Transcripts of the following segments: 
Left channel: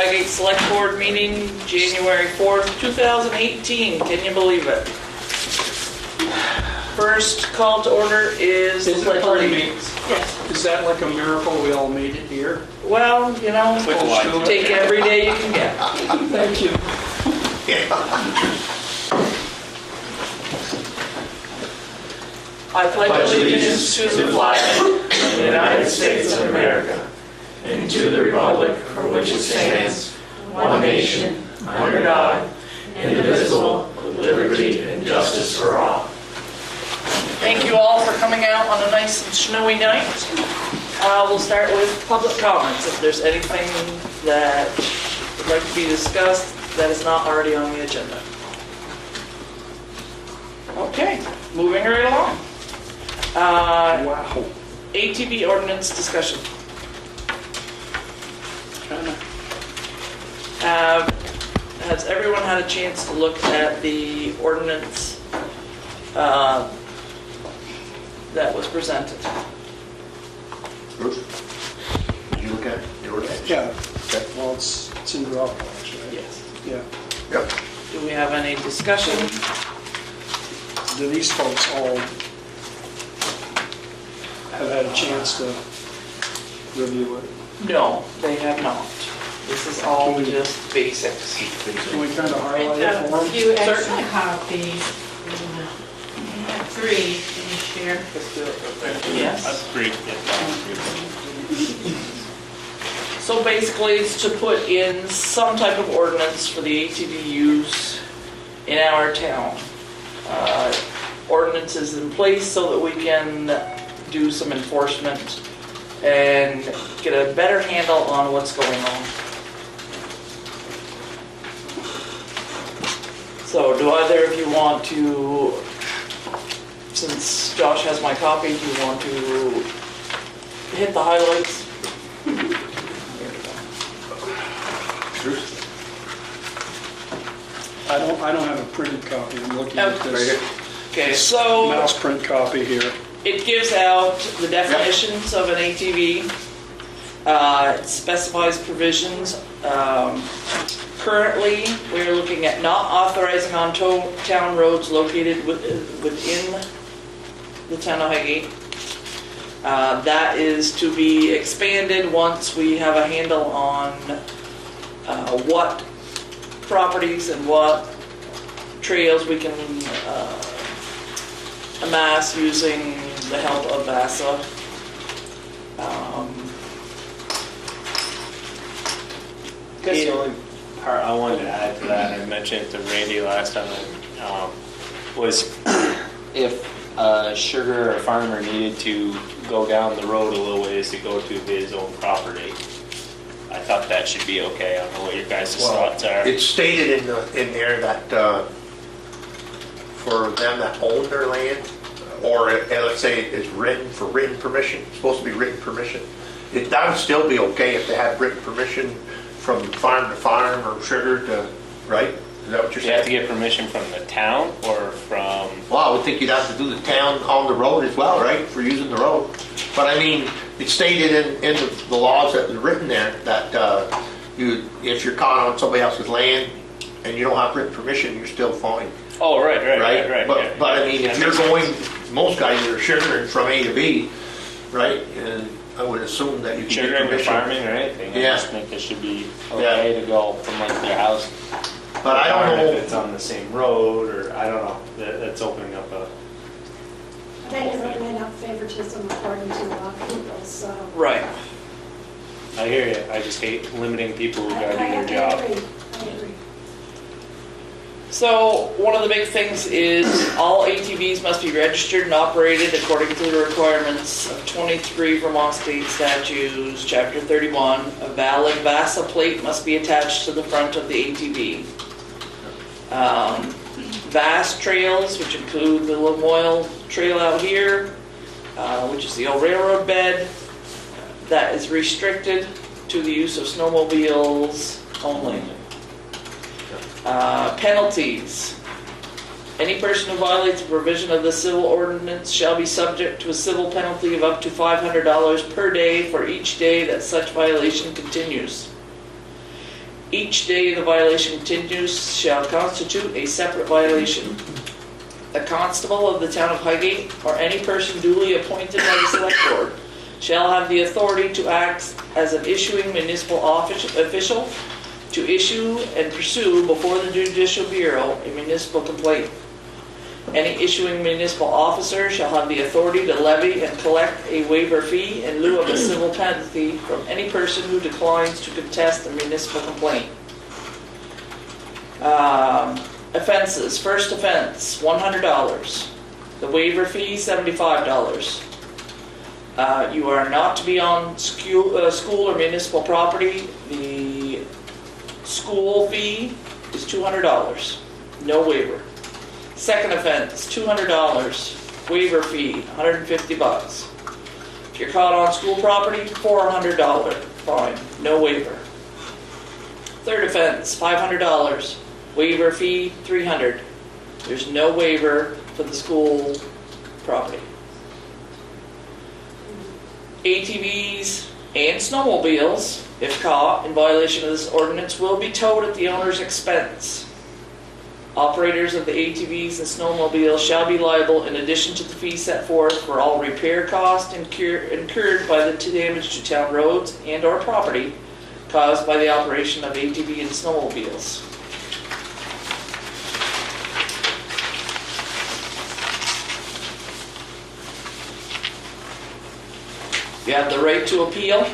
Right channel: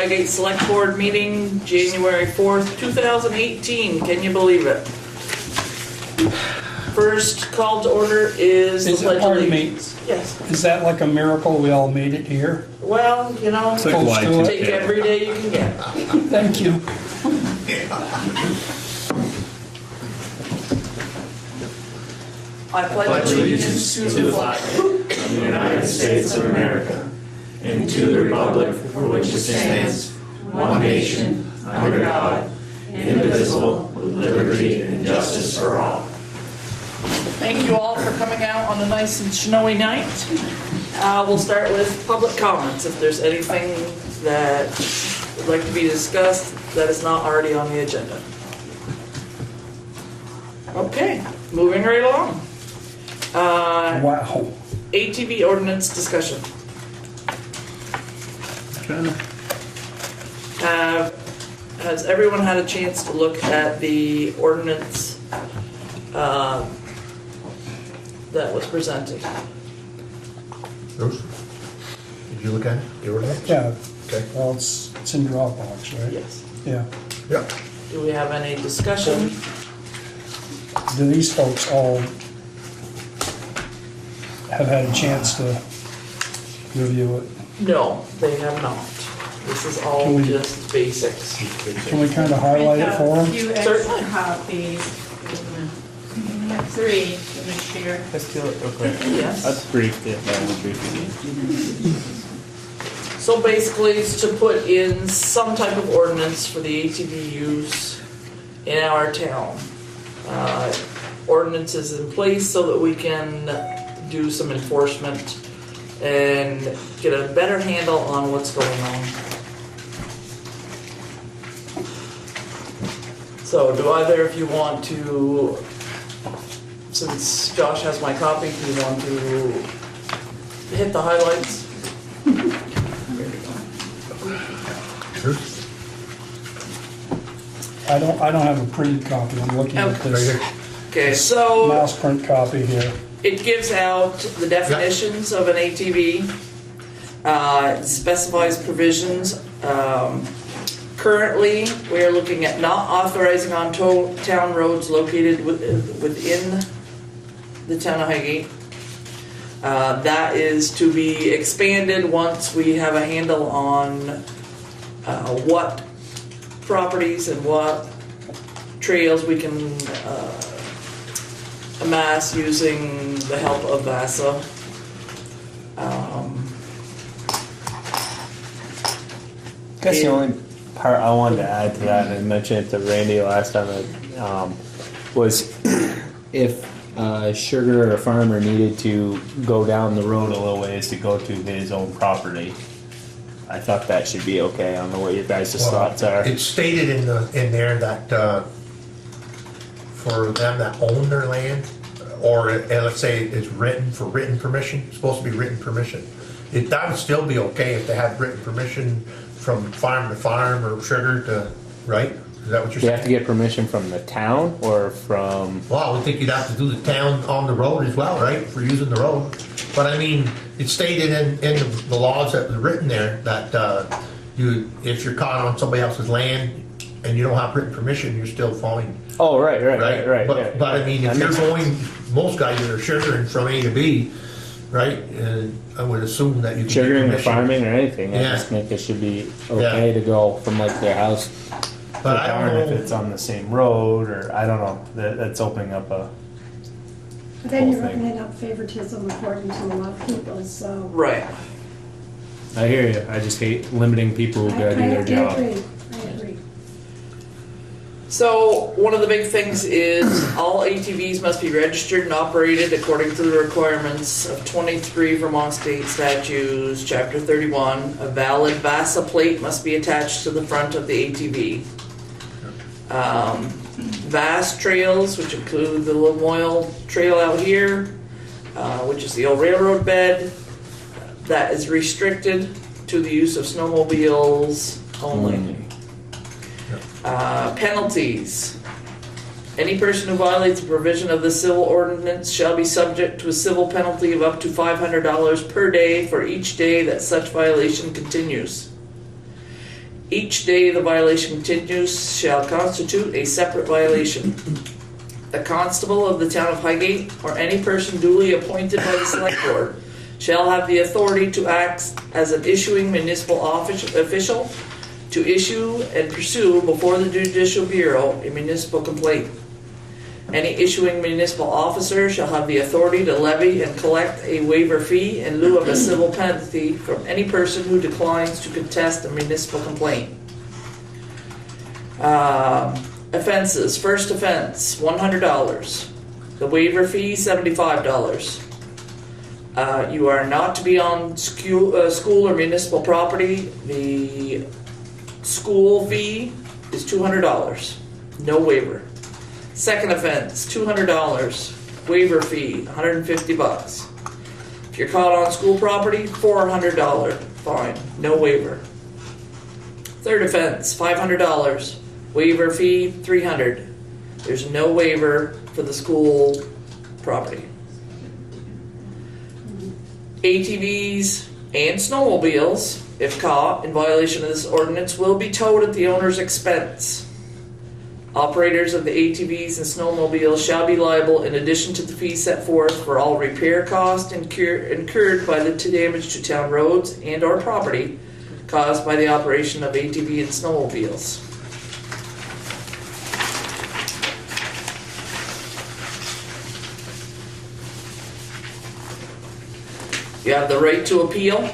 Highgate Selectboard meeting, January 4th, 2018. Can you believe it? First call to order is the Pledge of Allegiance. Yes. Is that like a miracle we all made it here? Well, you know, take every day you can get. Thank you. I pledge allegiance to the flag of the United States of America and to the republic for which it stands, one nation, under God, indivisible, with liberty and justice for all. Thank you all for coming out on a nice and snowy night. We'll start with public comments. If there's anything that would like to be discussed that is not already on the agenda. Okay, moving right along. Wow. ATV ordinance discussion. Has everyone had a chance to look at the ordinance that was presented? Bruce, did you look at it? You were there? Yeah. Okay. Well, it's in Dropbox, right? Yes. Yeah. Yep. Do we have any discussion? Do these folks all have had a chance to review it? No, they have not. This is all Can we- just basics. Can we kind of highlight it for A them? few extra Certainly. copies. You have 3, can you share? Let's do it real quick. Yes. Let's brief it down briefly. So basically, it's to put in some type of ordinance for the ATV use in our town. Ordinances in place so that we can do some enforcement and get a better handle on what's going on. So do either of you want to, since Josh has my copy, do you want to hit the highlights? Bruce? I don't have a printed copy. I'm looking at Very this good. Okay, so mouse print copy here. it gives out the definitions of an ATV. It specifies provisions. Currently, we are looking at not authorizing on town roads located within the town of Highgate. That is to be expanded once we have a handle on what properties and what trails we can amass using the help of VASA. I guess the only part I wanted to add to that, and I mentioned it to Randy last time, was if a sugar or farmer needed to go down the road a little ways to go to his own property, I thought that should be okay. I don't know what your guys' thoughts are. It's stated in there that for them that own their land, or let's say it's written for written permission, it's supposed to be written permission. That would still be okay if they had written permission from farm to farm or sugar to, right? Is that what you're Do you have saying? to get permission from the town or from? Well, I would think you'd have to do the town on the road as well, right, for using the road. But I mean, it's stated in the laws that are written there that if you're caught on somebody else's land and you don't have written permission, you're still fined. Oh, right. But I mean, if you're going, most guys are sugaring from A to B, right? And I would assume that you can get Sugaring or permission. farming or anything, I Yeah. just think it should be okay to go from like their house. But I don't if know. it's on the same road, or I don't know. That's opening up a. But then you're opening up favoritism according to a lot of people, so. Right. I hear you. I just hate limiting people who I gotta do their job. agree. So one of the big things is all ATVs must be registered and operated according to the requirements of 23 Vermont State Statutes, Chapter 31. A valid VASA plate must be attached to the front of the ATV. VAS trails, which include the Lamoille Trail out here, which is the old railroad bed, that is restricted to the use of snowmobiles only. Penalties. Any person who violates a provision of the civil ordinance shall be subject to a civil penalty of up to $500 per day for each day that such violation continues. Each day the violation continues shall constitute a separate violation. The constable of the town of Highgate or any person duly appointed by the select board shall have the authority to act as an issuing municipal official to issue and pursue before the judicial bureau a municipal complaint. Any issuing municipal officer shall have the authority to levy and collect a waiver fee in lieu of a civil penalty from any person who declines to contest a municipal complaint. Offenses. First offense, $100. The waiver fee, $75. You are not to be on school or municipal property. The school fee is $200. No waiver. Second offense, $200. Waiver fee, $150. If you're caught on school property, $400 fine. No waiver. Third offense, $500. Waiver fee, $300. There's no waiver for the school property. ATVs and snowmobiles, if caught in violation of this ordinance, will be towed at the owner's expense. Operators of the ATVs and snowmobiles shall be liable in addition to the fee set forth for all repair costs incurred by the damage to town roads and or property caused by the operation of ATV and snowmobiles. You have the right to appeal.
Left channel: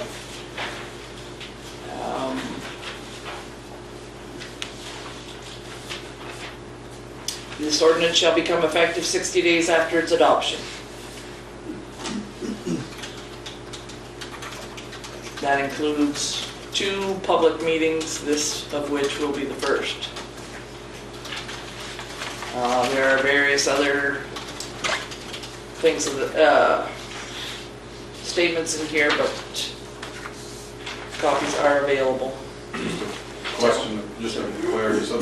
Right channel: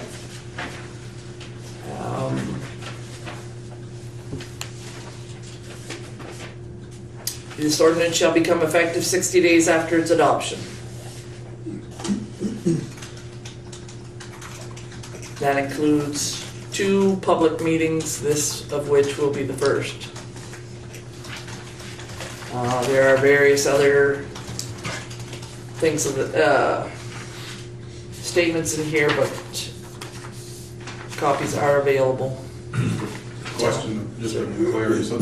This ordinance shall become effective 60 days after its adoption. That includes 2 public meetings, this of which will be the first. There are various other things of the statements in here, but copies are available. Question, just for clarity, so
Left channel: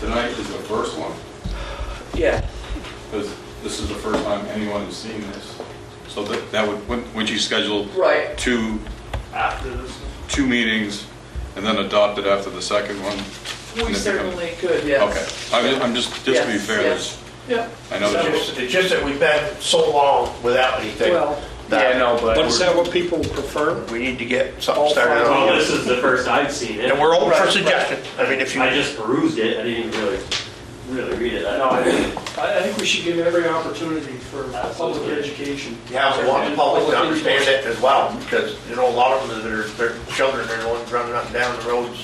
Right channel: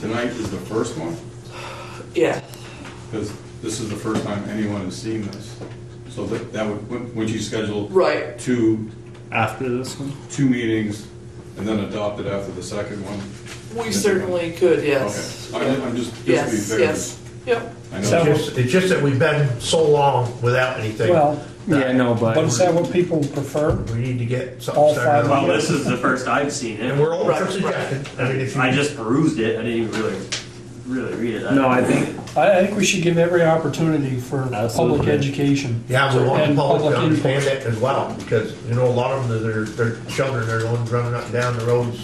tonight is the first one? Yeah. Because this is the first time anyone has seen this. So that would you schedule Right. 2 After this one? meetings and then adopt it after the second one? We certainly could, yes. Okay, I'm just to be Yes, fair. yes. Yep. I know So- that It's just that we've been so long without anything. Well, Yeah, no, but is but that what people prefer? We need to get something All started five. on. Well, this is the first I've seen And it. we're open for Right, suggestions. I mean, if you. I just perused it, I didn't even really read it. no, I think I think we should give every opportunity for public Absolutely. education. Yeah, we want the And public to public understand input. it as well, because, you know, a lot of them, their children are the ones running up and down the roads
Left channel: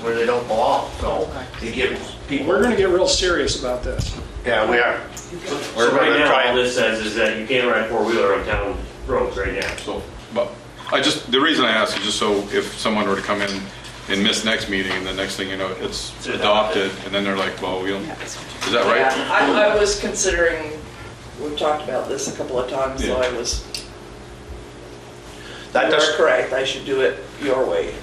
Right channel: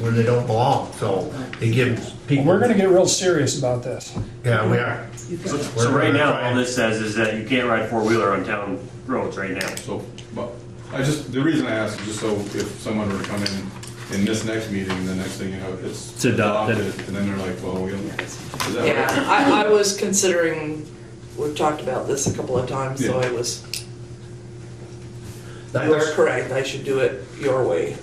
where they don't belong, so they give people. We're gonna get real serious about this. Yeah, we are. We're So right gonna now, try all and- this says is that you can't ride a four-wheeler on town roads right now. So, but the reason I asked is just so if someone were to come in and miss next meeting and the next thing you know, it's It's adopted. adopted and then they're like, well, we don't, is that right? Yeah, I was considering, we've talked about this a couple of times, so Yeah. I was, That you're does, correct, I should do it your way.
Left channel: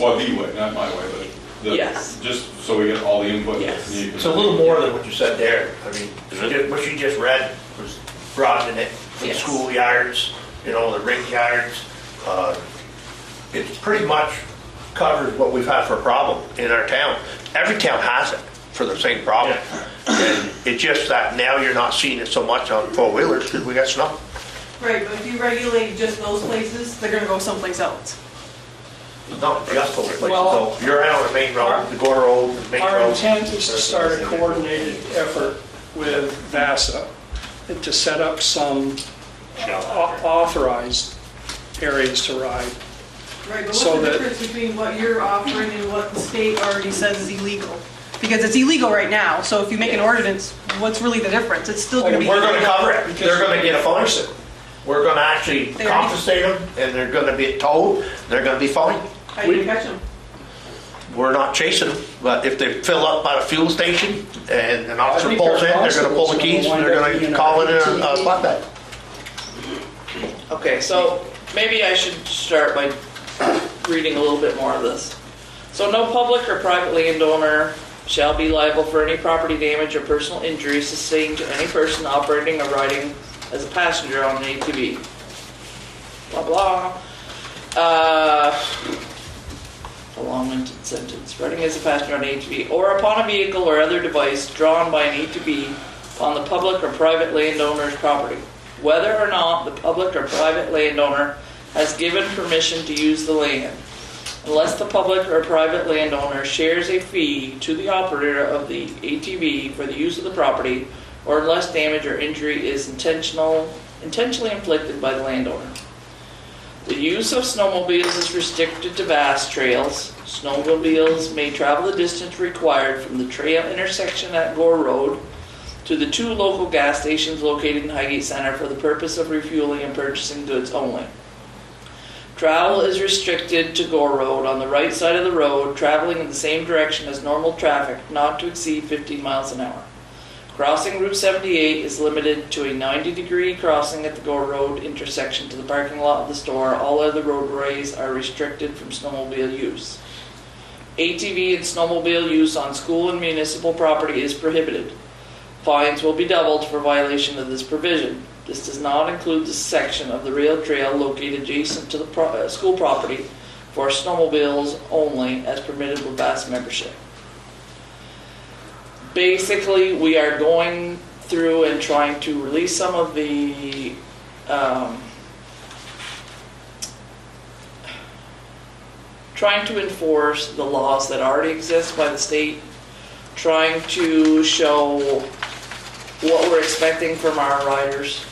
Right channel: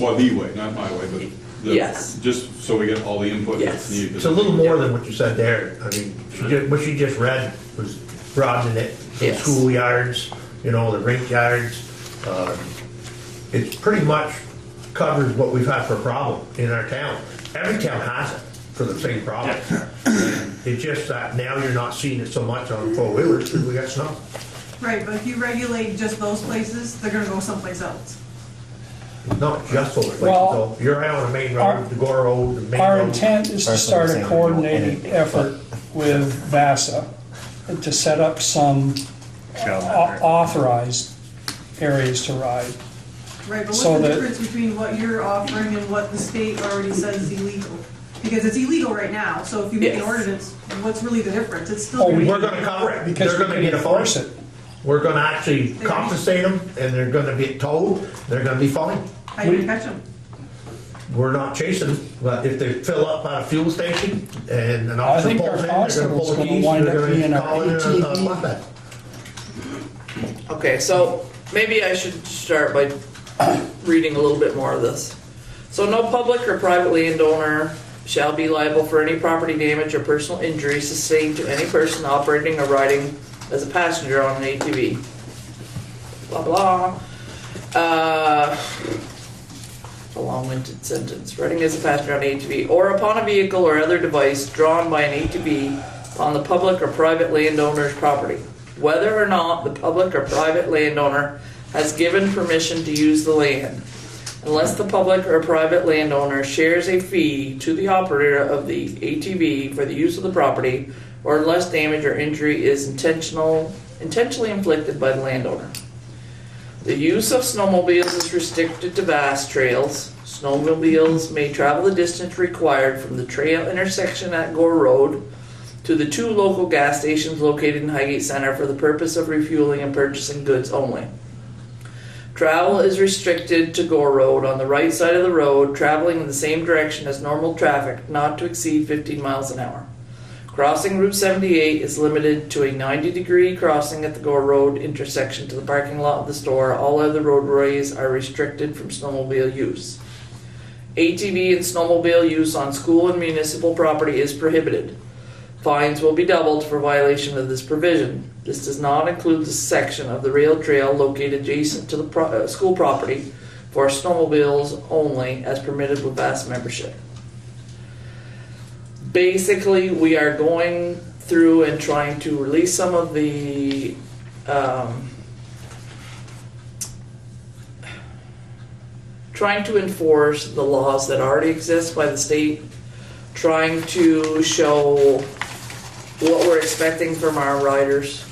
Well, the way, not my way, but Yes. just so we get all the input Yes. that's needed. it's a little more than what you said there. I mean, what you just read was broadening it, the Yes. schoolyards, you know, the rink yards. It pretty much covers what we've had for a problem in our town. Every town has it for the same problem. And it's just that now you're not seeing it so much on four-wheelers because we got snow. Right, but if you regulate just those places, they're gonna go someplace else. Not just those places, Well, so you're out on the main road, the Gore Road, the main Our road. intent is to start a coordinated effort with VASA to set up some authorized areas to ride. Right, but So what's the that- difference between what you're offering and what the state already says is illegal? Because it's illegal right now, so if you make an Yes. ordinance, what's really the difference? It's still gonna be. We're gonna cover it, Because they're we're gonna gonna get a fine. enforce it. We're gonna actually They already- compensate them, and they're gonna be towed, they're gonna be fined. How do you catch them? We're not chasing them, but if they fill up by the fuel station and an officer think pulls our in, they're gonna pull the constable's keys, gonna and they're wind up being gonna call it our in a ATV. flatbed. Okay, so maybe I should start by reading a little bit more of this. So no public or private landowner shall be liable for any property damage or personal injury sustained to any person operating or riding as a passenger on an ATV. Blah, blah. It's a long-winded sentence. Riding as a passenger on an ATV or upon a vehicle or other device drawn by an ATV on the public or private landowner's property, whether or not the public or private landowner has given permission to use the land, unless the public or private landowner shares a fee to the operator of the ATV for the use of the property, or unless damage or injury is intentionally inflicted by the landowner. The use of snowmobiles is restricted to vast trails. Snowmobiles may travel the distance required from the trail intersection at Gore Road to the 2 local gas stations located in Highgate Center for the purpose of refueling and purchasing goods only. Travel is restricted to Gore Road on the right side of the road, traveling in the same direction as normal traffic, not to exceed 15 miles an hour. Crossing Route 78 is limited to a 90-degree crossing at the Gore Road intersection to the parking lot of the store. All other roadways are restricted from snowmobile use. ATV and snowmobile use on school and municipal property is prohibited. Fines will be doubled for violation of this provision. This does not include the section of the rail trail located adjacent to the school property for snowmobiles only as permitted with VAS membership. Basically, we are going through and trying to release some of the trying to enforce the laws that already exist by the state, trying to show what we're expecting from our riders,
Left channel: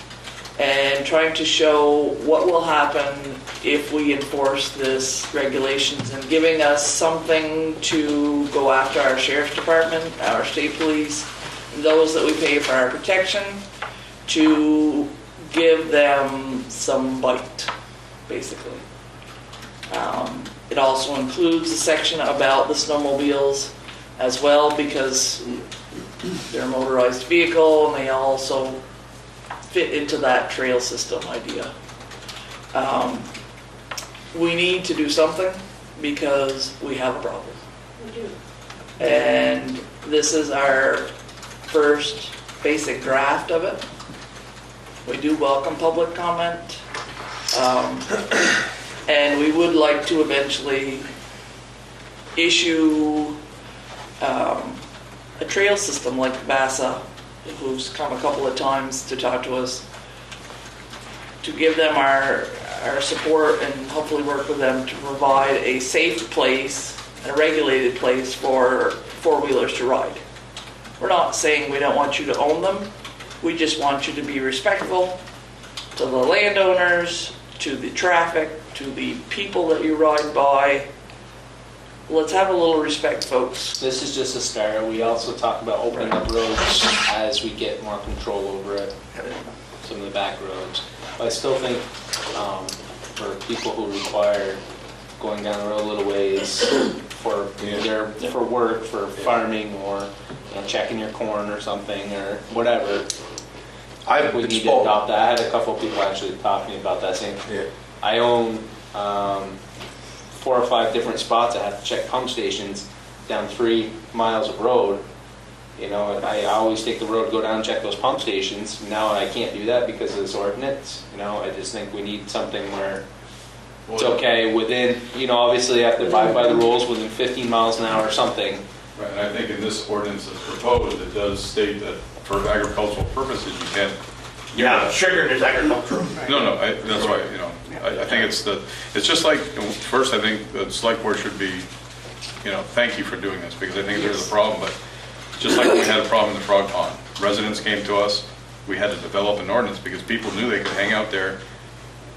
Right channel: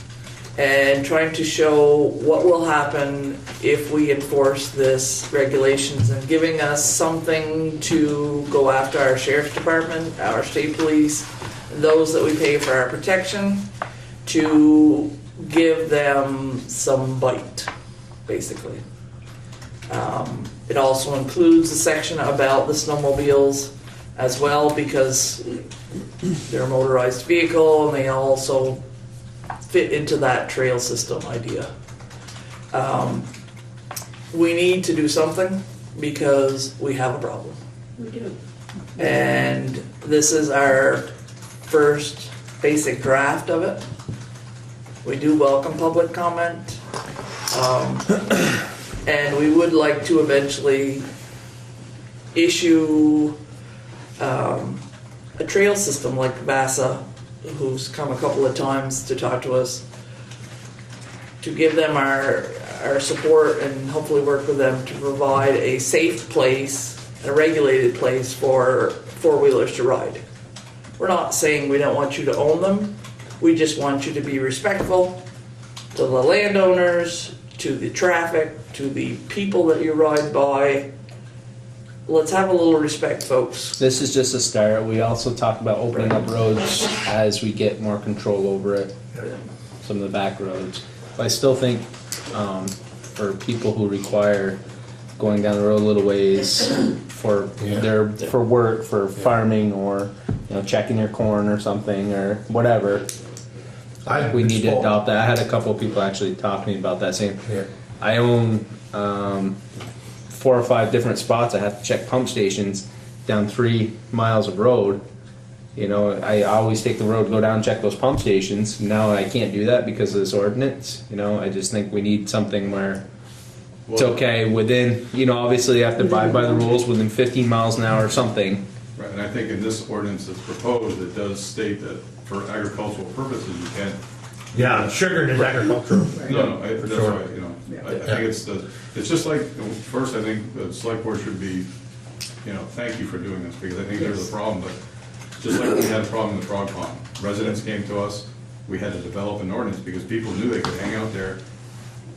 and trying to show what will happen if we enforce this regulations, and giving us something to go after our sheriff's department, our state police, and those that we pay for our protection, to give them some bite, basically. It also includes a section about the snowmobiles as well, because they're a motorized vehicle and they also fit into that trail system idea. We need to do something because we have a problem. We do. And this is our first basic draft of it. We do welcome public comment. And we would like to eventually issue a trail system like VASA, who's come a couple of times to talk to us, to give them our support and hopefully work with them to provide a safe place, a regulated place for four-wheelers to ride. We're not saying we don't want you to own them, we just want you to be respectful to the landowners, to the traffic, to the people that you ride by. Let's have a little respect, folks. This is just a start. We also talk about opening up roads as we get more control over it, some of the back roads. But I still think for people who require going down the road a little ways for either for work, for farming, or checking your corn or something or whatever, we need to adopt that. I had a couple of people actually talking about that, saying I own 4 or 5 different spots. I have to check pump stations down 3 miles of road. I always take the road, go down and check those pump stations. Now I can't do that because of this ordinance. I just think we need something where it's okay within, obviously you have to abide by the rules within 15 miles an hour or something. Right, and I think in this ordinance that's proposed, it does state that for agricultural purposes, you can't. Yeah, sugar is agricultural. No, that's right, I think it's just like, first I think the select board should be, thank you for doing this, because I think there's a problem, but just like we had a problem in the frog pond, residents came to us, we had to develop an ordinance because people knew they could hang out there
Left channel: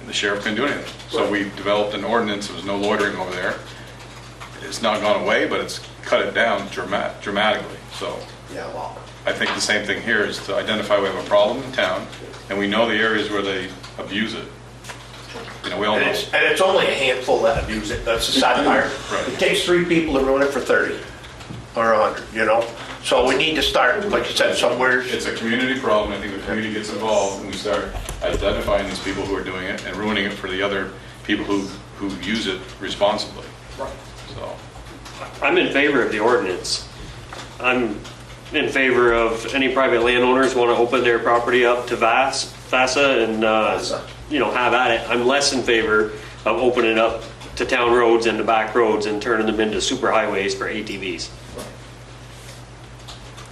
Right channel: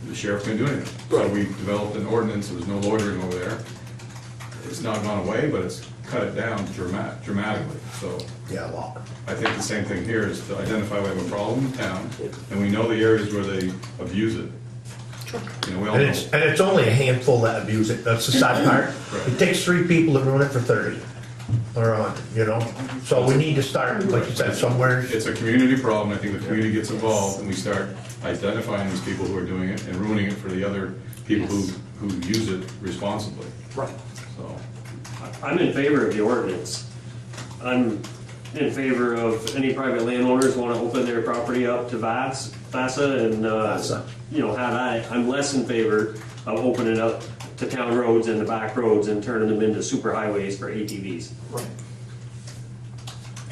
and the sheriff couldn't do anything. So we developed an ordinance, there was no loitering over there. It's not gone away, but it's cut it down dramatically, so. Yeah, well. I think the same thing here is to identify we have a problem in town, and we know the areas where they abuse it. We all know. And it's only a handful that abuse it. That's the sad part. Right. It takes 3 people to ruin it for 30 or 100, So we need to start, like you said, somewhere. It's a community problem. I think the community gets involved and we start identifying these people who are doing it and ruining it for the other people who use it responsibly. Right. So. I'm in favor of the ordinance. I'm in favor of any private landowners want to open their property up to VASA and have at it. I'm less in favor of opening up to town roads and the back roads and turning them into super highways for ATVs.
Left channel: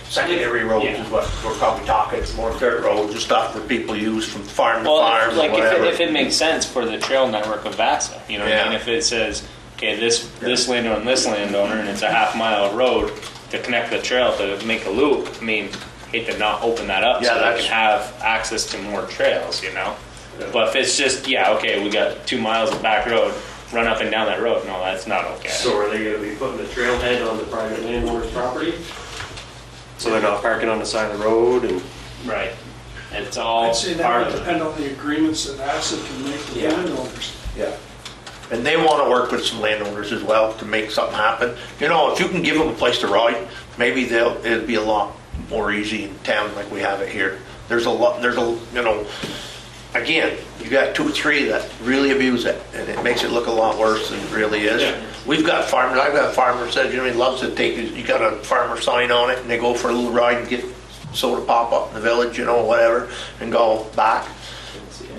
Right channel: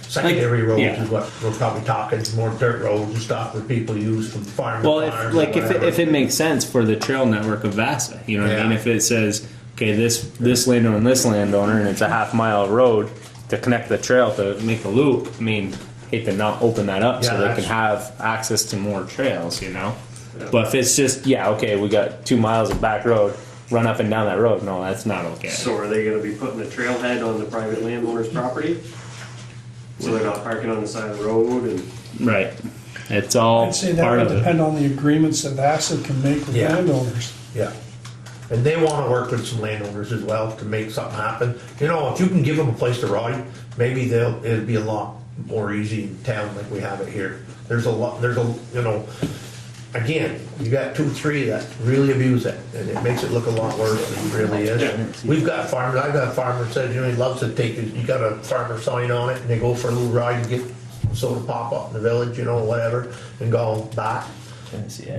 Secondary roads Yeah. is what we're probably talking, more dirt roads and stuff where people use from farm to Well, farm if, or like whatever. if it makes sense for the trail network of Vasa, you know what I mean? Yeah. If it says, okay, this landowner and this landowner, and it's a half-mile road to connect the trail to make a loop, I mean, hate to not open that up so Yeah, they that's- can have access to more trails, you know? But if it's just, yeah, okay, we got 2 miles of back road, run up and down that road, no, that's not okay. So are they gonna be putting a trailhead on the private landowner's property? So they're not parking on the side of the road and? Right. It's all I'd say that part would of it. depend on the agreements that VASA can make with Yeah. landowners. Yeah. And they want to work with some landowners as well to make something happen. You know, if you can give them a place to ride, maybe it'd be a lot more easy in town like we have it here. You know, again, you got 2 or 3 that really abuse it, and it makes it look a lot worse than it really is. Yeah. I've got a farmer said, you know, he loves to take, you got a farmer sign on it, and they go for a little ride and get soda pop up in the village, you know, whatever, and go back.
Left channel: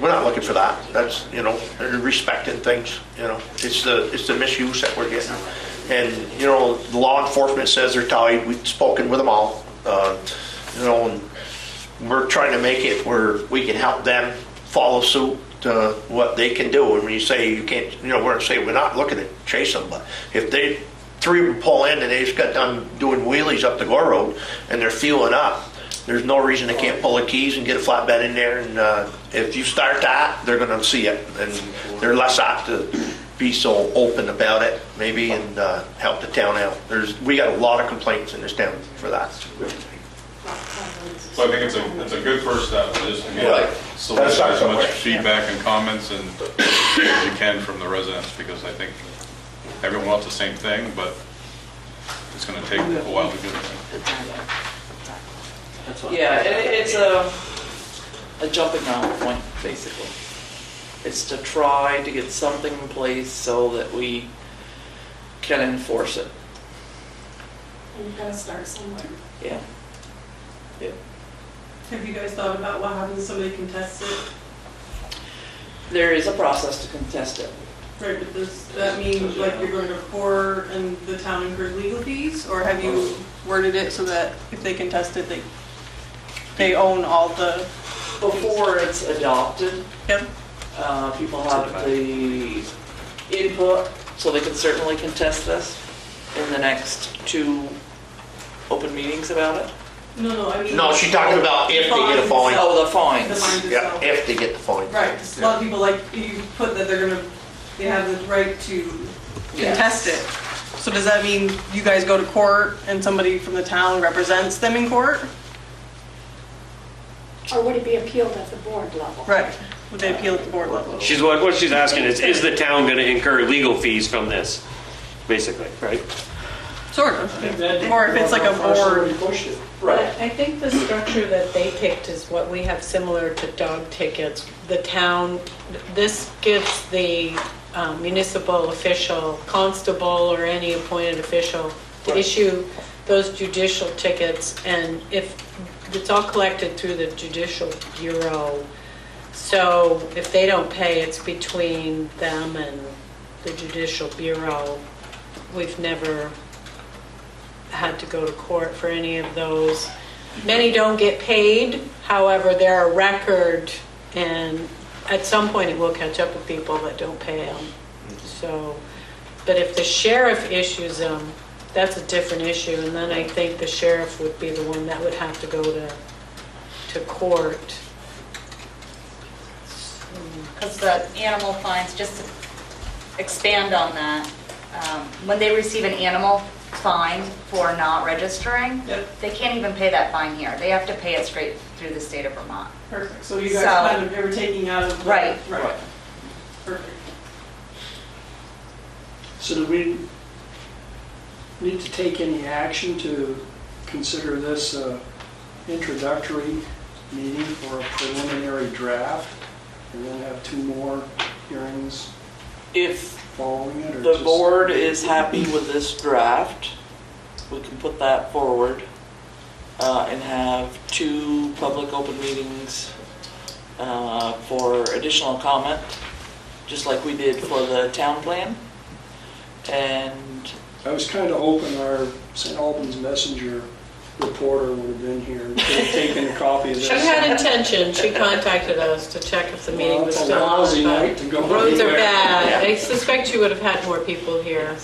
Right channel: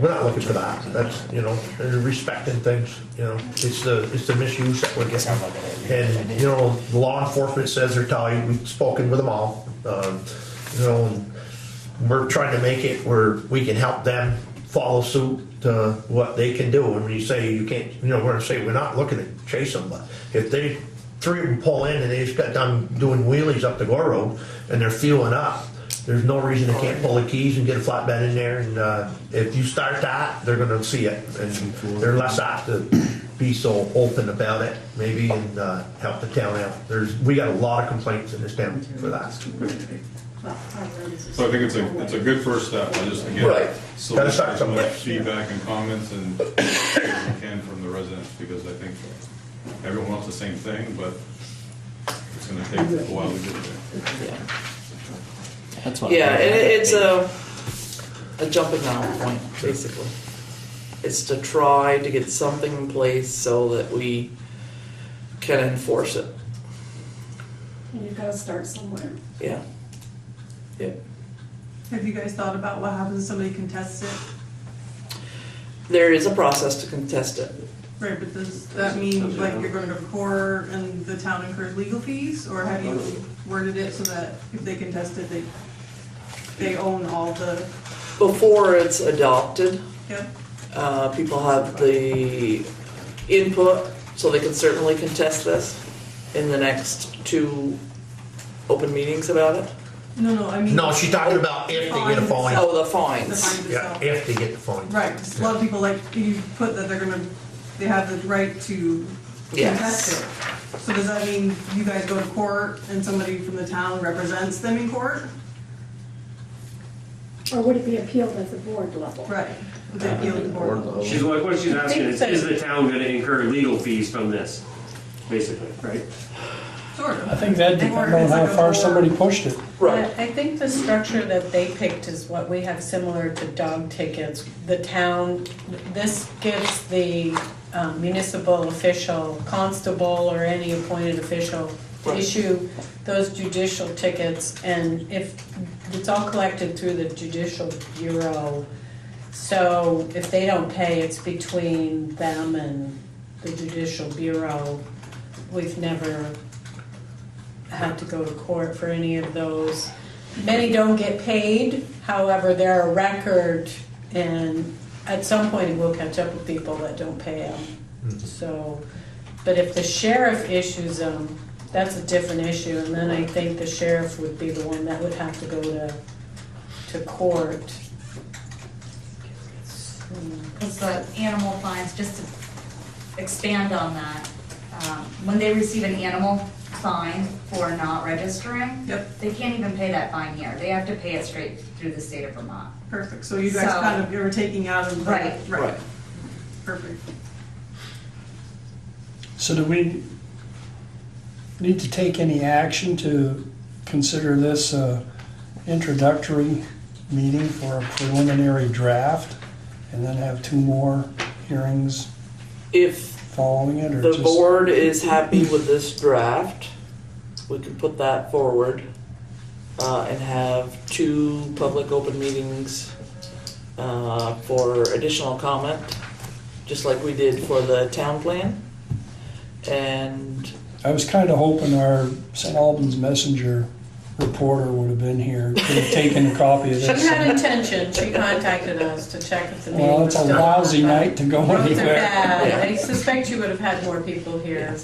We're not looking for that. That's, you know, they're respecting things, you know. It's the misuse that we're getting. And, you know, the law enforcement says they're tied. We've spoken with them all. You know, and we're trying to make it where we can help them follow suit to what they can do. And when you say you can't, you know, we're gonna say we're not looking to chase them, but if 3 of them pull in and they just got done doing wheelies up the Gore Road and they're fueling up, there's no reason they can't pull the keys and get a flatbed in there. And if you start that, they're gonna see it, and they're less apt to be so open about it, maybe, and help the town out. We got a lot of complaints in this town for that. So I think it's a good first step, we'll just again, Right. solicit Gotta start as much somewhere. feedback and comments and as you can from the residents, because I think everyone wants the same thing, but it's gonna take a while to do it. That's what Yeah, it's a jumping off point, basically. It's to try to get something in place so that we can enforce it, And you've got to start somewhere. yeah. Have you guys thought about what happens if somebody contests it? There is a process to contest it. Right, but does that mean like you're going to court and the town incurs legal fees? Or have you worded it so that if they contest it, they own all the? Before it's adopted, Yep. people have the input, so they can certainly contest this in the next 2 open meetings about it. No, I mean. No, she's talking about if they get a fine. Oh, the The fines. fines Yeah, itself. if they get the fine. Right, 'cause a lot of people like, you put that they have the right to Yes. contest it. So does that mean you guys go to court and somebody from the town represents them in court? Or would it be appealed at the board level? Right, would they appeal at the board level? What she's asking is the town gonna incur legal fees from this, basically, right? Sort I of. think that'd Or depend if it's on like how a far board. somebody pushed it. Right. I think the structure that they picked is what we have similar to dog tickets. The town, this gives the municipal official, constable, or any appointed official to issue those judicial tickets, and if, it's all collected through the judicial bureau. So if they don't pay, it's between them and the judicial bureau. We've never had to go to court for any of those. Many don't get paid, however, they're a record, and at some point it will catch up with people that don't pay them. So, but if the sheriff issues them, that's a different issue, and then I think the sheriff would be the one that would have to go to court. Because the animal fines, just to expand on that, when they receive an animal fine for not registering, Yep. they can't even pay that fine here. They have to pay it straight through the state of Vermont. Perfect, so you guys So- kind of, you were taking out of the. Right. Right. Perfect. So do we need to take any action to consider this introductory meeting for a preliminary draft and then have 2 more hearings If following it, or the just? board is happy with this draft, we can put that forward and have 2 public open meetings for additional comment, just like we did for the town plan. And I was kind of hoping our St. Albans Messenger reporter would have been here, could have taken a copy of She this. had intention, she contacted us to check if the meeting Well, was it's still a on. lousy night to go Roads are anywhere. bad, I suspect you would have had more people here.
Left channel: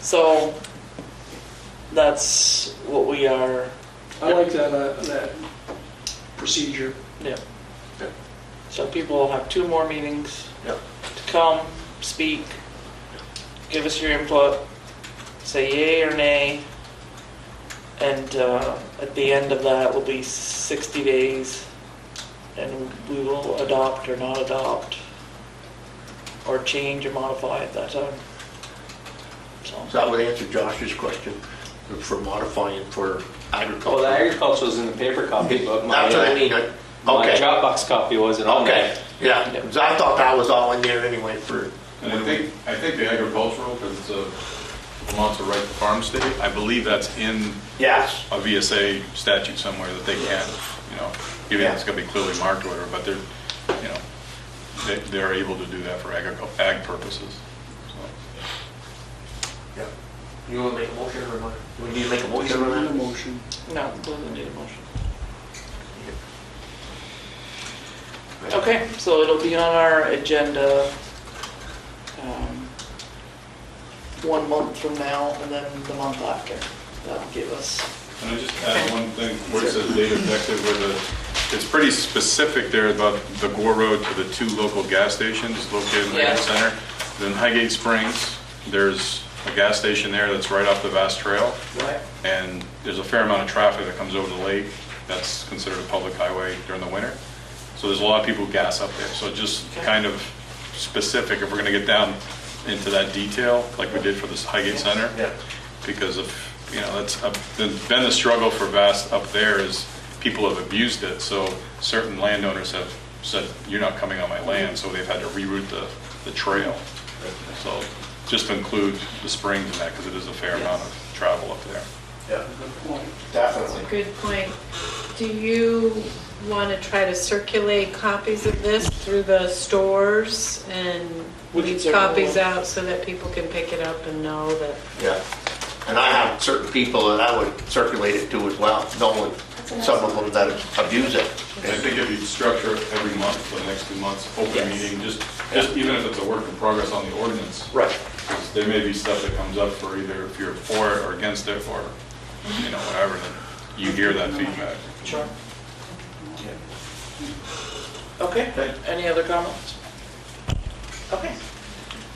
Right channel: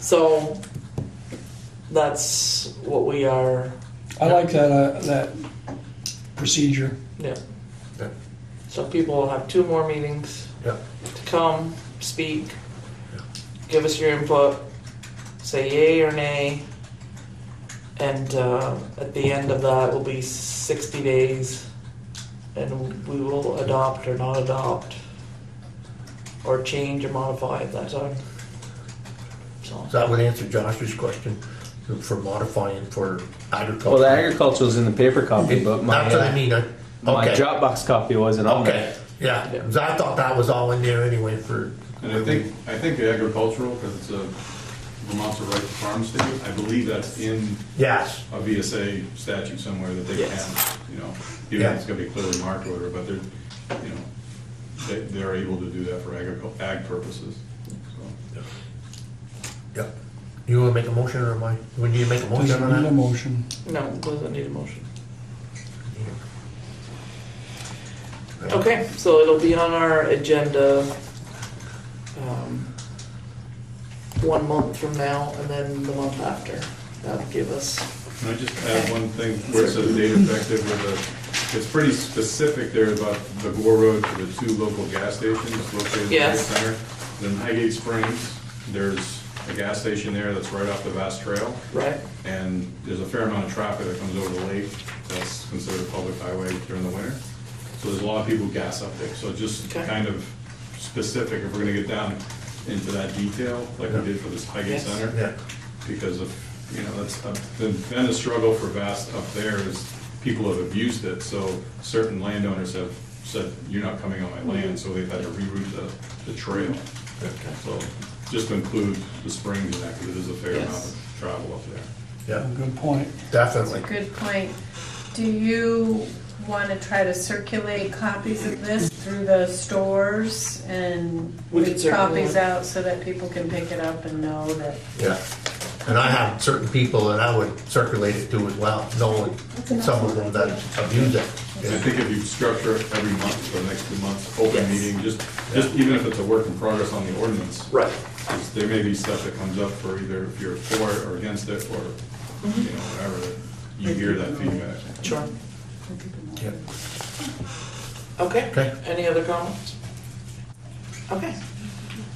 so that's what we are, I like that procedure. yeah. Yeah. So people will have 2 more meetings Yeah. to come, speak, give us your input, say yay or nay. And at the end of that will be 60 days, and we will adopt or not adopt, or change or modify at that time. So, So that would answer Josh's question for modifying for agriculture. Well, the agricultural is in the paper copy, but my, That's what I mean, my okay, Dropbox copy wasn't on okay, that. yeah, 'cause I thought that was all in there anyway for, And I think the agricultural, because it's a Vermont's a right to farm state, I believe that's in yes, a VSA statute somewhere that they can, even if it's gonna be clearly marked or whatever, but they're able to do that for ag purposes. So, yeah. You wanna make a motion or am I, when you make a Does it motion on need a that? motion? no, doesn't need a motion. Okay, so it'll be on our agenda 1 month from now, and then the month after. That'll give us, can I just add one thing where it says date effective, it's pretty specific there about the Gore Road to the 2 local gas stations located in the Yeah. Hill Center. Then Highgate Springs, there's a gas station there that's right off the Vast Trail. right? And there's a fair amount of traffic that comes over the lake that's considered a public highway during the winter. So there's a lot of people who gas up there. So just Okay. kind of specific, if we're gonna get down into that detail, like we did for this Highgate Center, Yeah, because of, that's been the struggle for Vast up there is people have abused it. So certain landowners have said, you're not coming on my land, so they've had to reroute the trail. So just to include the springs in that, because it is a fair amount of travel up there. yeah, Good point. definitely. Good point. Do you want to try to circulate copies of this through the stores and We could leave certainly- copies out so that people can pick it up and know that? Yeah, and I have certain people that I would circulate it to as well, knowing That's a nice some of them that abuse it. And I think if you structure it every month for the next 2 months, open Yes. meeting, just even if it's a work in progress on the ordinance, Right. 'cause there may be stuff that comes up for either if you're for it or against it, or, whatever, that you hear that feedback. Sure. Yeah. Okay, Okay. any other comments? Okay.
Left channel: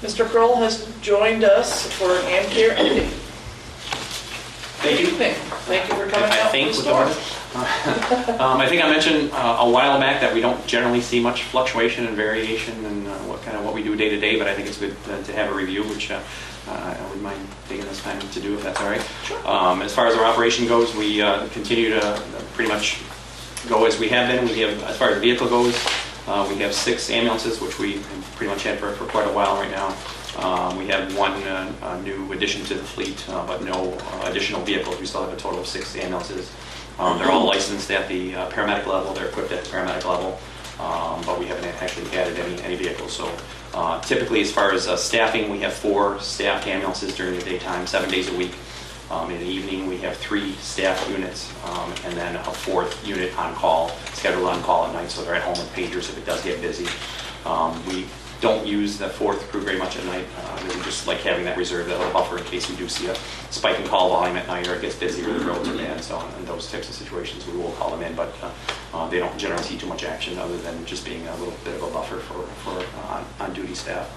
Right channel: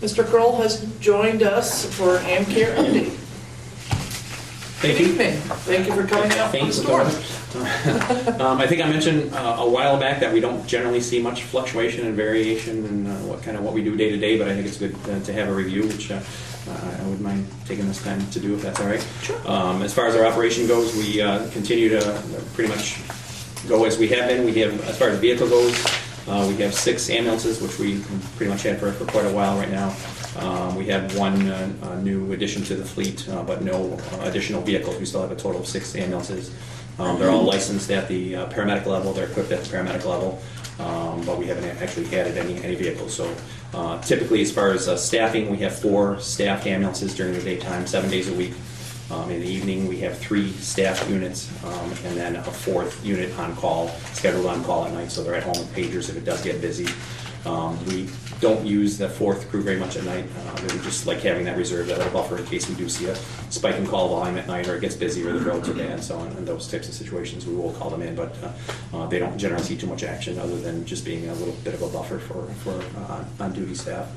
Mr. Kroll has joined us for an AmCare update. Thank you. Evening. Thank you for coming out. Thanks, from the door. I think I mentioned a while back that we don't generally see much fluctuation and variation in what we do day to day, but I think it's good to have a review, which I wouldn't mind taking this time to do if that's all right. Sure. As far as our operation goes, we continue to pretty much go as we have been. We have, as far as vehicle goes, we have 6 ambulances, which we pretty much had for quite a while right now. We have 1 new addition to the fleet, but no additional vehicles. We still have a total of 6 ambulances. They're all licensed at the paramedic level. They're equipped at the paramedic level, but we haven't actually added any vehicles. So typically, as far as staffing, we have 4 staffed ambulances during the daytime, 7 days a week. In the evening, we have 3 staffed units, and then a 4th unit on call, scheduled on call at night, so they're at home with pagers if it does get busy. We don't use the 4th crew very much at night. We just like having that reserve, that little buffer in case we do see a spike in call volume at night, or it gets busy, or the roads are bad. So in those types of situations, we will call them in, but they don't generally see too much action other than just being a little bit of a buffer for on-duty staff.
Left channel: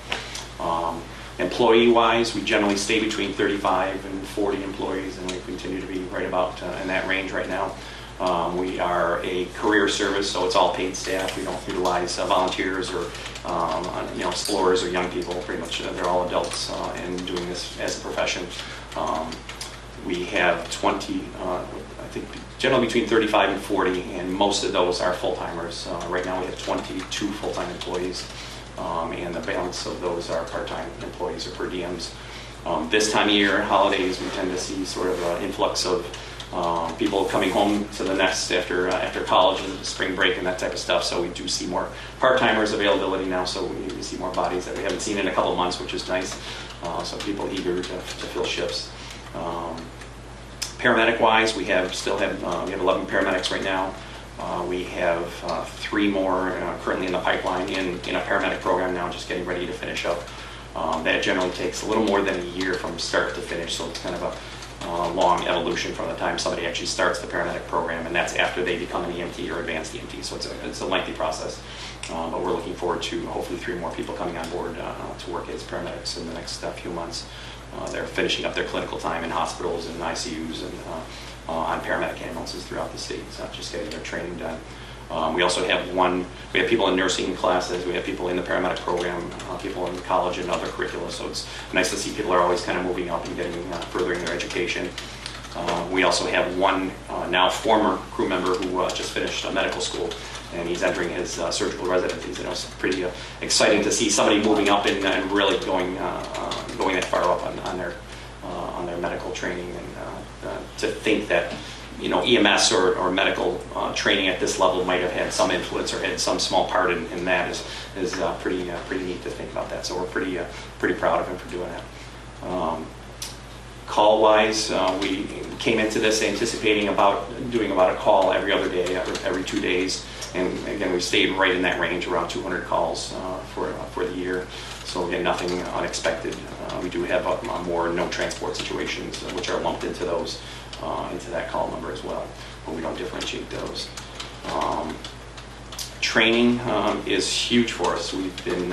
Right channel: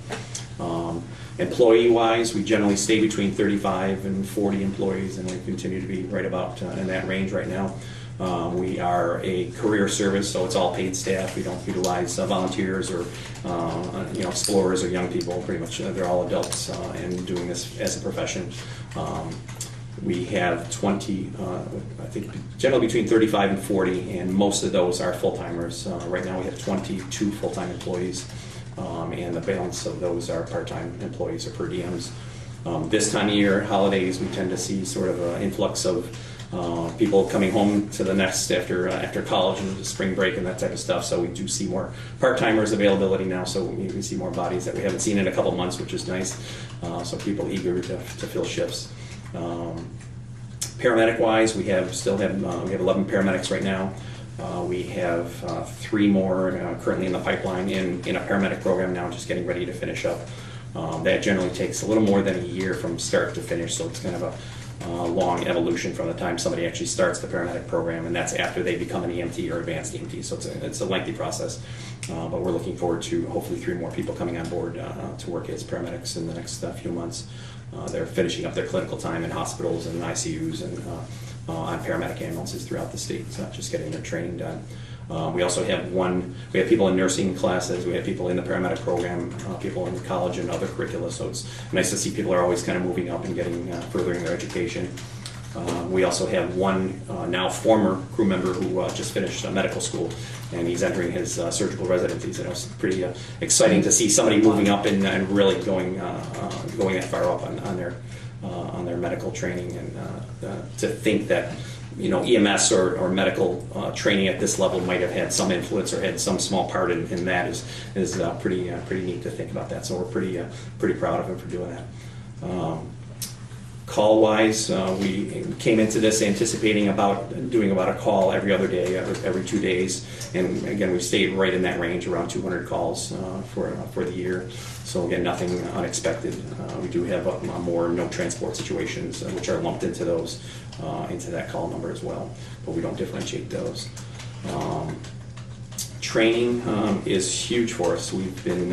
Employee-wise, we generally stay between 35 and 40 employees, and we continue to be right about in that range right now. We are a career service, so it's all paid staff. We don't utilize volunteers or explorers or young people. Pretty much, they're all adults and doing this as a profession. We have 20, I think, generally between 35 and 40, and most of those are full-timers. Right now, we have 22 full-time employees. And the balance of those are part-time employees or per diems. This time of year, holidays, we tend to see sort of an influx of people coming home to the nest after college and spring break and that type of stuff. So we do see more part-timers availability now, so we see more bodies that we haven't seen in a couple of months, which is nice. So people eager to fill shifts. Paramedic-wise, we still have 11 paramedics right now. We have 3 more currently in the pipeline in a paramedic program now, just getting ready to finish up. That generally takes a little more than a year from start to finish, so it's kind of a long evolution from the time somebody actually starts the paramedic program, and that's after they become an EMT or advanced EMT, so it's a lengthy process. But we're looking forward to hopefully 3 more people coming on board to work as paramedics in the next few months. They're finishing up their clinical time in hospitals and ICUs and on paramedic ambulances throughout the state. It's not just getting their training done. We also have people in nursing classes, we have people in the paramedic program, people in college and other curricula, so it's nice to see people are always kind of moving up and furthering their education. We also have one now former crew member who just finished medical school, and he's entering his surgical residencies, and it's pretty exciting to see somebody moving up and really going that far up on their medical training, and to think that EMS or medical training at this level might have had some influence or had some small part in that is pretty neat to think about that. So we're pretty proud of him for doing that. Call-wise, we came into this anticipating doing about a call every other day, every 2 days, and again we stayed right in that range, around 200 calls for the year. So again, nothing unexpected. We do have more no transport situations, which are lumped into that call number as well, but we don't differentiate those. Training is huge for us. We've been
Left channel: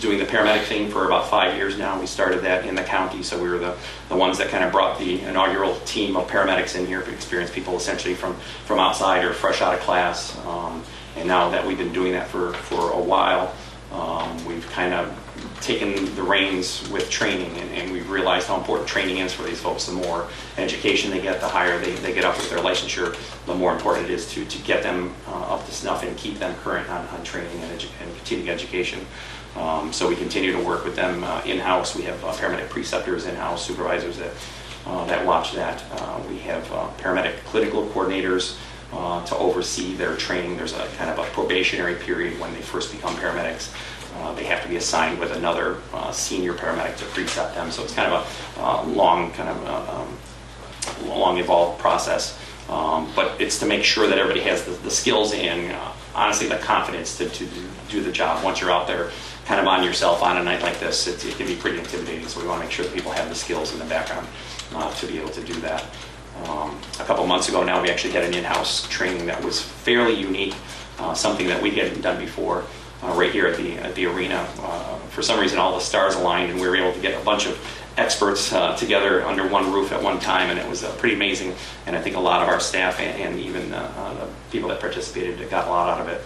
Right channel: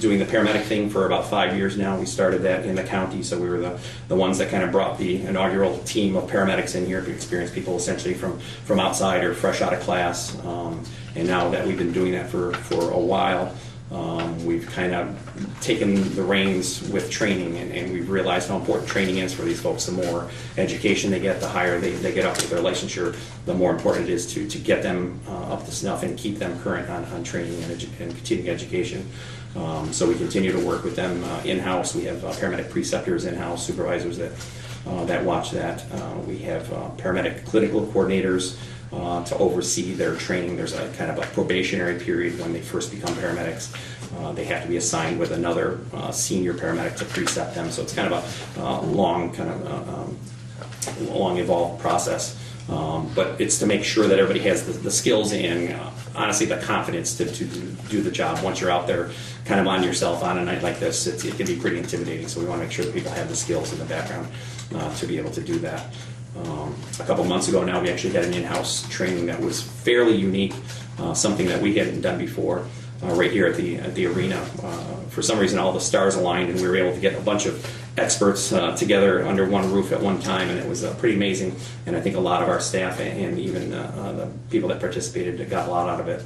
doing the paramedic thing for about 5 years now. We started that in the county, so we were the ones that kind of brought the inaugural team of paramedics in here to experience people essentially from outside or fresh out of class. And now that we've been doing that for a while, we've kind of taken the reins with training, and we've realized how important training is for these folks. The more education they get, the higher they get up with their licensure, the more important it is to get them up to snuff and keep them current on training and continuing education. So we continue to work with them in-house. We have paramedic preceptors in-house, supervisors that watch that. We have paramedic clinical coordinators to oversee their training. There's a kind of a probationary period when they first become paramedics. They have to be assigned with another senior paramedic to precept them. So it's kind of a long evolved process. But it's to make sure that everybody has the skills and honestly the confidence to do the job. Once you're out there kind of on yourself on a night like this, it can be pretty intimidating. So we want to make sure that people have the skills in the background to be able to do that. A couple months ago now, we actually had an in-house training that was fairly unique, something that we hadn't done before, right here at the arena. For some reason, all the stars aligned, and we were able to get a bunch of experts together under one roof at one time, and it was pretty amazing. And I think a lot of our staff and even the people that participated got a lot out of it.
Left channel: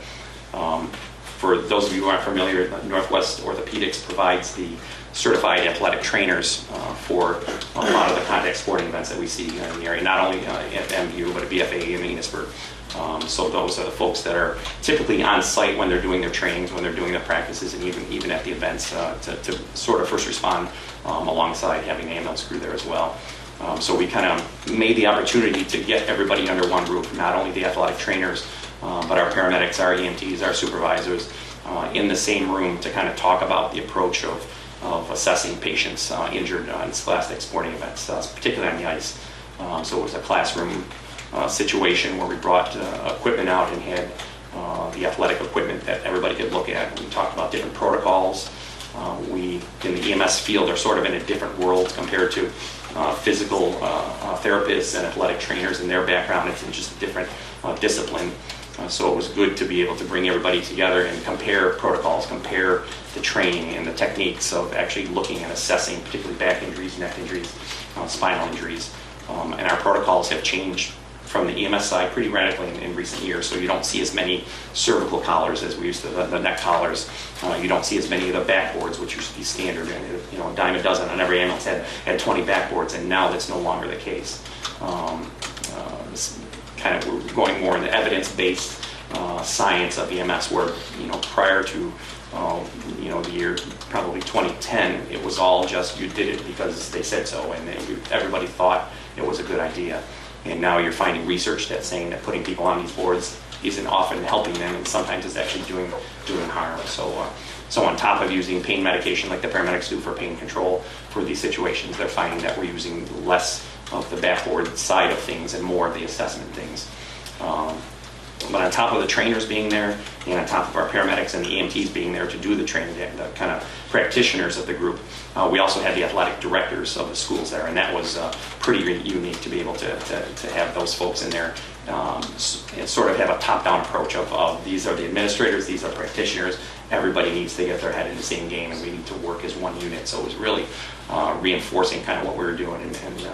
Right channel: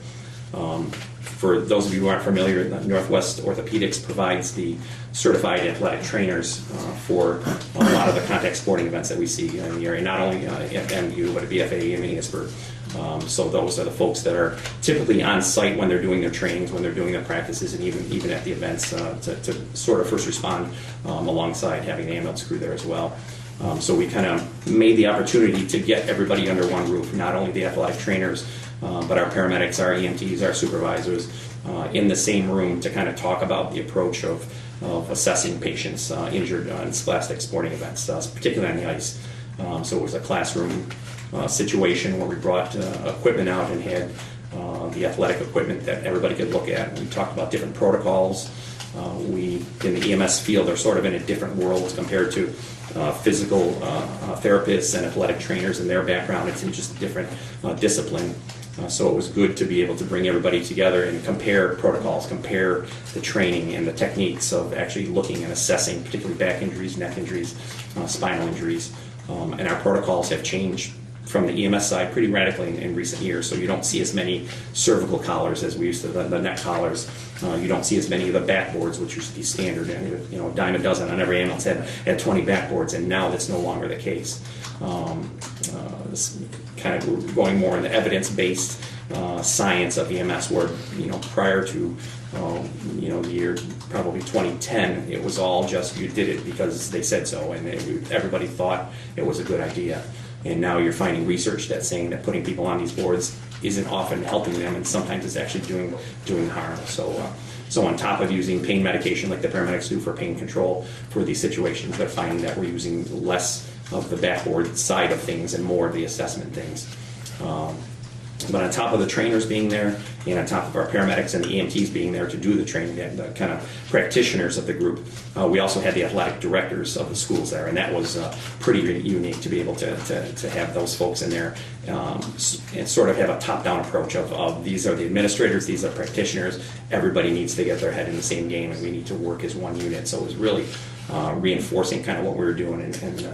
For those of you who aren't familiar, Northwest Orthopedics provides the certified athletic trainers for a lot of the contact sporting events that we see in the area, not only at MU, but at BFA and Enosburg. So those are the folks that are typically on site when they're doing their trainings, when they're doing their practices, and even at the events to sort of first respond alongside having the ambulance crew there as well. So we kind of made the opportunity to get everybody under one roof, not only the athletic trainers, but our paramedics, our EMTs, our supervisors, in the same room to kind of talk about the approach of assessing patients injured in scholastic sporting events, particularly on the ice. So it was a classroom situation where we brought equipment out and had the athletic equipment that everybody could look at. We talked about different protocols. We, in the EMS field, are sort of in a different world compared to physical therapists and athletic trainers and their background. It's in just a different discipline. So it was good to be able to bring everybody together and compare protocols, compare the training and the techniques of actually looking and assessing, particularly back injuries, neck injuries, spinal injuries. And our protocols have changed from the EMS side pretty radically in recent years. So you don't see as many cervical collars as we used to, the neck collars. You don't see as many of the backboards, which used to be standard, and a dime a dozen on every ambulance had 20 backboards, and now that's no longer the case. This kind of we're going more in the evidence-based science of EMS, where prior to the year probably 2010, it was all just you did it because they said so, and everybody thought it was a good idea. And now you're finding research that's saying that putting people on these boards isn't often helping them, and sometimes it's actually doing harm. So on top of using pain medication like the paramedics do for pain control for these situations, they're finding that we're using less of the backboard side of things and more of the assessment things. But on top of the trainers being there, and on top of our paramedics and the EMTs being there to do the training, the kind of practitioners of the group, we also had the athletic directors of the schools there, and that was pretty unique to be able to have those folks in there and sort of have a top-down approach of these are the administrators, these are practitioners, everybody needs to get their head in the same game, and we need to work as one unit. So it was really reinforcing kind of what we were doing, and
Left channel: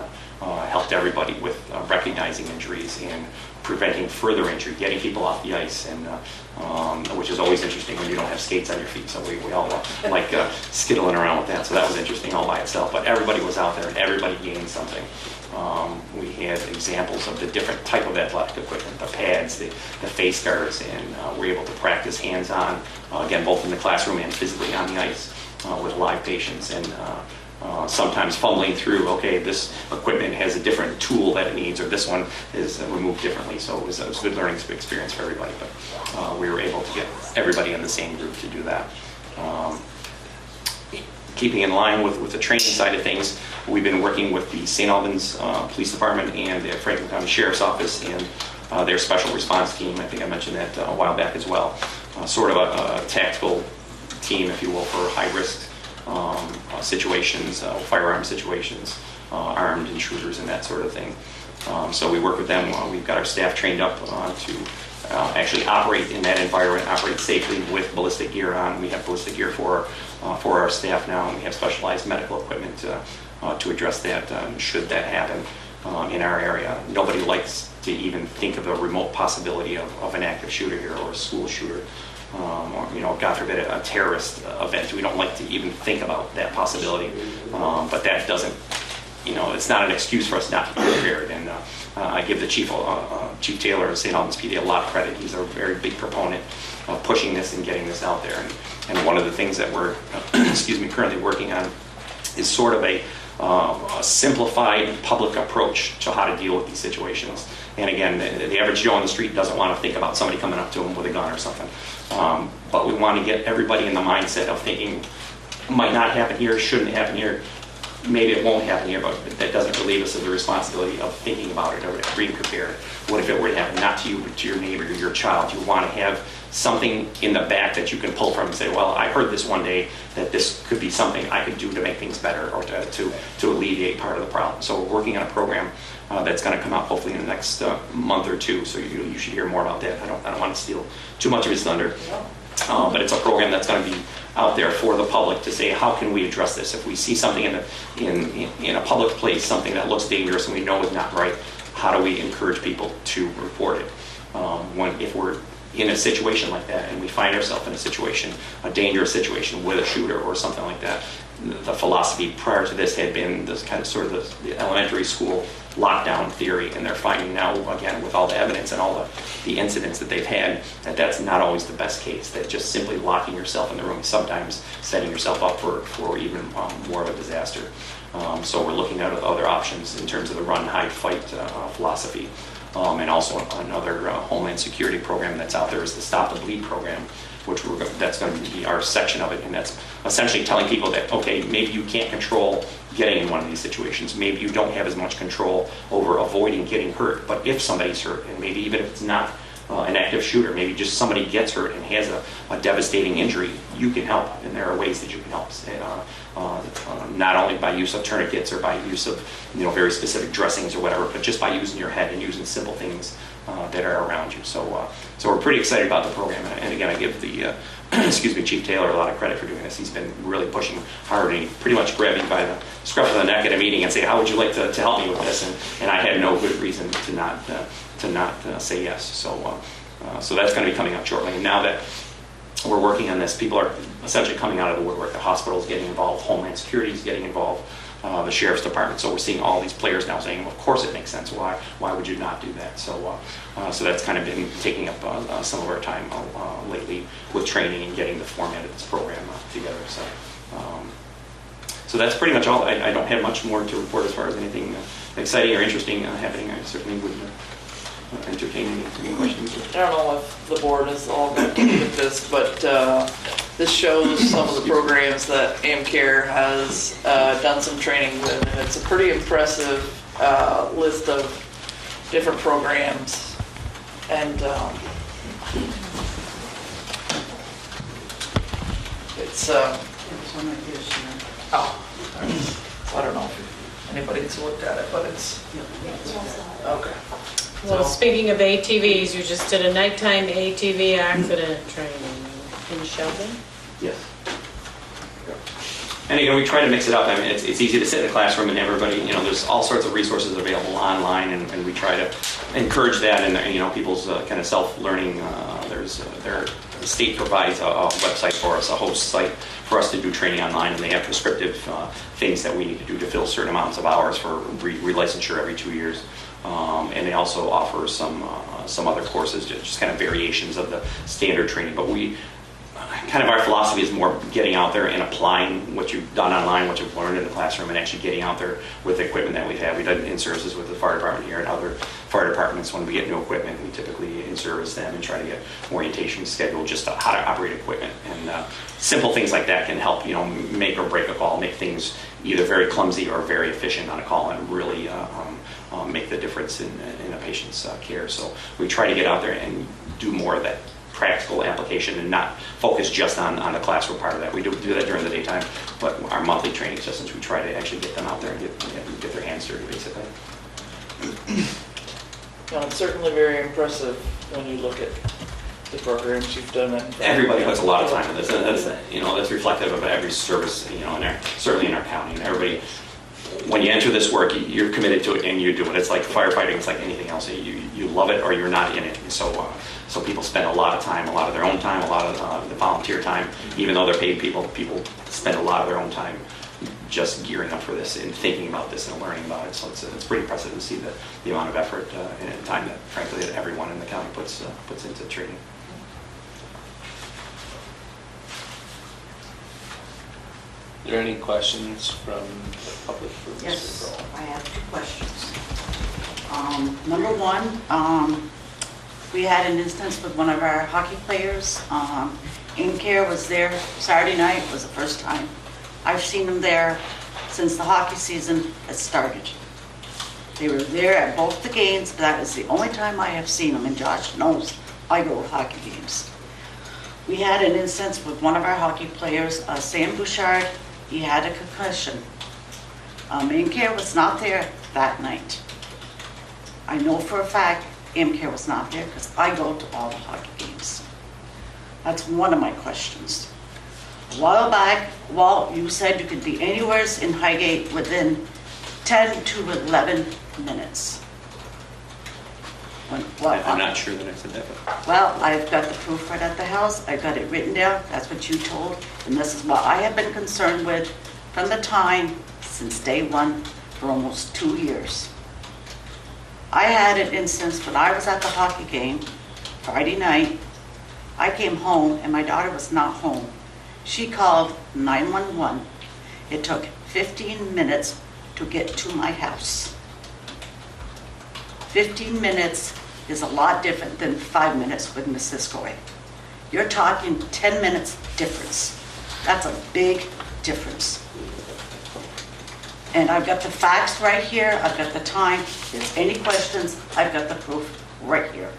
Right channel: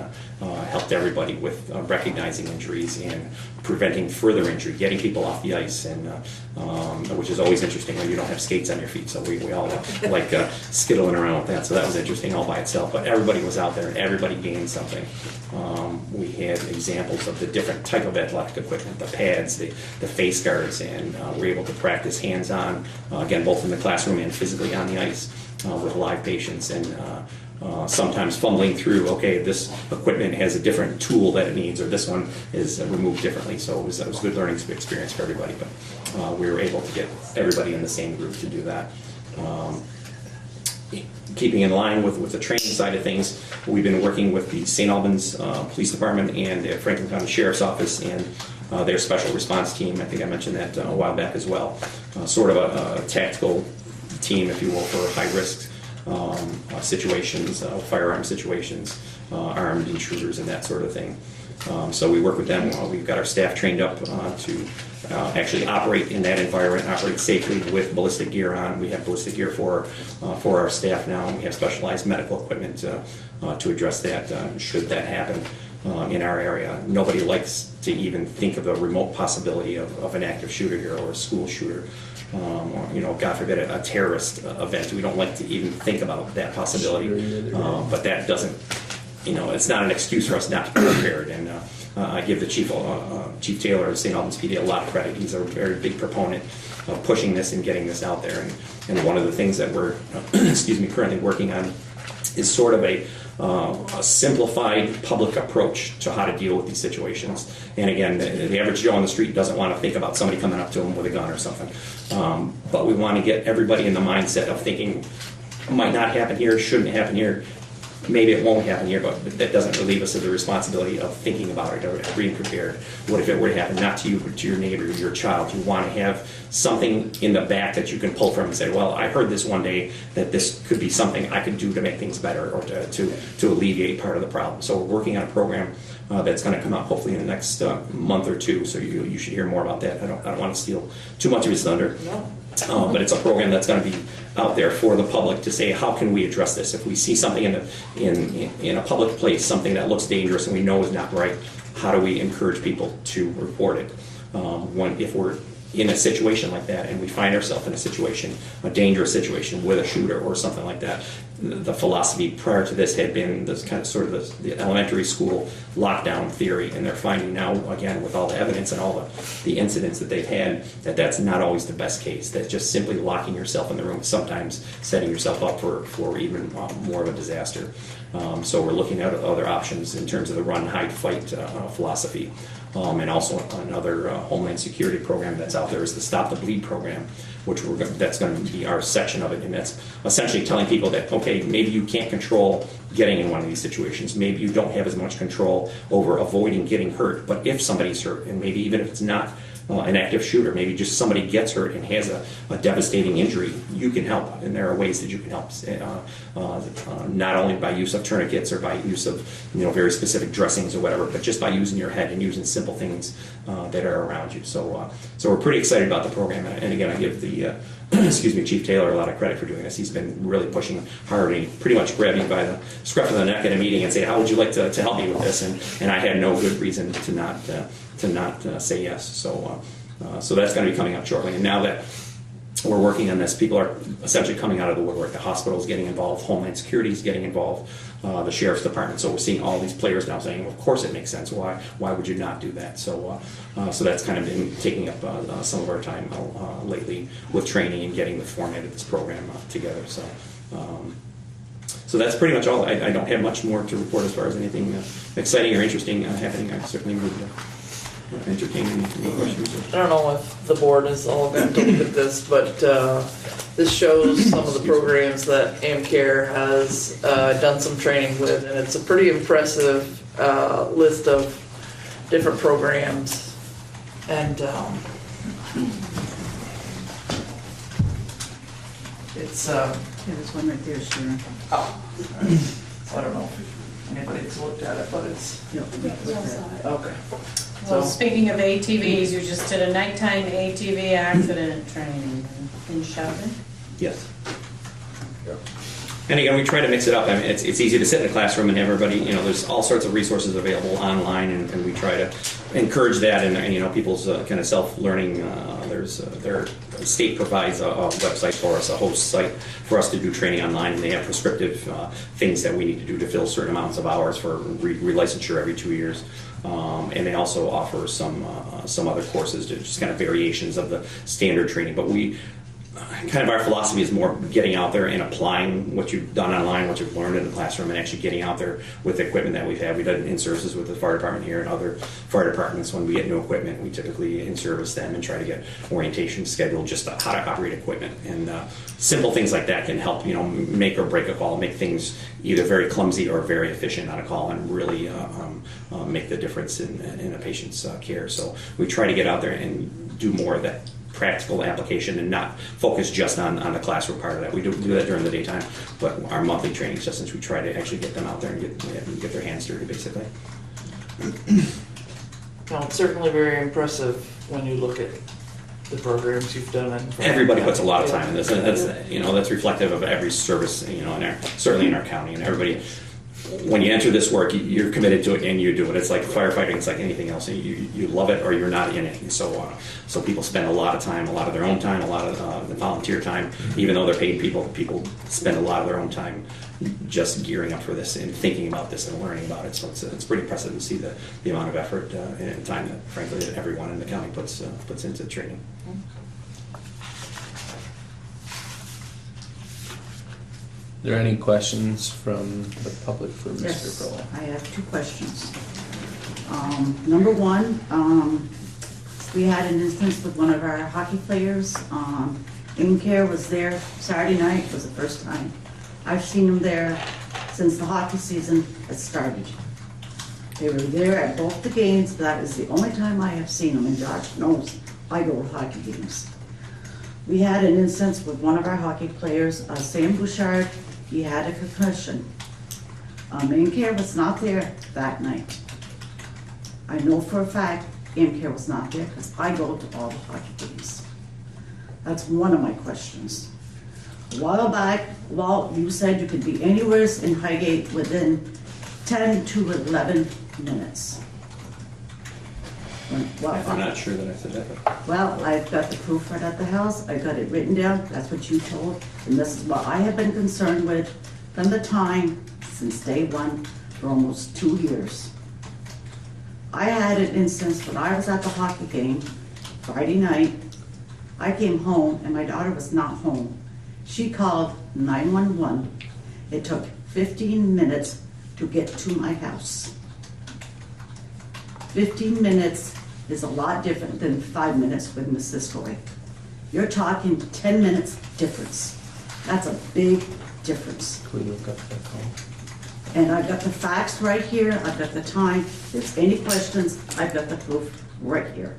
helped everybody with recognizing injuries and preventing further injury, getting people off the ice, and which is always interesting when you don't have skates on your feet. So we all like skittling around with that. So that was interesting all by itself. But everybody was out there and everybody gained something. We had examples of the different type of athletic equipment, the pads, the face guards, and we were able to practice hands-on, again, both in the classroom and physically on the ice with live patients, and sometimes fumbling through, okay, this equipment has a different tool that it needs, or this one is removed differently. So it was a good learning experience for everybody, but we were able to get everybody in the same group to do that. Keeping in line with the training side of things, we've been working with the St. Albans Police Department and the Franklin County Sheriff's Office and their special response team. I think I mentioned that a while back as well. Sort of a tactical team, if you will, for high-risk situations, firearm situations, armed intruders and that sort of thing. So we work with them. We've got our staff trained up to actually operate in that environment, operate safely with ballistic gear on. We have ballistic gear for our staff now, and we have specialized medical equipment to address that should that happen in our area. Nobody likes to even think of a remote possibility of an active shooter here or a school shooter. Or, God forbid, a terrorist event. We don't like to even think about that possibility, but that doesn't, it's not an excuse for us not to be prepared. And I give the Chief Taylor of St. Albans PD a lot of credit. He's a very big proponent of pushing this and getting this out there. And one of the things that we're, currently working on is sort of a simplified public approach to how to deal with these situations. And again, the average Joe on the street doesn't want to think about somebody coming up to him with a gun or something. But we want to get everybody in the mindset of thinking, it might not happen here, shouldn't happen here, maybe it won't happen here, but that doesn't relieve us of the responsibility of thinking about it or being prepared. What if it were to happen, not to you, but to your neighbor, your child? You want to have something in the back that you can pull from and say, well, I heard this one day that this could be something I could do to make things better or to alleviate part of the problem. So we're working on a program that's going to come out hopefully in the next month or two, so you should hear more about that. I don't want to steal too much of his thunder. But it's a program that's going to be out there for the public to say, how can we address this? If we see something in a public place, something that looks dangerous and we know is not right, how do we encourage people to report it? If we're in a situation like that and we find ourselves in a situation, a dangerous situation with a shooter or something like that, the philosophy prior to this had been this kind of sort of the elementary school lockdown theory, and they're finding now, again, with all the evidence and all the incidents that they've had, that that's not always the best case. That just simply locking yourself in the room, sometimes setting yourself up for even more of a disaster. So we're looking at other options in terms of the run, hide, fight philosophy. And also another Homeland Security program that's out there is the Stop the Bleed program, which that's going to be our section of it. And that's essentially telling people that, okay, maybe you can't control getting in one of these situations. Maybe you don't have as much control over avoiding getting hurt. But if somebody's hurt, and maybe even if it's not an active shooter, maybe just somebody gets hurt and has a devastating injury, you can help. And there are ways that you can help, not only by use of tourniquets or by use of very specific dressings or whatever, but just by using your head and using simple things that are around you. So we're pretty excited about the program. And again, I give the Chief Taylor a lot of credit for doing this. He's been really pushing hard, and he pretty much grabbed me by the scruff of the neck at a meeting and say, how would you like to help me with this? And I had no good reason to not say yes. So that's going to be coming up shortly. And now that we're working on this. People are essentially coming out of the woodwork. The hospital's getting involved, Homeland Security's getting involved, the Sheriff's Department. So we're seeing all these players now saying, of course it makes sense. Why would you not do that? So that's kind of been taking up some of our time lately with training and getting the format of this program together. So that's pretty much all. I don't have much more to report as far as anything exciting or interesting happening. I certainly would entertain any questions. I don't know if the board is all going to look at this, but this shows some of the programs that AmCare has done some training with, and it's a pretty impressive list of different programs. And it's There's one right there, Sharon. oh, I don't know if anybody's looked at it, but it's okay. Well, So speaking of ATVs, you just did a nighttime ATV accident training in Sheldon. Yes. And we try to mix it up. I mean, it's easy to sit in a classroom and everybody, there's all sorts of resources available online, and we try to encourage that. And people's kind of self-learning. Their state provides a website for us, a host site for us to do training online, and they have prescriptive things that we need to do to fill certain amounts of hours for relicensure every 2 years. And they also offer some other courses, just kind of variations of the standard training. But our philosophy is more getting out there and applying what you've done online, what you've learned in the classroom, and actually getting out there with the equipment that we have. We've done in-services with the fire department here and other fire departments. When we get new equipment, we typically in-service them and try to get orientation scheduled, just how to operate equipment. And simple things like that can help, make or break a call, make things either very clumsy or very efficient on a call, and really make the difference in a patient's care. So we try to get out there and do more of that practical application and not focus just on the classroom part of that. We do that during the daytime, but our monthly training sessions, we try to actually get them out there and get their hands dirty, basically. well, it's certainly very impressive when you look at the programs you've done. Everybody puts a lot of time in this, and that's reflective of every service, certainly in our county. And everybody, when you enter this work, you're committed to it and you do it. It's like firefighting, it's like anything else. You love it or you're not in it. So people spend a lot of time, a lot of their own time, a lot of the volunteer time. Even though they're paid people spend a lot of their own time just gearing up for this and thinking about this and learning about it. So it's pretty impressive to see the amount of effort and time that, frankly, that everyone in the county puts into training. Are there any questions from the public for Mr. Yes, Grohl? I have 2 questions. Number one, we had an instance with one of our hockey players. AmCare was there Saturday night, was the first time I've seen them there since the hockey season has started. They were there at both the games, but that is the only time I have seen them, and Josh knows I go to hockey games. We had an instance with one of our hockey players, Sam Bouchard. He had a concussion. AmCare was not there that night. I know for a fact AmCare was not there because I go to all the hockey games. That's one of my questions. A while back, you said you could be anywhere in Highgate within 10 to 11 minutes. I'm not sure that I said that. Well, I've got the proof right at the house. I've got it written down. That's what you told. And this is what I have been concerned with from the time since day one for almost 2 years. I had an instance when I was at the hockey game Friday night. I came home and my daughter was not home. She called 911. It took 15 minutes to get to my house. 15 minutes is a lot different than 5 minutes with Mrs. Coy. You're talking 10 minutes difference. That's a big difference. And I've got the facts right here. I've got the time. If there's any questions, I've got the proof right here.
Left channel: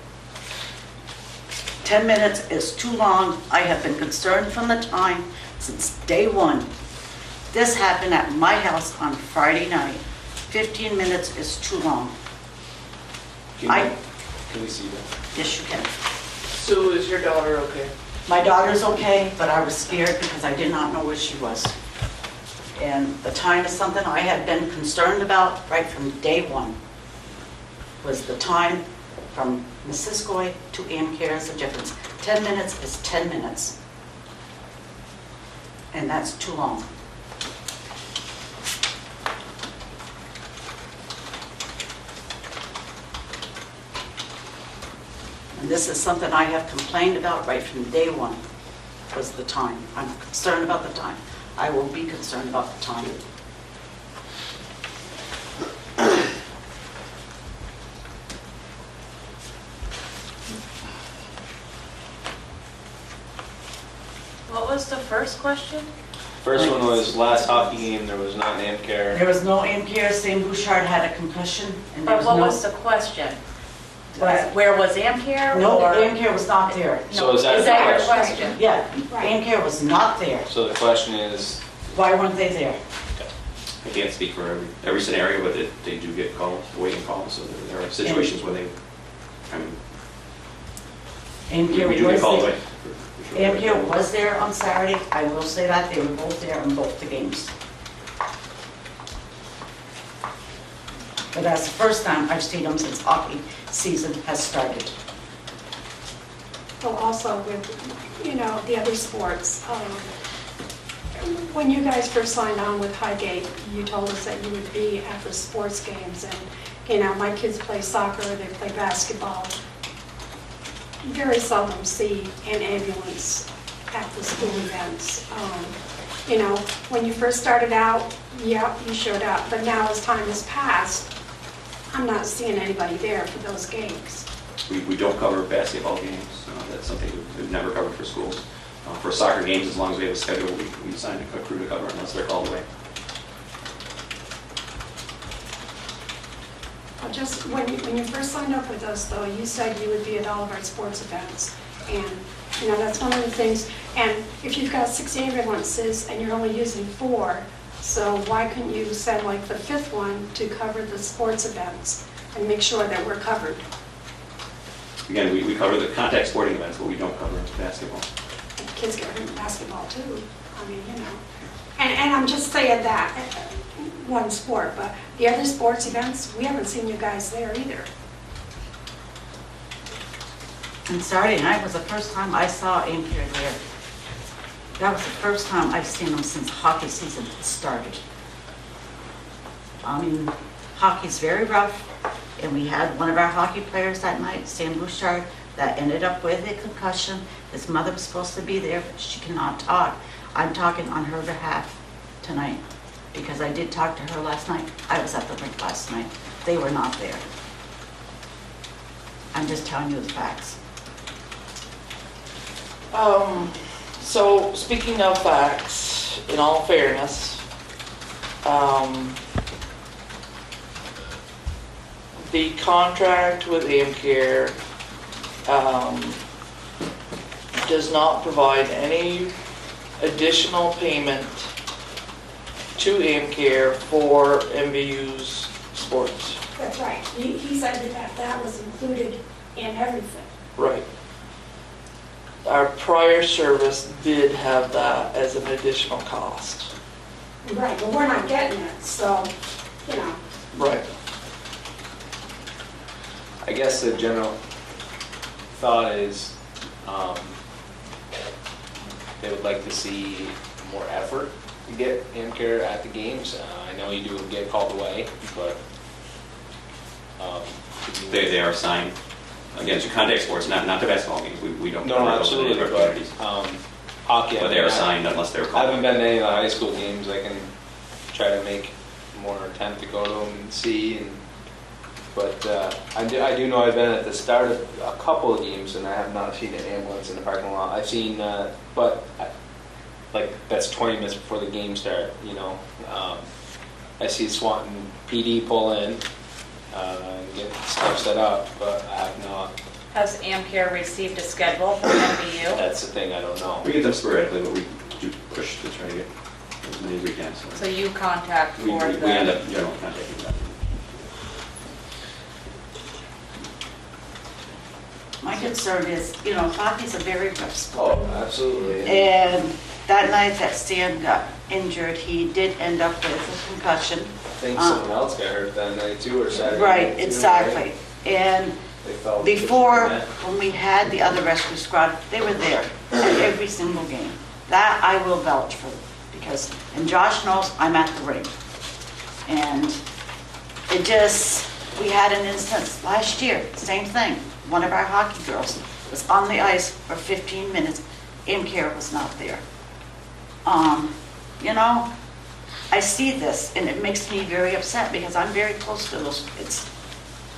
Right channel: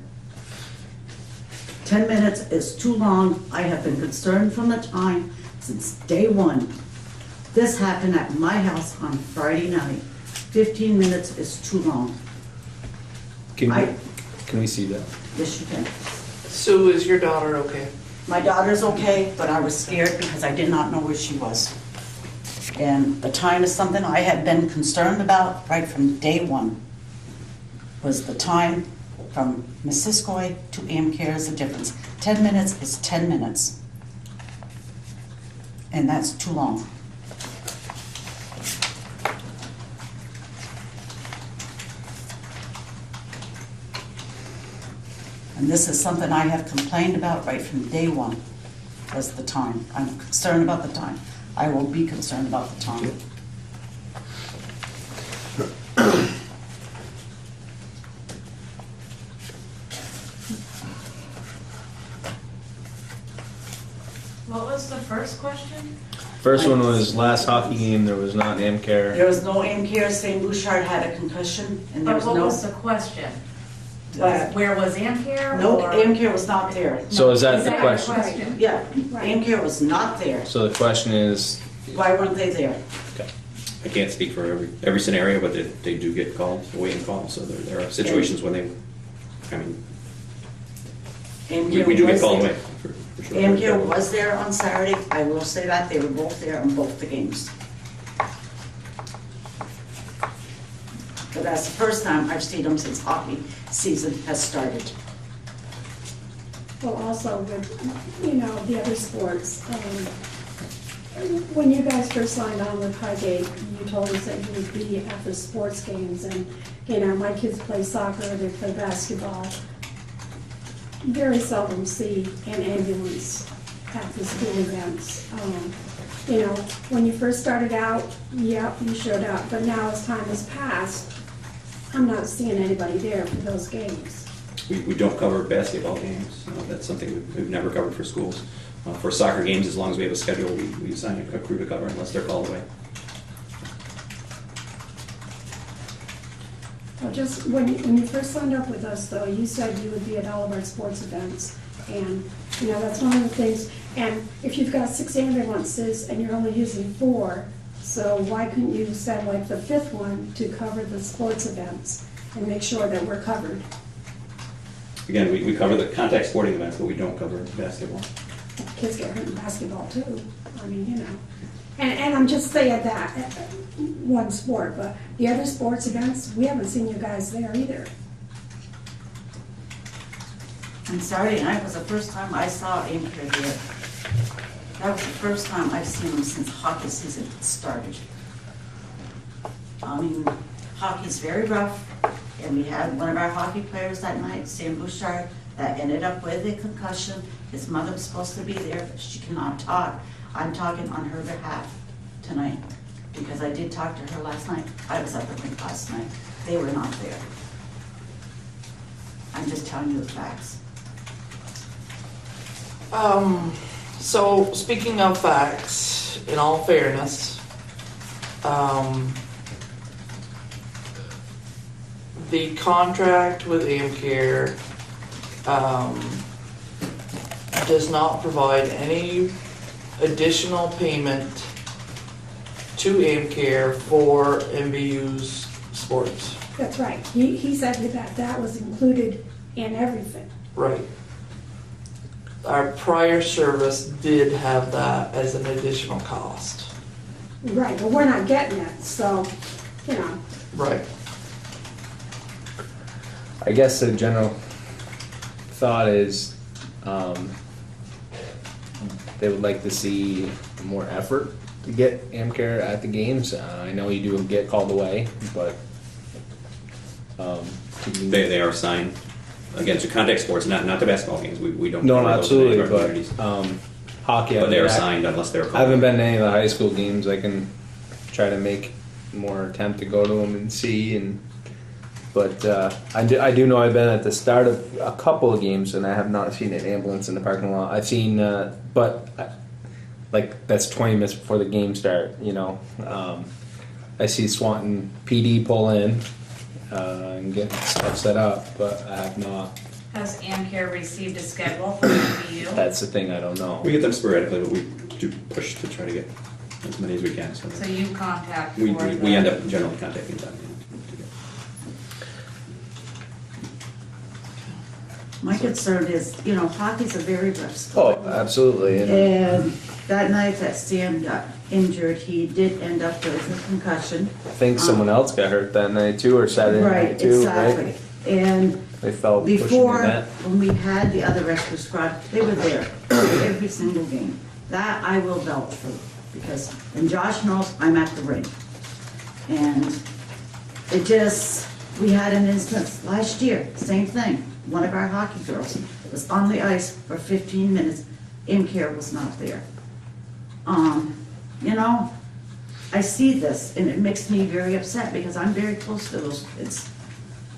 10 minutes is too long. I have been concerned from the time since day one. This happened at my house on Friday night. 15 minutes is too long. Can we see that? Yes, you can. Sue, is your daughter okay? My daughter's okay, but I was scared because I did not know where she was. And the time is something I have been concerned about right from day one. Was the time from Mrs. Coy to AmCare is the difference. 10 minutes is 10 minutes. and that's too long. And this is something I have complained about right from day one, was the time. I'm concerned about the time. I will be concerned about the time. What was the first question? First one was last hockey game, there was not There AmCare. was no AmCare, St. Bouchard had a concussion, and there But was what no... was the question? Where was AmCare? No, or- AmCare was not there. So is that Is the that your question? question? Yeah, AmCare was not there. So the question is, Why weren't they there? I can't speak for every scenario, but they do get called, waiting calls, so there are situations when they, I mean, we do get called away. for sure. AmCare was there on Saturday, I will say that, they were both there on both the games. But that's the first time I've seen them since hockey season has started. Well, also with, you know, the other sports, when you guys first signed on with Highgate, you told us that you would be at the sports games, and, you know, my kids play soccer, they play basketball. Very seldom see an ambulance at the school events. You know, when you first started out, yeah, you showed up, but now as time has passed, I'm not seeing anybody there for those games. We don't cover basketball games. That's something we've never covered for schools. For soccer games, as long as we have a schedule, we assign a crew to cover unless they're called away. Well, just when you first signed up with us, though, you said you would be at all of our sports events. And, you know, that's one of the things. And if you've got 6 ambulances and you're only using 4, so why couldn't you send like the 5th one to cover the sports events and make sure that we're covered? Again, we cover the contact sporting events, but we don't cover basketball. Kids get hurt in basketball too. I mean, you know. And I'm just saying that, one sport, but the other sports events, we haven't seen you guys there either. And Saturday night was the first time I saw AmCare there. That was the first time I've seen them since hockey season started. I mean, hockey's very rough, and we had one of our hockey players that night, Sam Bouchard, that ended up with a concussion. His mother was supposed to be there, but she cannot talk. I'm talking on her behalf tonight, because I did talk to her last night. I was at the rink last night. They were not there. I'm just telling you the facts. So speaking of facts, in all fairness, the contract with AmCare does not provide any additional payment to AmCare for MVU's sports. That's right. He said that was included in everything. Right. Our prior service did have that as an additional cost. Right, but we're not getting it, so, you know. Right. I guess the general thought is, they would like to see more effort to get AmCare at the games. I know you do get called away, but, They are assigned, again, to contact sports, not the basketball games. We don't no, cover those in any absolutely, of our communities. but, hockey. But they're assigned unless they're I called. haven't been to any of the high school games. I can try to make more attempt to go to them and see. But I do know I've been at the start of a couple of games and I have not seen an ambulance in the parking lot. I've seen, like that's 20 minutes before the game start. You know, I see Swanton PD pull in and get stuff set up, but I have not. Has AmCare received a schedule from MVU? That's the thing. I don't know. We get them sporadically, but we do push to try to get as many as we can. So you contact We for the... end up generally contacting them. My concern is, you know, hockey's a very rough sport. Oh, absolutely. And that night that Stan got injured, he did end up with a concussion. I think someone else got hurt that night too, or Saturday Right, night too. exactly. Right? And They felt pushing before, the net. when we had the other rescue squad, they were there at every single game. That I will vouch for, because, and Josh knows I'm at the rink. And it just, we had an instance last year, same thing. One of our hockey girls was on the ice for 15 minutes, care was not there. You know, I see this and it makes me very upset because I'm very close to those kids.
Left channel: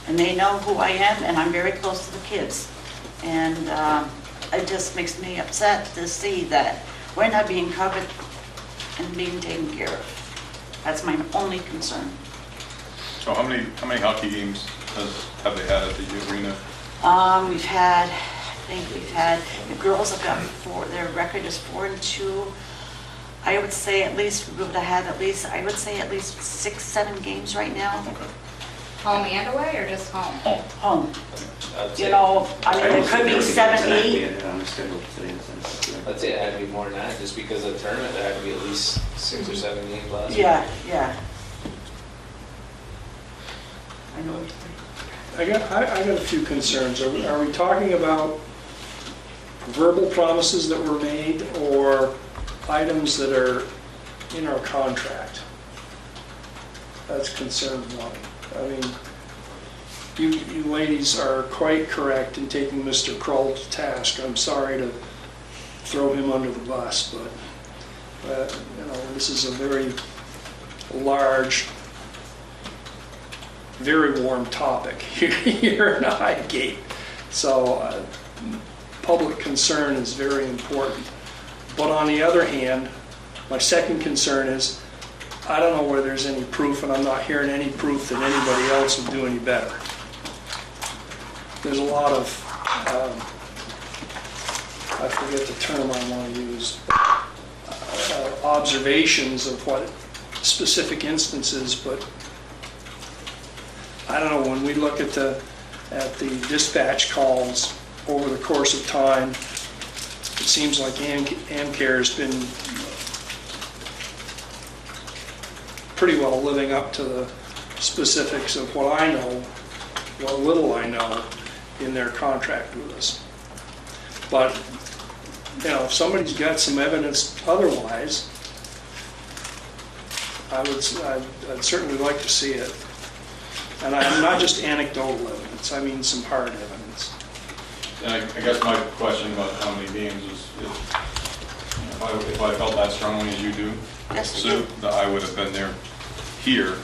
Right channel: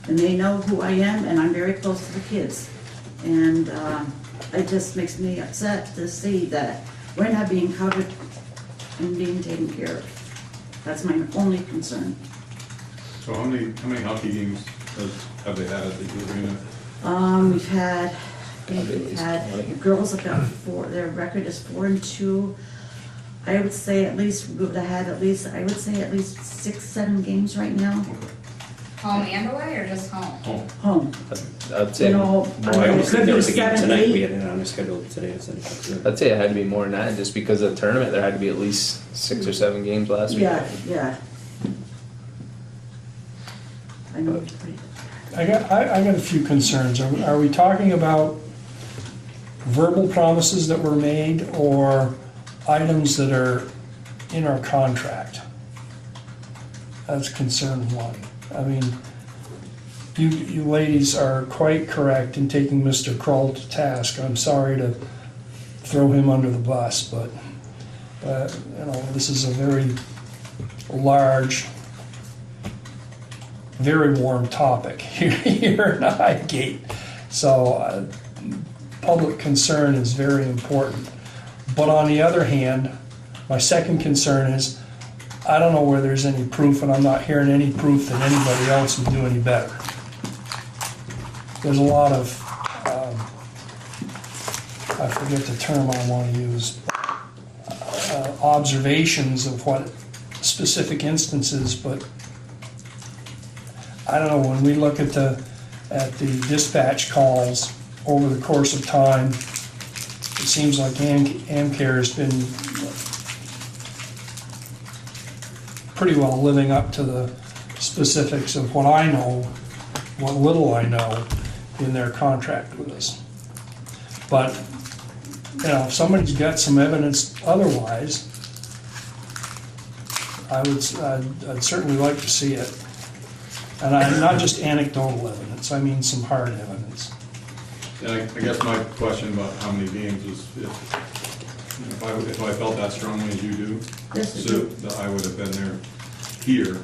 And they know who I am and I'm very close to the kids. And it just makes me upset to see that we're not being covered and being taken care of. That's my only concern. So how many hockey games have they had at the arena? We've had, I think we've had, the girls have got 4, their record is 4-2. I would say at least, we would have had at least, I would say at least 6, 7 games right now. Home and away, or just home? Home. I'd You say, know, I mean, it could be 7, We 8. had it on the schedule today, so. I'd say it had to be more than that, just because of the tournament, there had to be at least 6 or 7 games last year. Yeah, yeah. I know. I got a few concerns. Are we talking about verbal promises that were made or items that are in our contract? That's concern one. I mean, you ladies are quite correct in taking Mr. Kroll to task. I'm sorry to throw him under the bus, but you know, this is a very large, very warm topic here in Highgate. So public concern is very important. But on the other hand, my second concern is I don't know where there's any proof, and I'm not hearing any proof that anybody else would do any better. There's a lot of, I forget the term I want to use, observations of what specific instances, but I don't know, when we look at the dispatch calls over the course of time, it seems like Amcare has been pretty well living up to the specifics of what I know, what little I know in their contract with us. But, you know, if somebody's got some evidence otherwise, I'd certainly like to see it. And not just anecdotal evidence, I mean some hard evidence. And I guess my question about how many games is, if I felt that strongly as you do, Yes, so that I would have been there here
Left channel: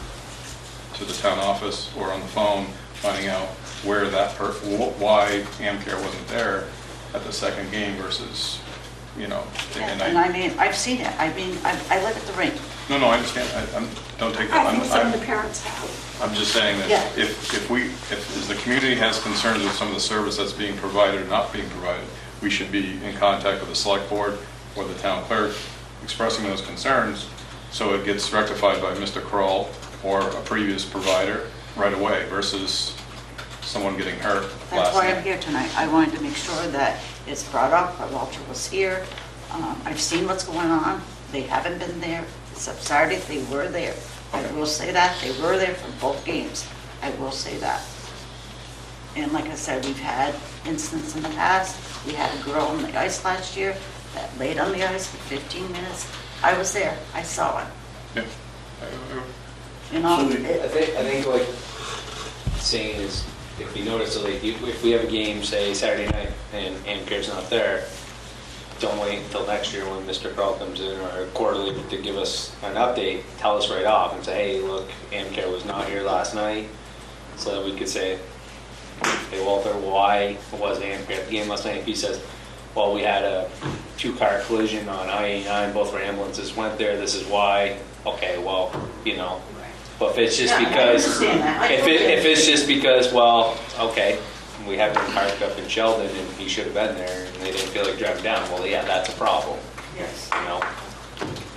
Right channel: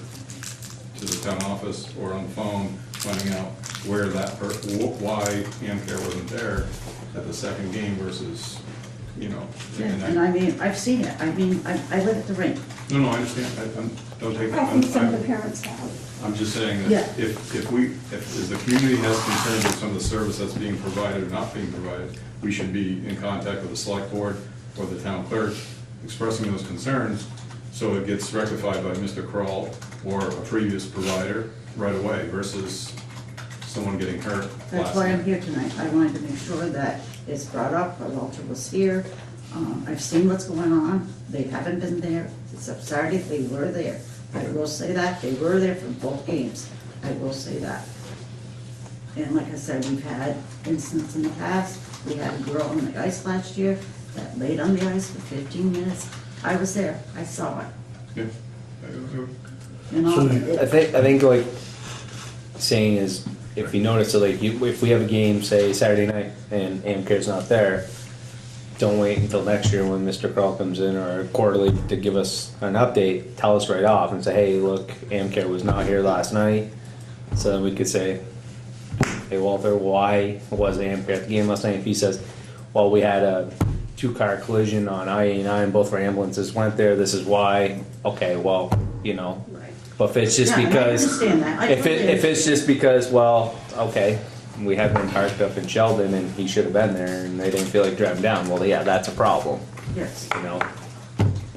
to the town office or on the phone, finding out where why Amcare wasn't there at the second game versus, you know. Yeah, and I mean, I've seen it. I mean, I live at the rink. No, I understand. Don't take that. I think some of the parents have. I'm just saying that Yeah. if the community has concerns with some of the service that's being provided or not being provided, we should be in contact with the select board or the town clerk expressing those concerns so it gets rectified by Mr. Kroll or a previous provider right away versus someone getting hurt That's last why I'm night. here tonight. I wanted to make sure that it's brought up, that Walter was here. I've seen what's going on. They haven't been there. Except Saturday, they were there. I will say that. They were there for both games. I will say that. And like I said, we've had incidents in the past. We had a girl on the ice last year that laid on the ice for 15 minutes. I was there. I saw it. Yeah. You know, I think like saying is, if you notice, like if we have a game, say Saturday night, and Amcare's not there, don't wait until next year when Mr. Kroll comes in or quarterly to give us an update. Tell us right off and say, hey, look, Amcare was not here last night, so that we could say, hey Walter, why was Amcare at the game last night? If he says, well, we had a 2-car collision on I-89, both our ambulances went there, this is why. Okay, well, you know. But if it's just yeah, and I because, understand that. if it's just because, well, okay, we had him parked up in Sheldon and he should have been there and they didn't feel like driving down, well, yeah, that's a problem, Yes. you know.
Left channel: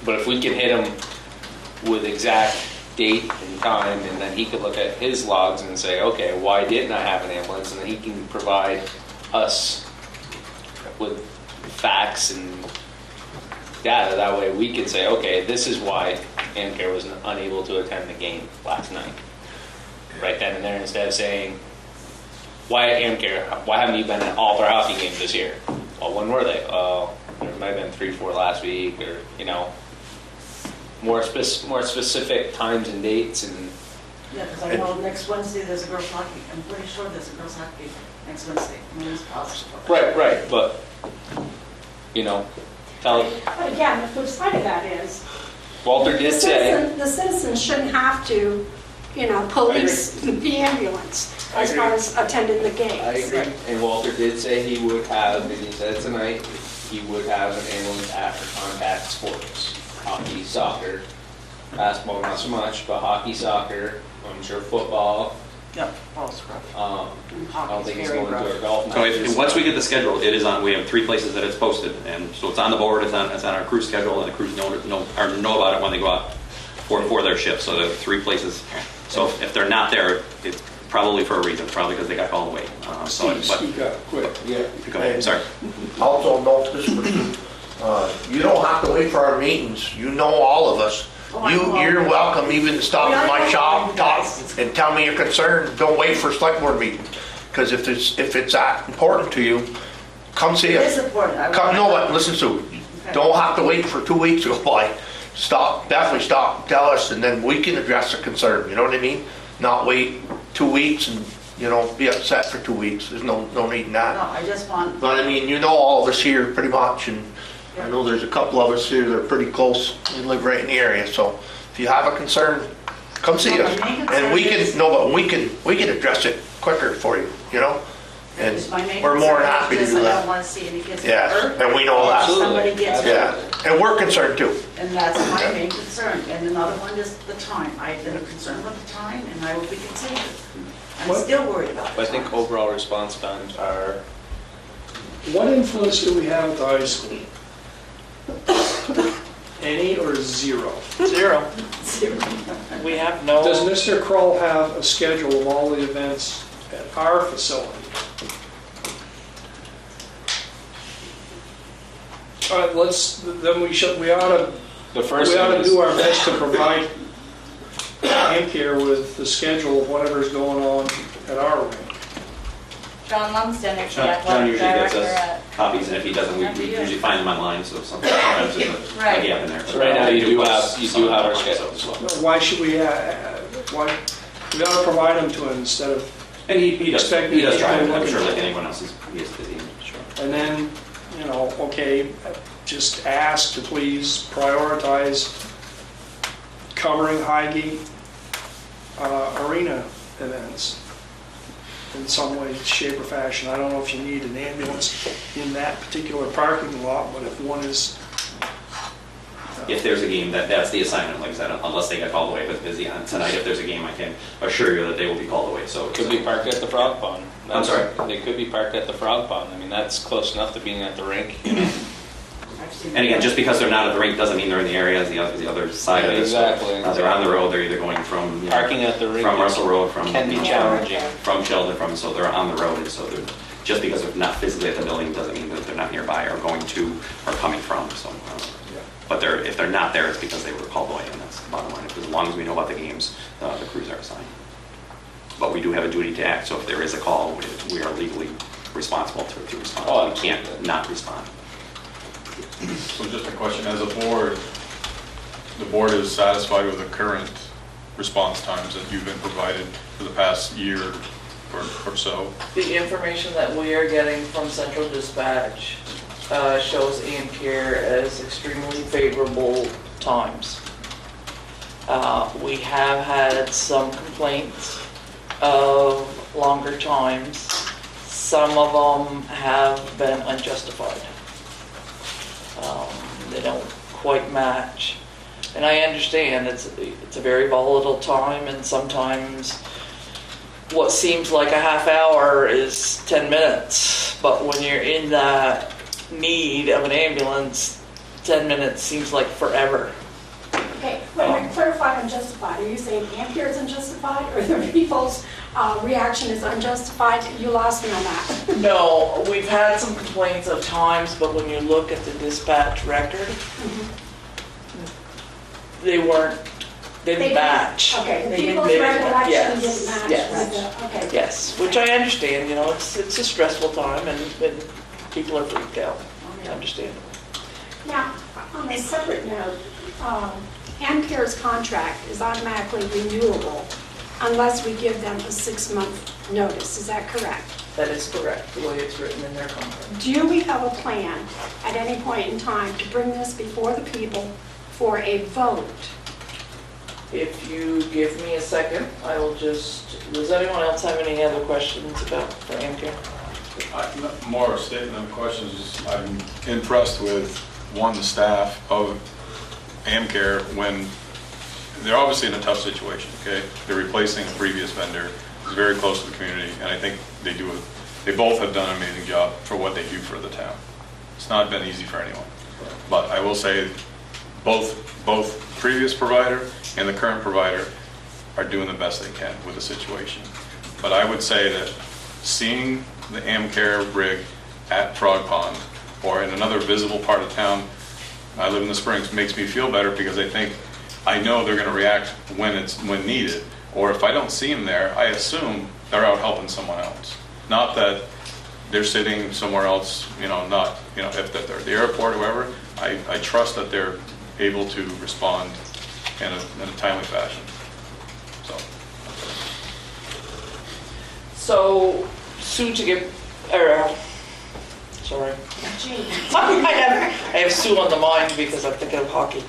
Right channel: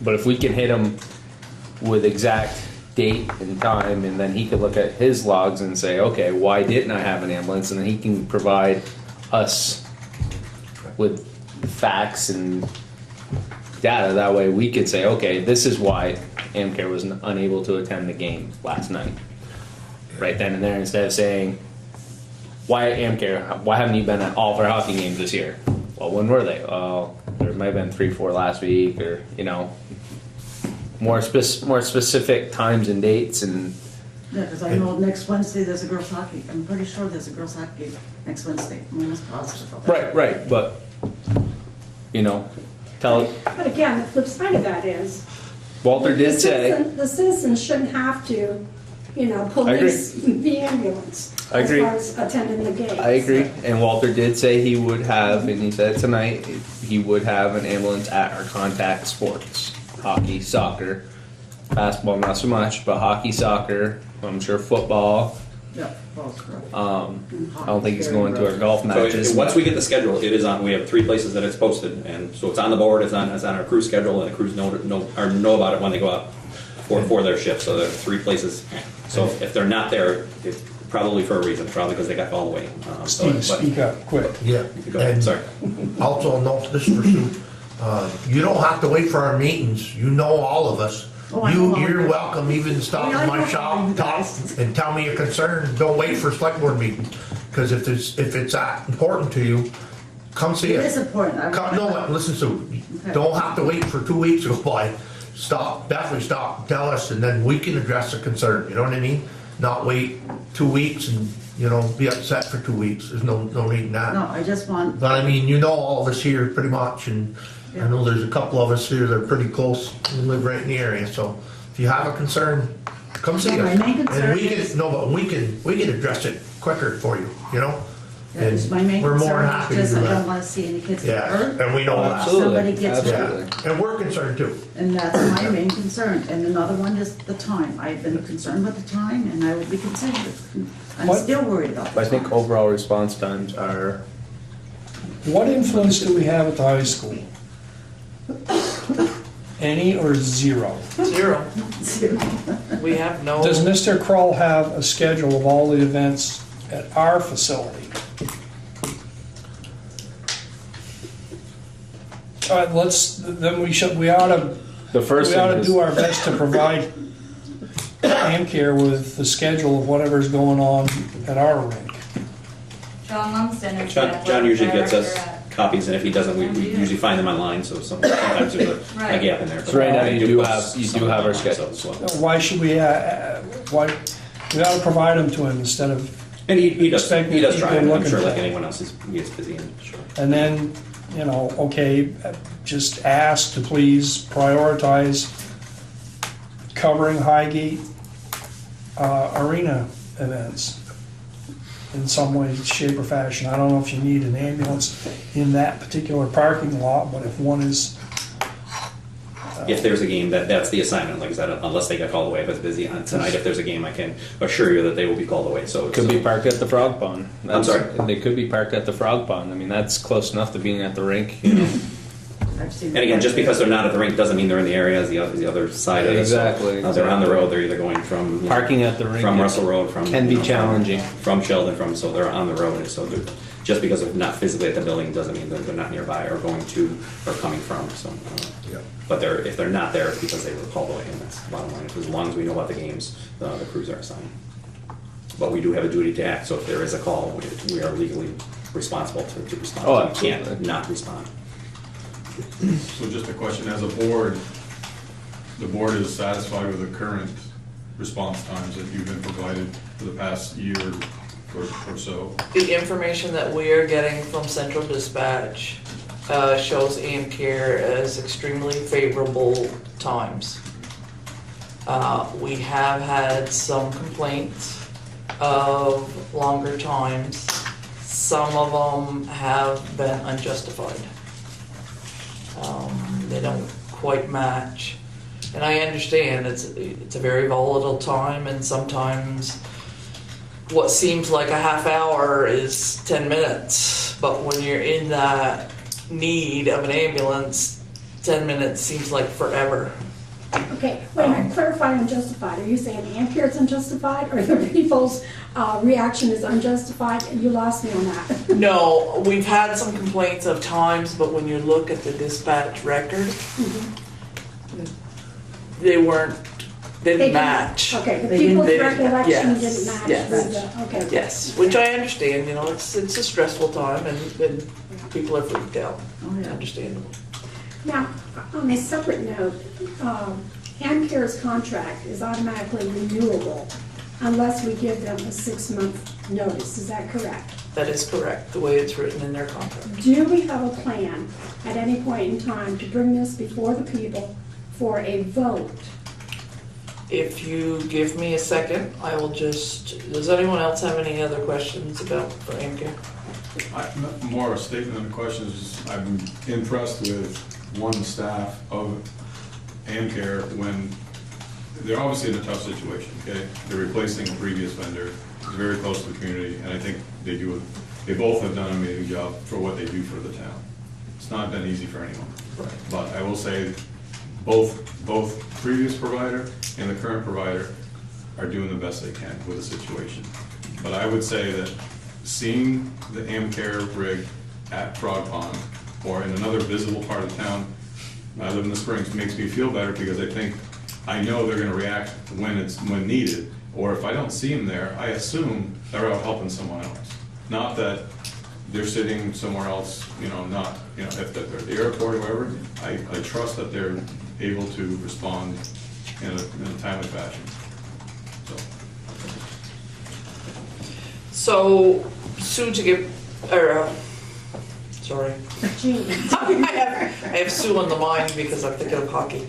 But if we can hit him with exact date and time, and then he could look at his logs and say, okay, why didn't I have an ambulance? And then he can provide us with facts and data. That way we could say, okay, this is why Amcare was unable to attend the game last night. Right then and there, instead of saying, why Amcare? Why haven't you been at all of our hockey games this year? Well, when were they? there might have been 3, 4 last week, or, you know, more specific times and dates, and Yeah, because I know next Wednesday there's a girls' hockey. I'm pretty sure there's a girls' hockey next Wednesday. I'm almost positive of that. right, but, you know, tell, But again, the flip side of that is, Walter did say, the citizens shouldn't have to, you know, police the ambulance I as agree. far as attending the games. I agree, and Walter did say he would have, and he said it tonight, he would have an ambulance at our contact sports. Hockey, soccer, basketball not so much, but hockey, soccer, I'm sure football. Yep, false correct. I don't think he's going to our golf So matches. once we get the schedule, it is on, we have 3 places that it's posted, and so it's on the board, it's on our crew schedule, and the crews know about it when they go out for their shift, so there are 3 places. So if they're not there, it's probably for a reason, probably because they got called away. Steve, speak up, quick. Yeah. Go ahead, And sorry. Also note this for you, you don't have to wait for our meetings, you know all of us. Oh, I know all You're of you. welcome even to stop Oh, yeah, in I my know all shop, you talk, guys. and tell me your concerns. Don't wait for a select board meeting. Because if it's that important to you, come see It is us. important. I Come, would- no, but listen to, Okay. don't have to wait for 2 weeks to go by. Stop, definitely stop, tell us, and then we can address the concern, you know what I mean? Not wait 2 weeks and, you know, be upset for 2 weeks. There's no need in that. No, I just want, But I mean, you know all of us here pretty much, and I Yeah. know there's a couple of us here that are pretty close, we live right in the area, so if you have a concern, come see No, us. my main And concern we can, is- no, but we can address it quicker for you, you know? And because my main we're more than concern happy is to just do I don't that. want to see any kids get Yeah, hurt. and we know or that. Somebody gets hurt. Yeah, and we're concerned too. And that's my main concern. And another one is the time. I've been concerned with the time and I will be concerned. I'm What? still worried about I the think time. overall response times are, What influence do we have at the high school? Any or zero? Zero. We have no. Does Mr. Kroll have a schedule of all the events at our facility? All right, then we ought to, the first we ought thing to is, do our best to provide AmCare with the schedule of whatever's going on at our rink. John Lumsden is the John athletic usually gets director us at. copies, and if he doesn't, we usually find them online, so sometimes there's a Right. gap in there. So right now you do have our Online, schedule. so- Why should we, we ought to provide them to him instead of, And he does try, Expecting people I'm looking sure for like it. anyone else, he is busy, sure. and then, you know, okay, just ask to please prioritize covering Highgate arena events in some way, shape, or fashion. I don't know if you need an ambulance in that particular parking lot, but if one is, If there's a game, that's the assignment, like I said, unless they get called away, if it's busy on tonight, if there's a game, I can assure you that they will be called away, so. could be parked at the Frog Pond. I'm sorry? They could be parked at the Frog Pond. I mean, that's close enough to being at the rink, you know? I've seen And again, just because they're not at the rink doesn't mean they're in the area, as the other side of it. So, Exactly. They're on the road, they're either going from, you know, Parking at the rink from Russell Road, from. can be challenging. From Sheldon, so they're on the road, and so just because they're not physically at the building doesn't mean that they're not nearby or going to or coming from, so. But if they're not there, it's because they were called away, and that's the bottom line. As long as we know about the games, the crews are assigned. But we do have a duty to act, so if there is a call, we are legally responsible to respond. Oh, We can't absolutely. not respond. So just a question, as a board, the board is satisfied with the current response times that you've been provided for the past year or so? The information that we are getting from Central Dispatch shows AmCare as extremely favorable times. We have had some complaints of longer times. Some of them have been unjustified. They don't quite match. And I understand it's a very volatile time, and sometimes what seems like a half hour is 10 minutes. But when you're in that need of an ambulance, 10 minutes seems like forever. Okay, wait a minute, clarify unjustified. Are you saying AmCare is unjustified, or the people's reaction is unjustified? You lost me on that. No, we've had some complaints of times, but when you look at the dispatch record, they didn't match. Okay, the They didn't- people's they didn't- recollection yes, didn't match yes. with the, okay. Yes, which I understand, it's a stressful time and people are freaked out. understandable. Now, on a separate note, AmCare's contract is automatically renewable unless we give them a 6-month notice. Is that correct? That is correct, the way it's written in their contract. Do we have a plan at any point in time to bring this before the people for a vote? If you give me a second, I will just, does anyone else have any other questions about for AmCare? More a statement than a question is I'm impressed with, one, the staff of AmCare when they're obviously in a tough situation, okay? They're replacing a previous vendor who's very close to the community, and I think they both have done an amazing job for what they do for the town. It's not been easy for anyone. But I will say both previous provider and the current provider are doing the best they can with the situation. But I would say that seeing the AmCare rig at Frog Pond or in another visible part of town, I live in the Springs, makes me feel better because I know they're going to react when needed. Or if I don't see them there, I assume they're out helping someone else. Not that they're sitting somewhere else, if they're at the airport or wherever. I trust that they're able to respond in a timely fashion. So, soon to get, sorry. Gee. I have Sue on the mind because I'm thinking of hockey.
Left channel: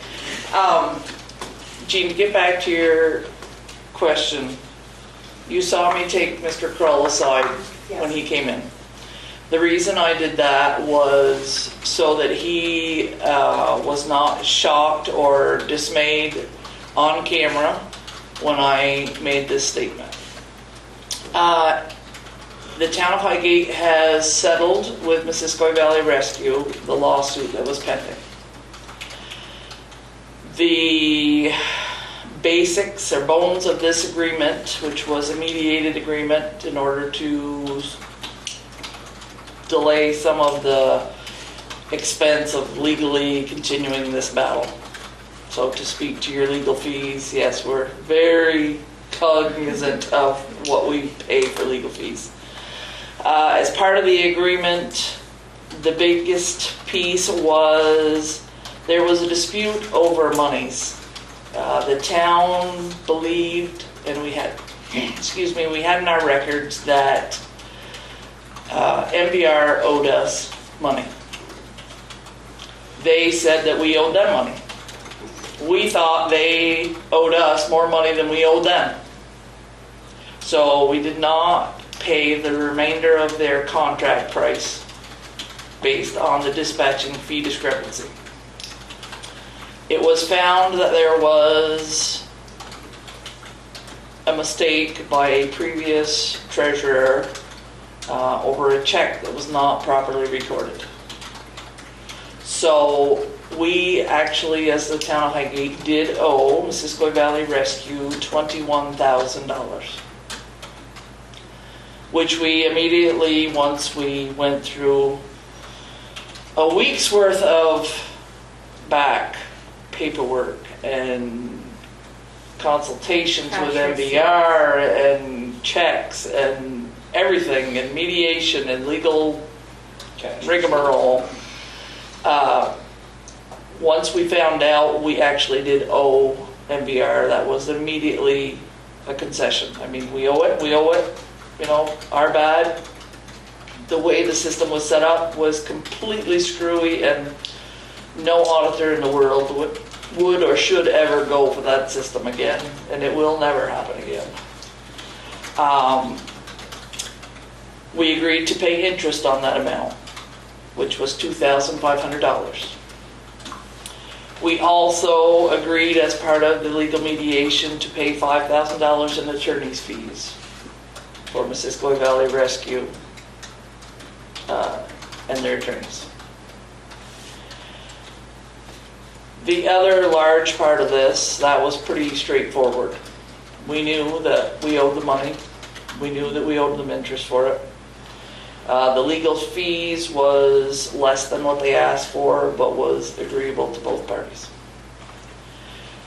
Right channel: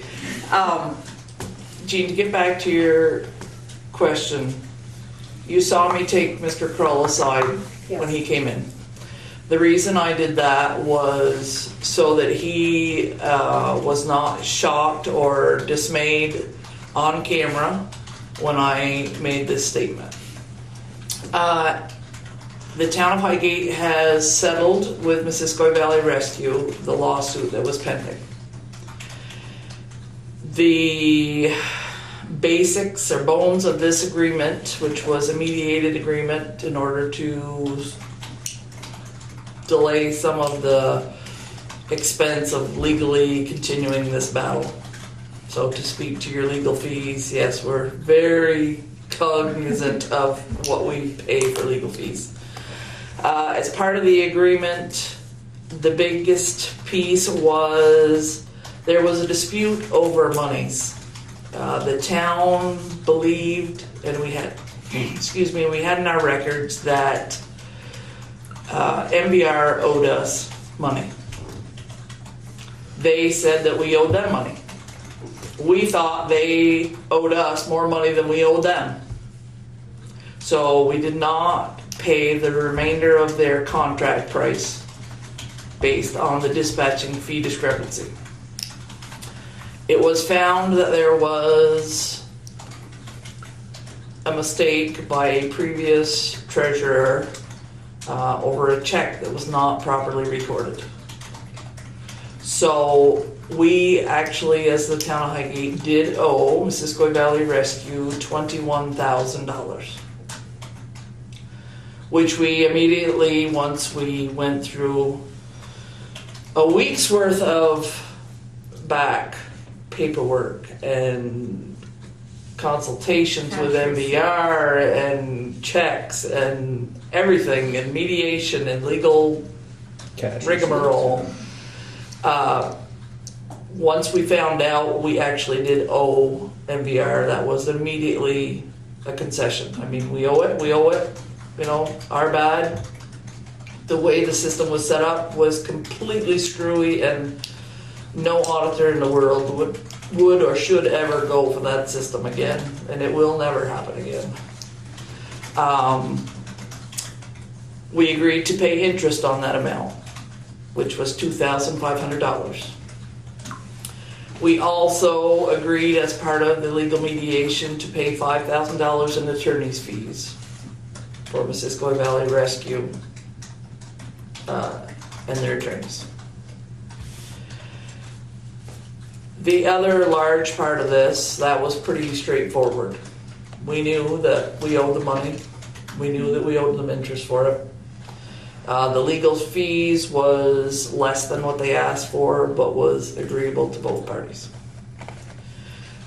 Gene, to get back to your question, you saw me take Mr. Krull aside when he came in. The reason I did that was so that he was not shocked or dismayed on camera when I made this statement. The town of Highgate has settled with Missisquoi Valley Rescue the lawsuit that was pending. The basics or bones of this agreement, which was a mediated agreement in order to delay some of the expense of legally continuing this battle. So to speak to your legal fees, yes, we're very cognizant of what we pay for legal fees. As part of the agreement, the biggest piece was there was a dispute over monies. The town believed, and we had in our records that MBR owed us money. They said that we owed them money. We thought they owed us more money than we owed them. So we did not pay the remainder of their contract price based on the dispatching fee discrepancy. It was found that there was a mistake by a previous treasurer over a check that was not properly recorded. So we actually, as the town of Highgate, did owe Missisquoi Valley Rescue $21,000, which we immediately, once we went through a week's worth of back paperwork and consultations with MBR and checks and everything and mediation and legal rigmarole. Once we found out we actually did owe MBR, that was immediately a concession. I mean, we owe it, our bad. The way the system was set up was completely screwy, and no auditor in the world would or should ever go for that system again, and it will never happen again. We agreed to pay interest on that amount, which was $2,500. We also agreed, as part of the legal mediation, to pay $5,000 in attorney's fees for Missisquoi Valley Rescue and their attorneys. The other large part of this, that was pretty straightforward. We knew that we owed the money. We knew that we owed them interest for it. The legal fees was less than what they asked for, but was agreeable to both parties.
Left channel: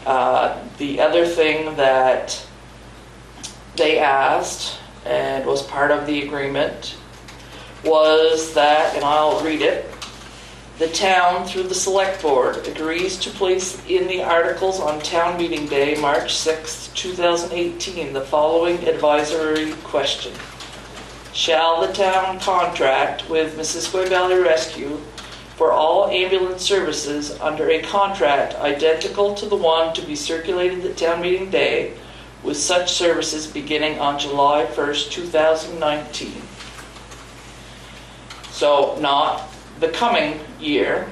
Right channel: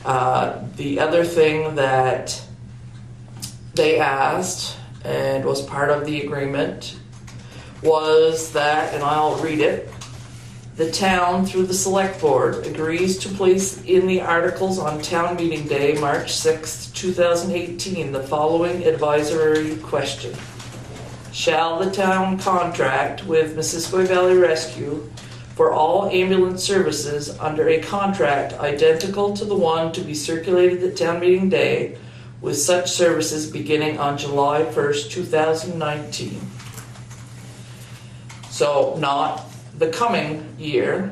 The other thing that they asked, and was part of the agreement, was that, and I'll read it, the town, through the select board, agrees to place in the articles on town meeting day, March 6th, 2018, the following advisory question. Shall the town contract with Missisquoi Valley Rescue for all ambulance services under a contract identical to the one to be circulated at town meeting day, with such services beginning on July 1st, 2019? So not the coming year,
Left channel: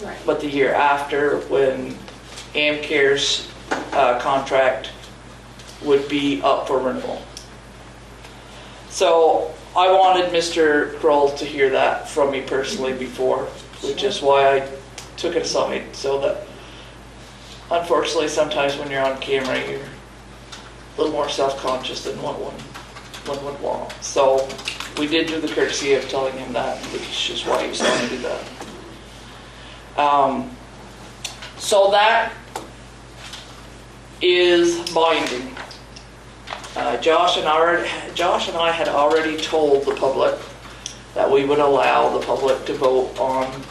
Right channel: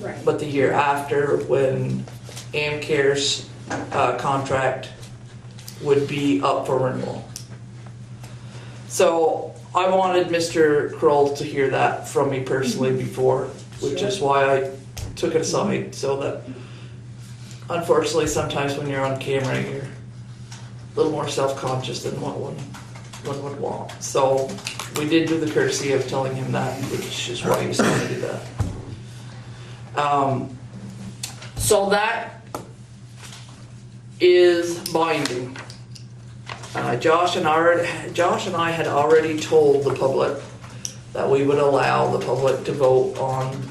Right. but the year after, when AmCare's contract would be up for renewal. So I wanted Mr. Kroll to hear that from me personally before, which is why I took it aside, so that unfortunately sometimes when you're on camera, you're a little more self-conscious than one would want. So we did do the courtesy of telling him that, which is why he was going to do that. So that is binding. Josh and I had already told the public that we would allow the public to vote on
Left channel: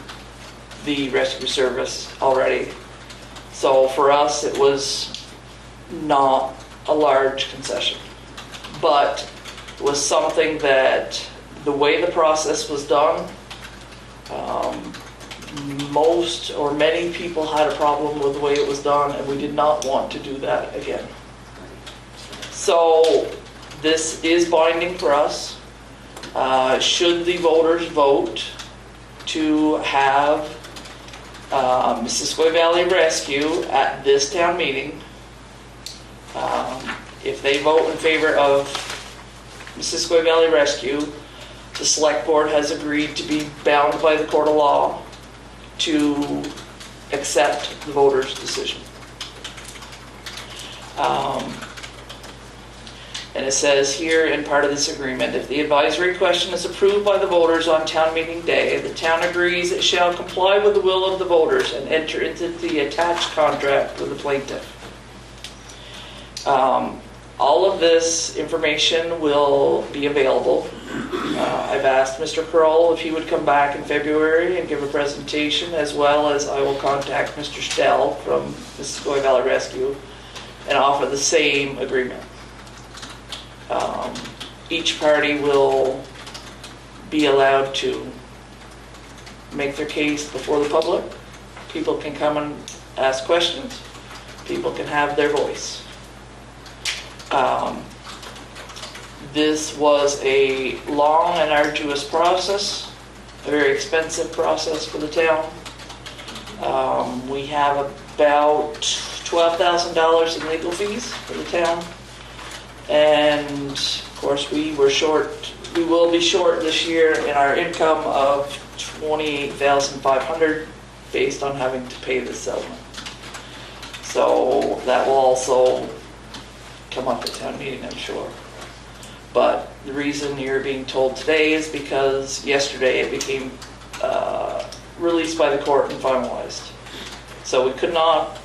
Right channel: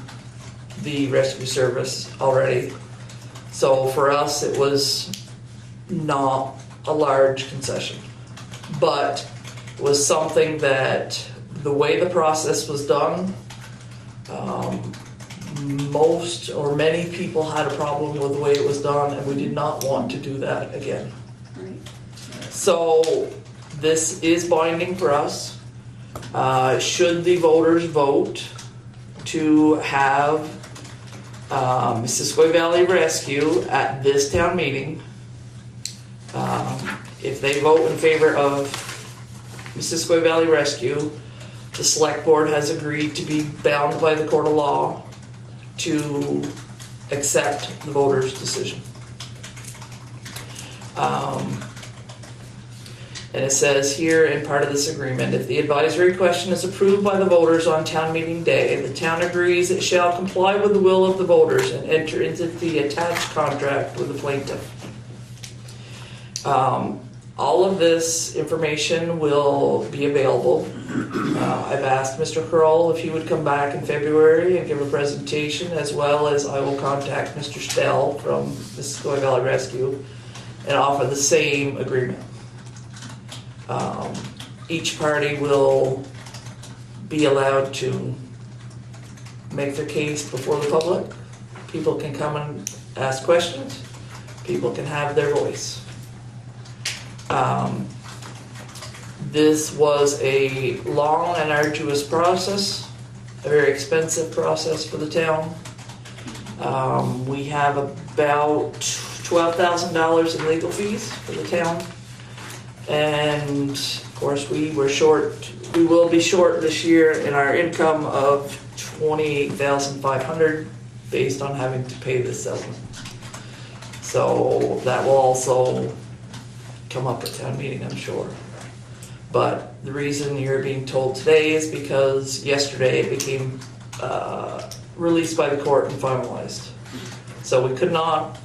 the rescue service already. So for us, it was not a large concession, but it was something that the way the process was done, most or many people had a problem with the way it was done, and we did not want to do that again. So this is binding for us. Should the voters vote to have Missisquoi Valley Rescue at this town meeting, if they vote in favor of Missisquoi Valley Rescue, the select board has agreed to be bound by the court of law to accept the voters' decision. And it says here in part of this agreement, if the advisory question is approved by the voters on town meeting day, the town agrees it shall comply with the will of the voters and enter into the attached contract with the plaintiff. All of this information will be available. I've asked Mr. Kroll if he would come back in February and give a presentation, as well as I will contact Mr. Stell from Missisquoi Valley Rescue and offer the same agreement. Each party will be allowed to make their case before the public. People can come and ask questions. People can have their voice. This was a long and arduous process, a very expensive process for the town. We have about $12,000 in legal fees for the town. And of course we will be short this year in our income of $28,500 based on having to pay the settlement. So that will also come up at town meeting, I'm sure. But the reason you're being told today is because yesterday it became released by the court and finalized. So we could not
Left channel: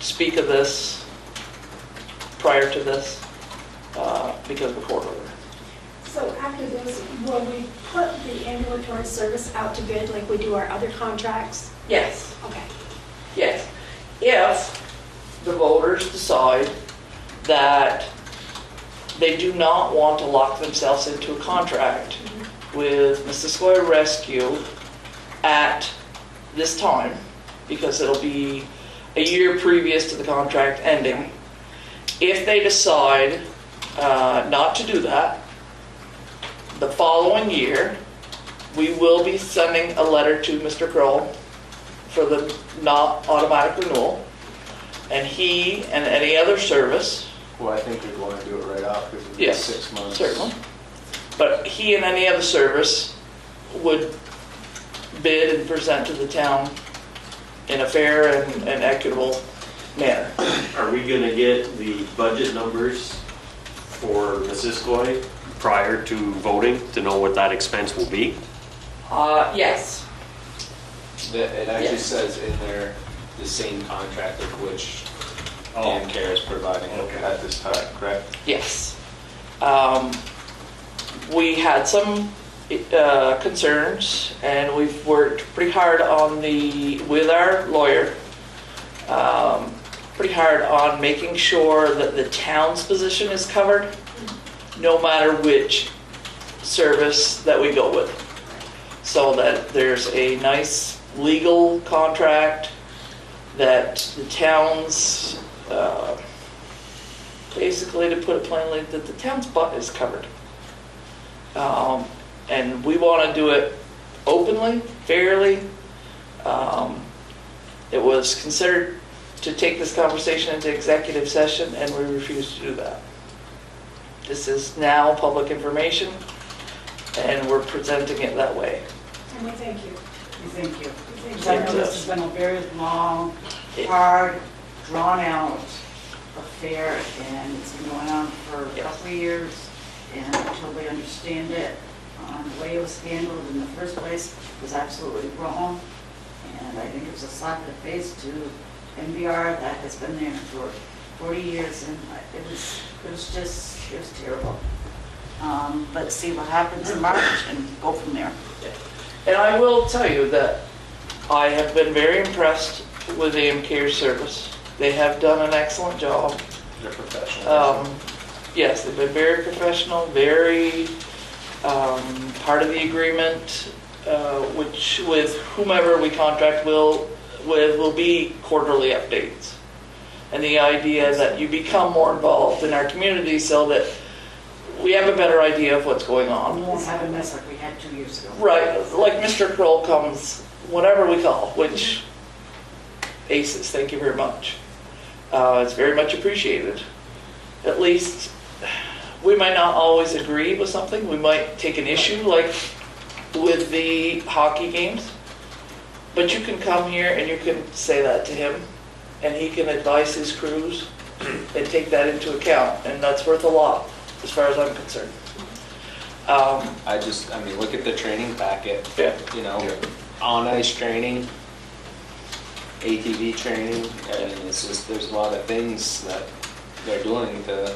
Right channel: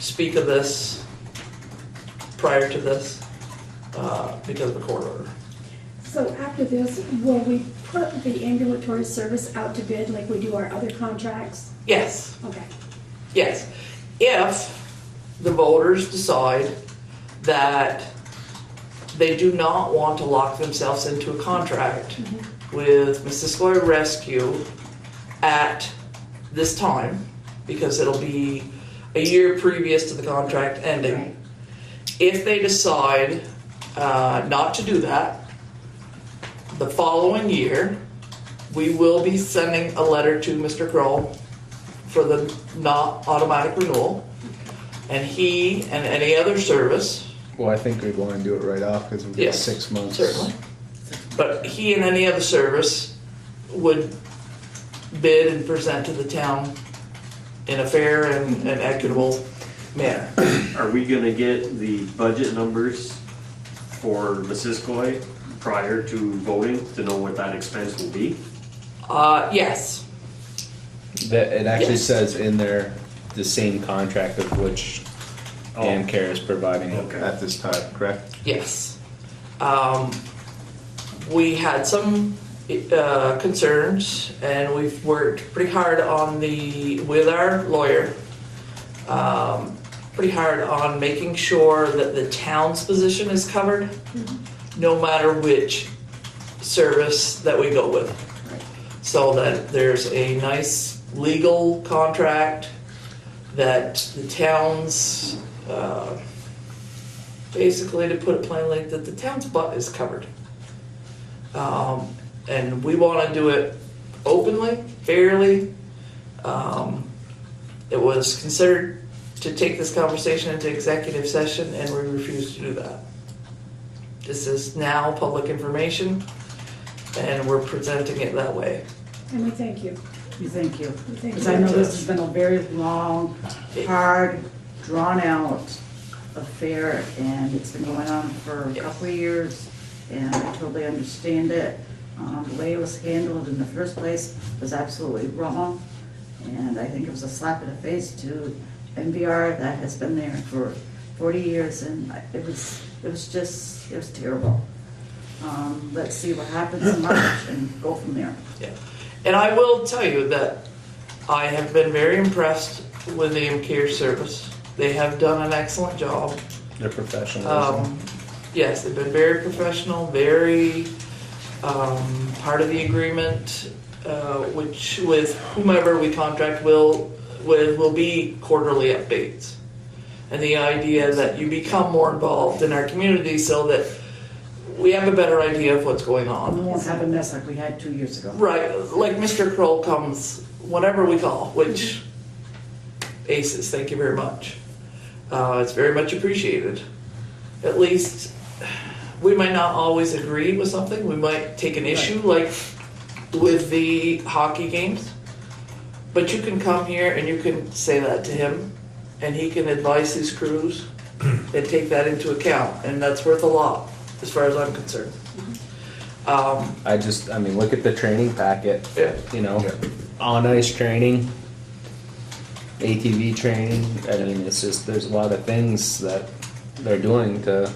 speak of this prior to this because of the court order. So after this, will we put the ambulatory service out to bid like we do our other contracts? Yes, Okay. yes. If the voters decide that they do not want to lock themselves into a contract with Missisquoi Rescue at this time, because it'll be a year previous to the contract ending. If they decide not to do that, the following year, we will be sending a letter to Mr. Kroll for the not automatic renewal, and he and any other service. Well, I think we'd want to do it right off because we've got Yes, 6 months. certainly. But he and any other service would bid and present to the town in a fair and equitable manner. Are we gonna get the budget numbers for Missisquoi prior to voting to know what that expense will be? Yes, It actually Yes. says in there the same contract of which AmCare is providing Okay. at this time, correct? yes. We had some concerns, and we've worked pretty hard with our lawyer, pretty hard on making sure that the town's position is covered, no matter which service that we go with. So that there's a nice legal contract, that the town's, basically, to put it plainly, that the town's butt is covered. And we want to do it openly, fairly. It was considered to take this conversation into executive session, and we refused to do that. This is now public information, and we're presenting it that way. And we thank you. We thank you. We thank Because I know you. this has been a very long, hard, drawn-out affair, and it's been going on for a couple of years, and I totally understand it. The way it was handled in the first place was absolutely wrong, and I think it was a slap in the face to NVR that has been there for 40 years, and it was terrible. Let's see what happens in March and go from there. And I will tell you that I have been very impressed with AM Care Service. They have done an excellent job. They're professional. Yes, they've been very professional, very part of the agreement, which with whomever we contract will be quarterly updates. And the idea that you become more involved in our community so that we have a better idea of what's going on. We won't have a mess like we had 2 years ago. Right, like Mr. Kroll comes, whatever we call, which ACES, thank you very much. It's very much appreciated. At least, we might not always agree with something. We might take an issue, like with the hockey games. But you can come here and you can say that to him, and he can advise his crews and take that into account, and that's worth a lot, as far as I'm concerned. I mean, look at the training packet, Yeah. you know, on ice training, ATV training. I mean, it's just, there's a lot of things that they're doing to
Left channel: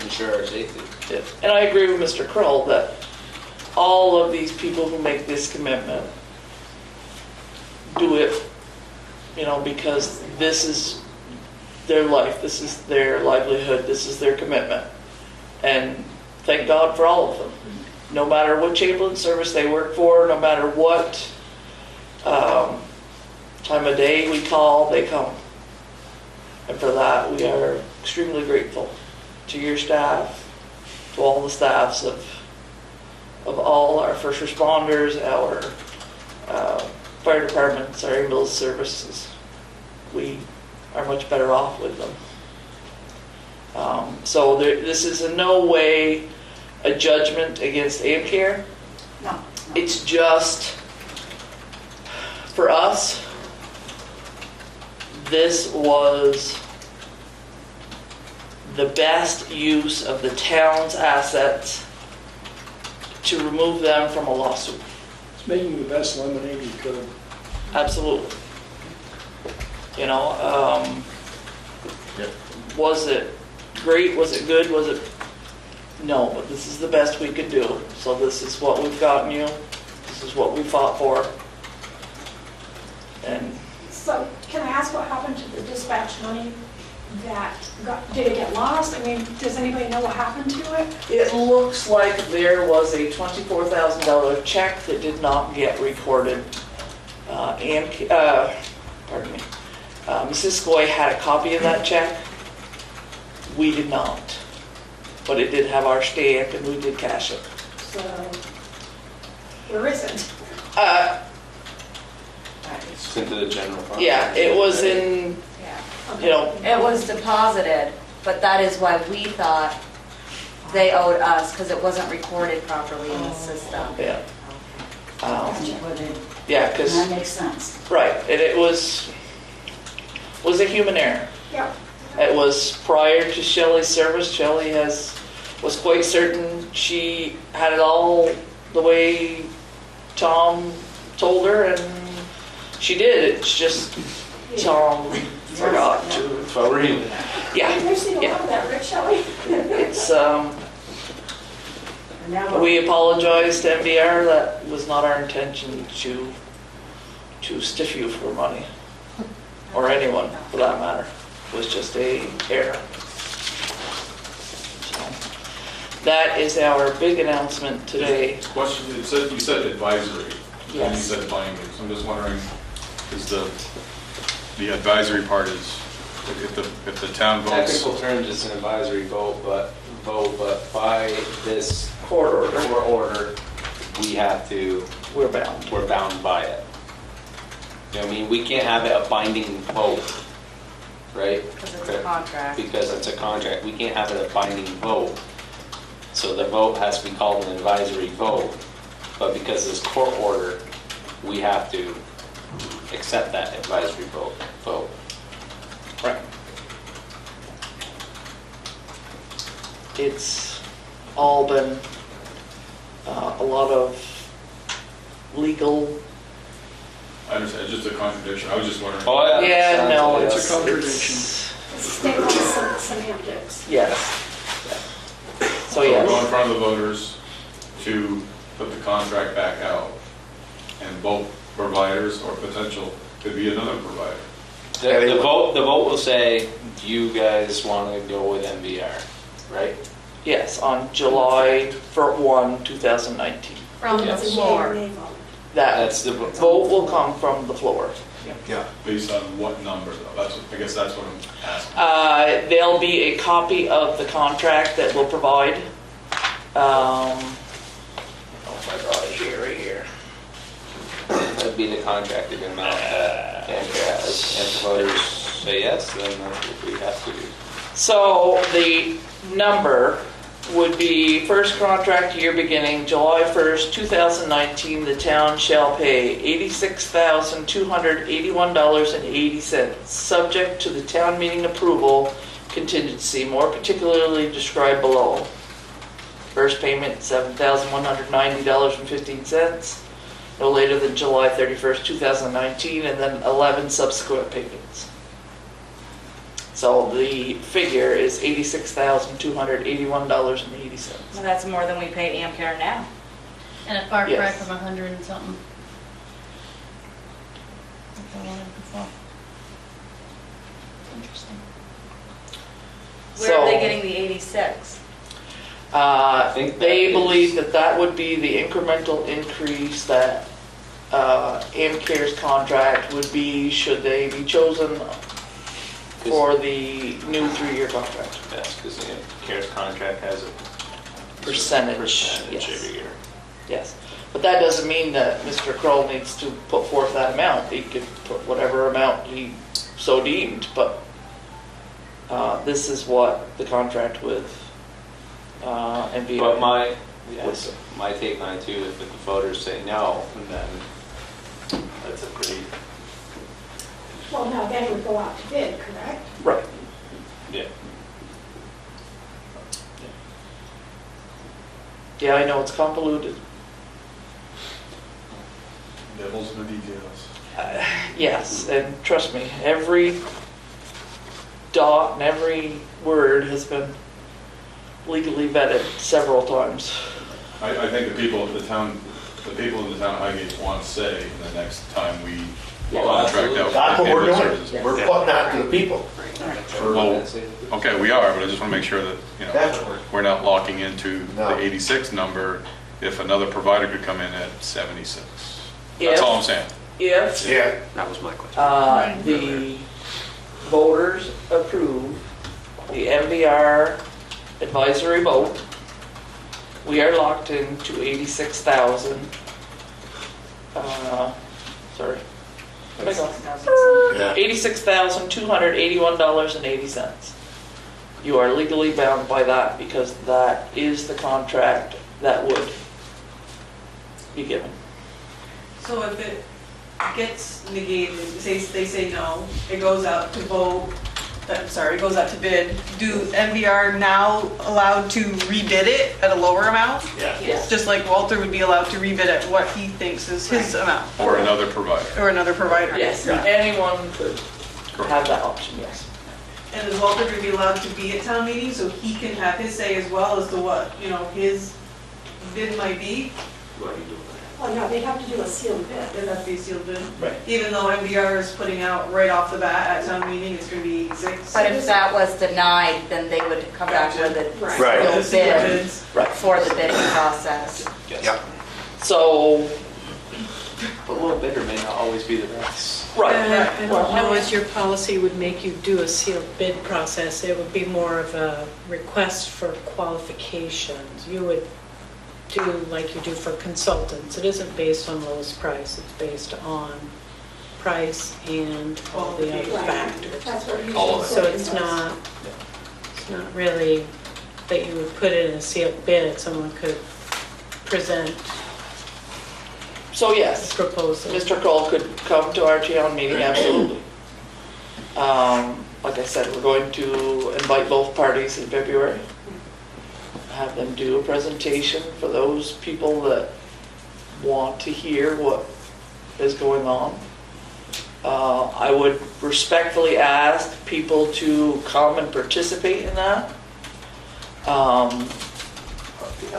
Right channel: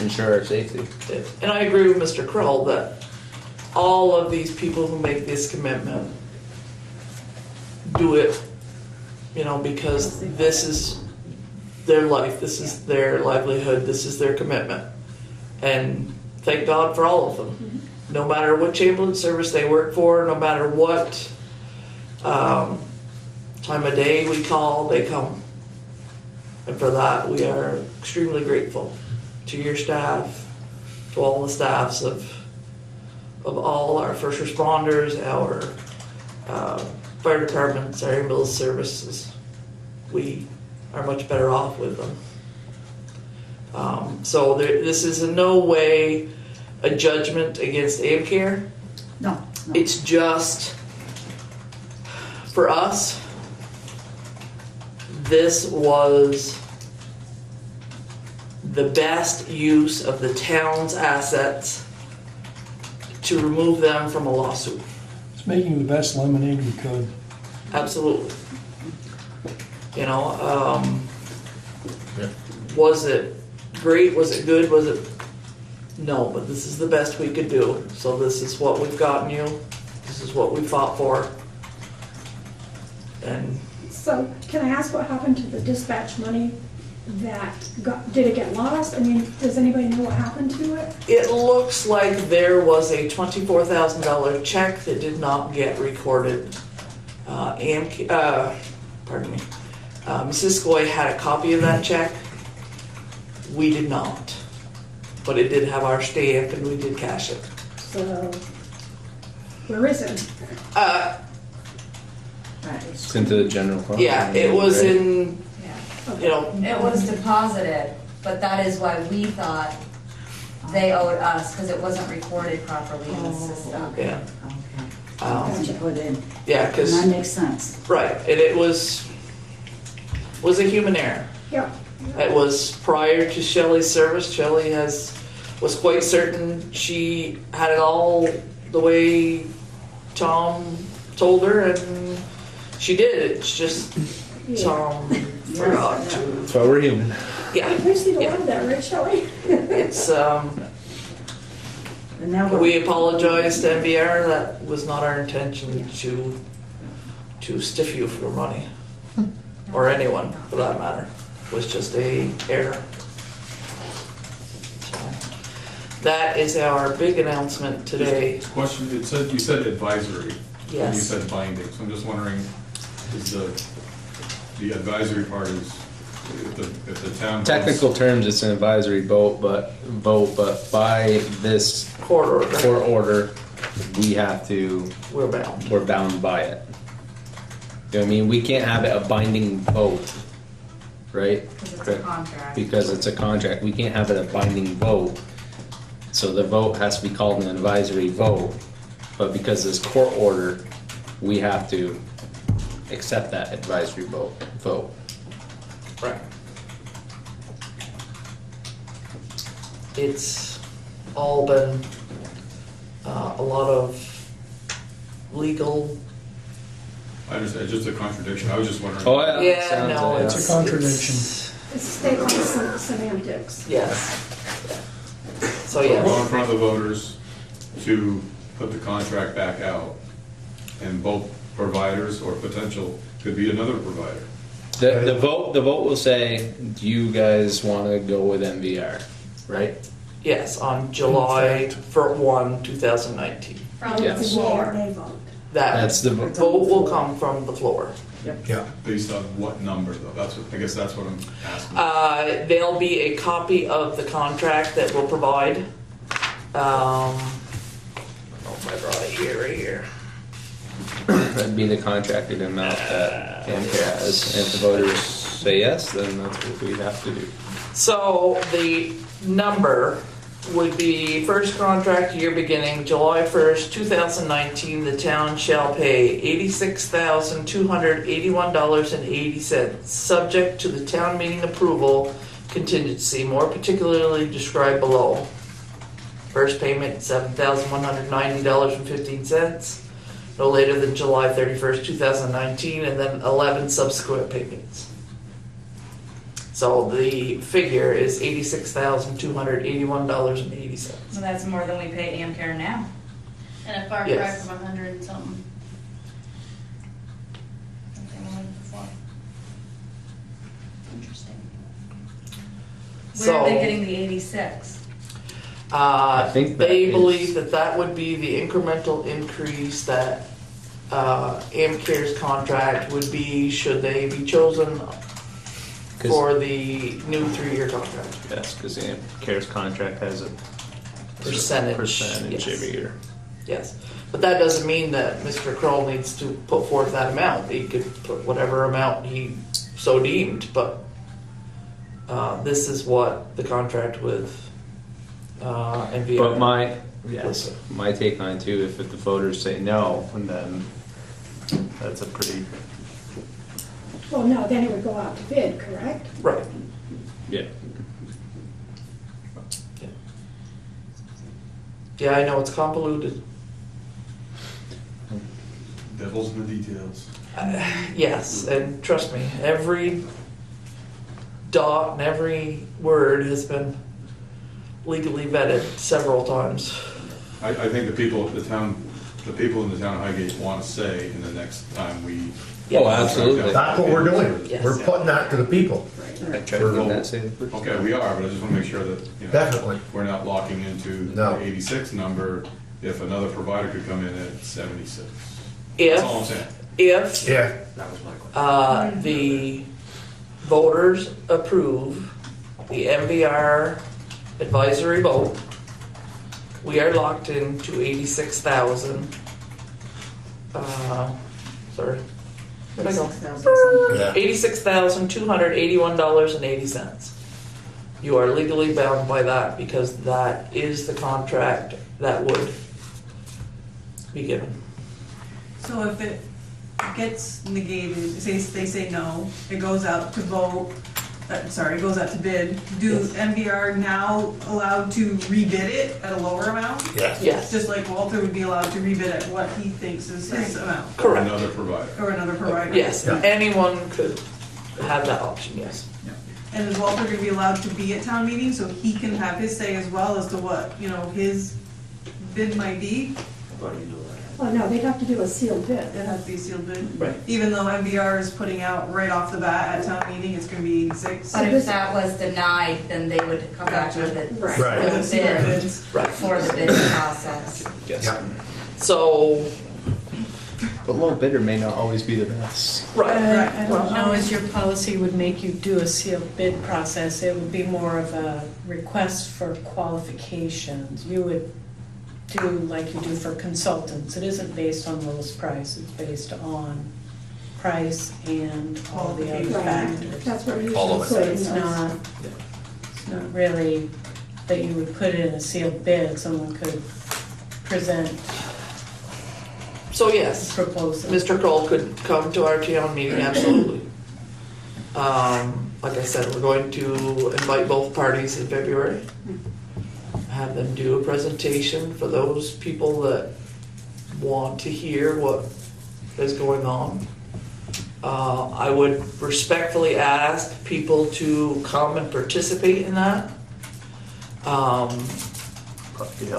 ensure our safety. Yes. And I agree with Mr. Kroll that all of these people who make this commitment do it, you know, because this is their life, this is their livelihood, this is their commitment. And thank God for all of them. No matter which ambulance service they work for, no matter what time of day we call, they come. And for that, we are extremely grateful to your staff, to all the staffs of all our first responders, our fire departments, our ambulance services. We are much better off with them. So this is in no way a judgment against AmCare. No. It's just, for us, this was the best use of the town's assets to remove them from a lawsuit. It's making the best lemonade you could. Absolutely. You know, was it great? Was it good? Was it? No, but this is the best we could do. So this is what we've gotten you. This is what we fought for. And So can I ask what happened to the dispatch money did it get lost? I mean, does anybody know what happened to it? it looks like there was a $24,000 check that did not get recorded. Pardon me. Mrs. Skoy had a copy of that check. We did not. But it did have our stamp and we did cash it. So, where is it? It's into the general fund. Yeah, it was in, Yeah. you know, It was deposited, but that is why we thought they owed us, because it wasn't recorded properly in the system. yeah. Okay. That's what you put in. Yeah, And because, that makes sense. right, and it was a human error. Yeah. It was prior to Shelley's service. Shelley was quite certain she had it all the way Tom told her, and she did. It's just Tom forgot to. That's what we're reading. Yeah, We've seen a yeah. lot of that, Rich, shall we? It's And now we're. We apologize to MVR, that was not our intention to stiff you for money, or anyone for that matter. It was just a error. So, that is our big announcement today. Question, it said, you said advisory, and you Yes. said binding, so I'm just wondering, is the advisory part is, if the town votes? Technical terms, it's an advisory vote, but by this Court order, court order, we have to, we're bound. we're bound by it. You know what I mean? We can't have it a binding vote, right? Because it's a contract. Because it's a contract, we can't have it a binding vote. So the vote has to be called an advisory vote, but because this court order, we have to accept that advisory vote. Right. It's all been a lot of legal. I understand, it's just a contradiction, I was just wondering. Oh, Yeah, no, It's it's a contradiction. It's statement semantics. Yes. Yeah. So yes. Go in front of the voters to put the contract back out, and both providers or potential, could be another provider. The vote will say, do you guys want to go with MVR, right? Yes, on July 1, 2019. From the Yes. It's a yea or floor. nay vote. That's the Vote will come from the floor. Yeah. Based on what number though? I guess that's what I'm asking. There'll be a copy of the contract that we'll provide. Oh, I brought it here, right here. That'd be the contracted amount that Amcare has. If the voters say yes, then that's what we have to do. So the number would be first contract year beginning July 1st, 2019, the town shall pay $86,281.80, subject to the town meeting approval contingency, more particularly described below. First payment, $7,190.15, no later than July 31st, 2019, and then 11 subsequent payments. So the figure is $86,281.80. Well, that's more than we pay Amcare now. And a far cry Yes. from 100 and something. Like the one before. Interesting. Where are they So- getting the 86? think that They is- believe that that would be the incremental increase that Amcare's contract would be should they be chosen for the new 3-year contract. That's because Amcare's contract has a Percentage, yes. every year. Yes, but that doesn't mean that Mr. Kroll needs to put forth that amount. He could put whatever amount he so deemed, but this is what the contract with NVR. But my take on it too, if the voters say no, then that's a pretty, Well, no, then it would go out to bid, correct? Right. yeah. Yeah, I know, it's convoluted. Devil's in the details. Yes, and trust me, every dot and every word has been legally vetted several times. I think the people in the town of Highgate want to say in the next time we Yeah. Oh, contract absolutely. out. That's what we're doing. Yes. We're putting that to the people. Okay, we are, but I just want to make sure that, Definitely. we're not locking into No. the 86 number if another provider could come in at 76. If, That's all I'm saying. if Yeah. That was my question. the voters approve the MVR advisory vote, we are locked into 86,000. Sorry. Where'd I go? Yeah. $86,281.80. You are legally bound by that because that is the contract that would be given. So if it gets negated, say, they say no, it goes out to vote, it goes out to bid, do MVR now allowed to rebid it at a lower amount? Yeah. Yes. Just like Walter would be allowed to rebid at what he thinks is his amount, Or Correct. another provider. or another provider? Yes, anyone could have that option, yes. And is Walter gonna be allowed to be at town meeting so he can have his say as well as to what, his bid might be, What are you doing? Oh, no, they have to do a sealed bid. it has to be sealed bid. Right. Even though MVR is putting out right off the bat at town meeting, it's gonna be 6. But if that was denied, then they would come back with it Right. Right. For the sealed bid bids. Right. for the bidding process. Yep. So, But low bidder may not always be the best. right. I don't know as your policy would make you do a sealed bid process. It would be more of a request for qualifications. You would do like you do for consultants. It isn't based on lowest price, it's based on price and all the other Right. factors. That's what usually. All of So it's does. not really that you would put it in a sealed bid. Someone could present So a yes, proposal. Mr. Kroll could come to our town meeting, absolutely. Like I said, we're going to invite both parties in February. Have them do a presentation for those people that want to hear what is going on. I would respectfully ask people to come and participate in that.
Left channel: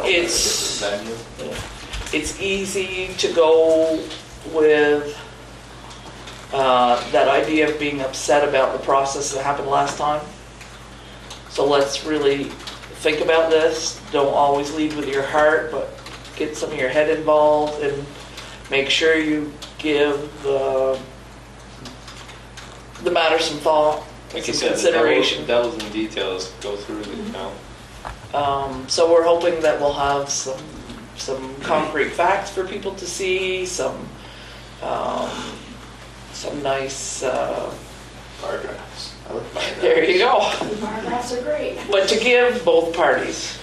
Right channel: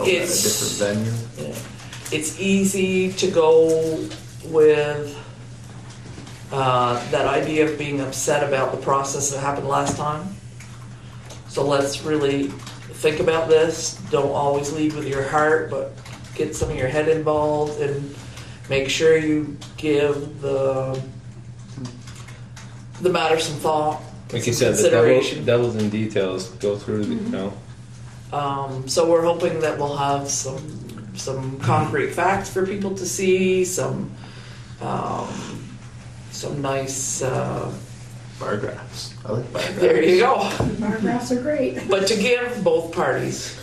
It's- Different venue. Yeah. It's easy to go with that idea of being upset about the process that happened last time. So let's really think about this. Don't always lead with your heart, but get some of your head involved and make sure you give the matter some thought, Like you some said, the consideration. devils in details go through, you know. So we're hoping that we'll have some concrete facts for people to see, some nice, Bar graphs. I like bar graphs. there you go. Bar graphs are great. But to give both parties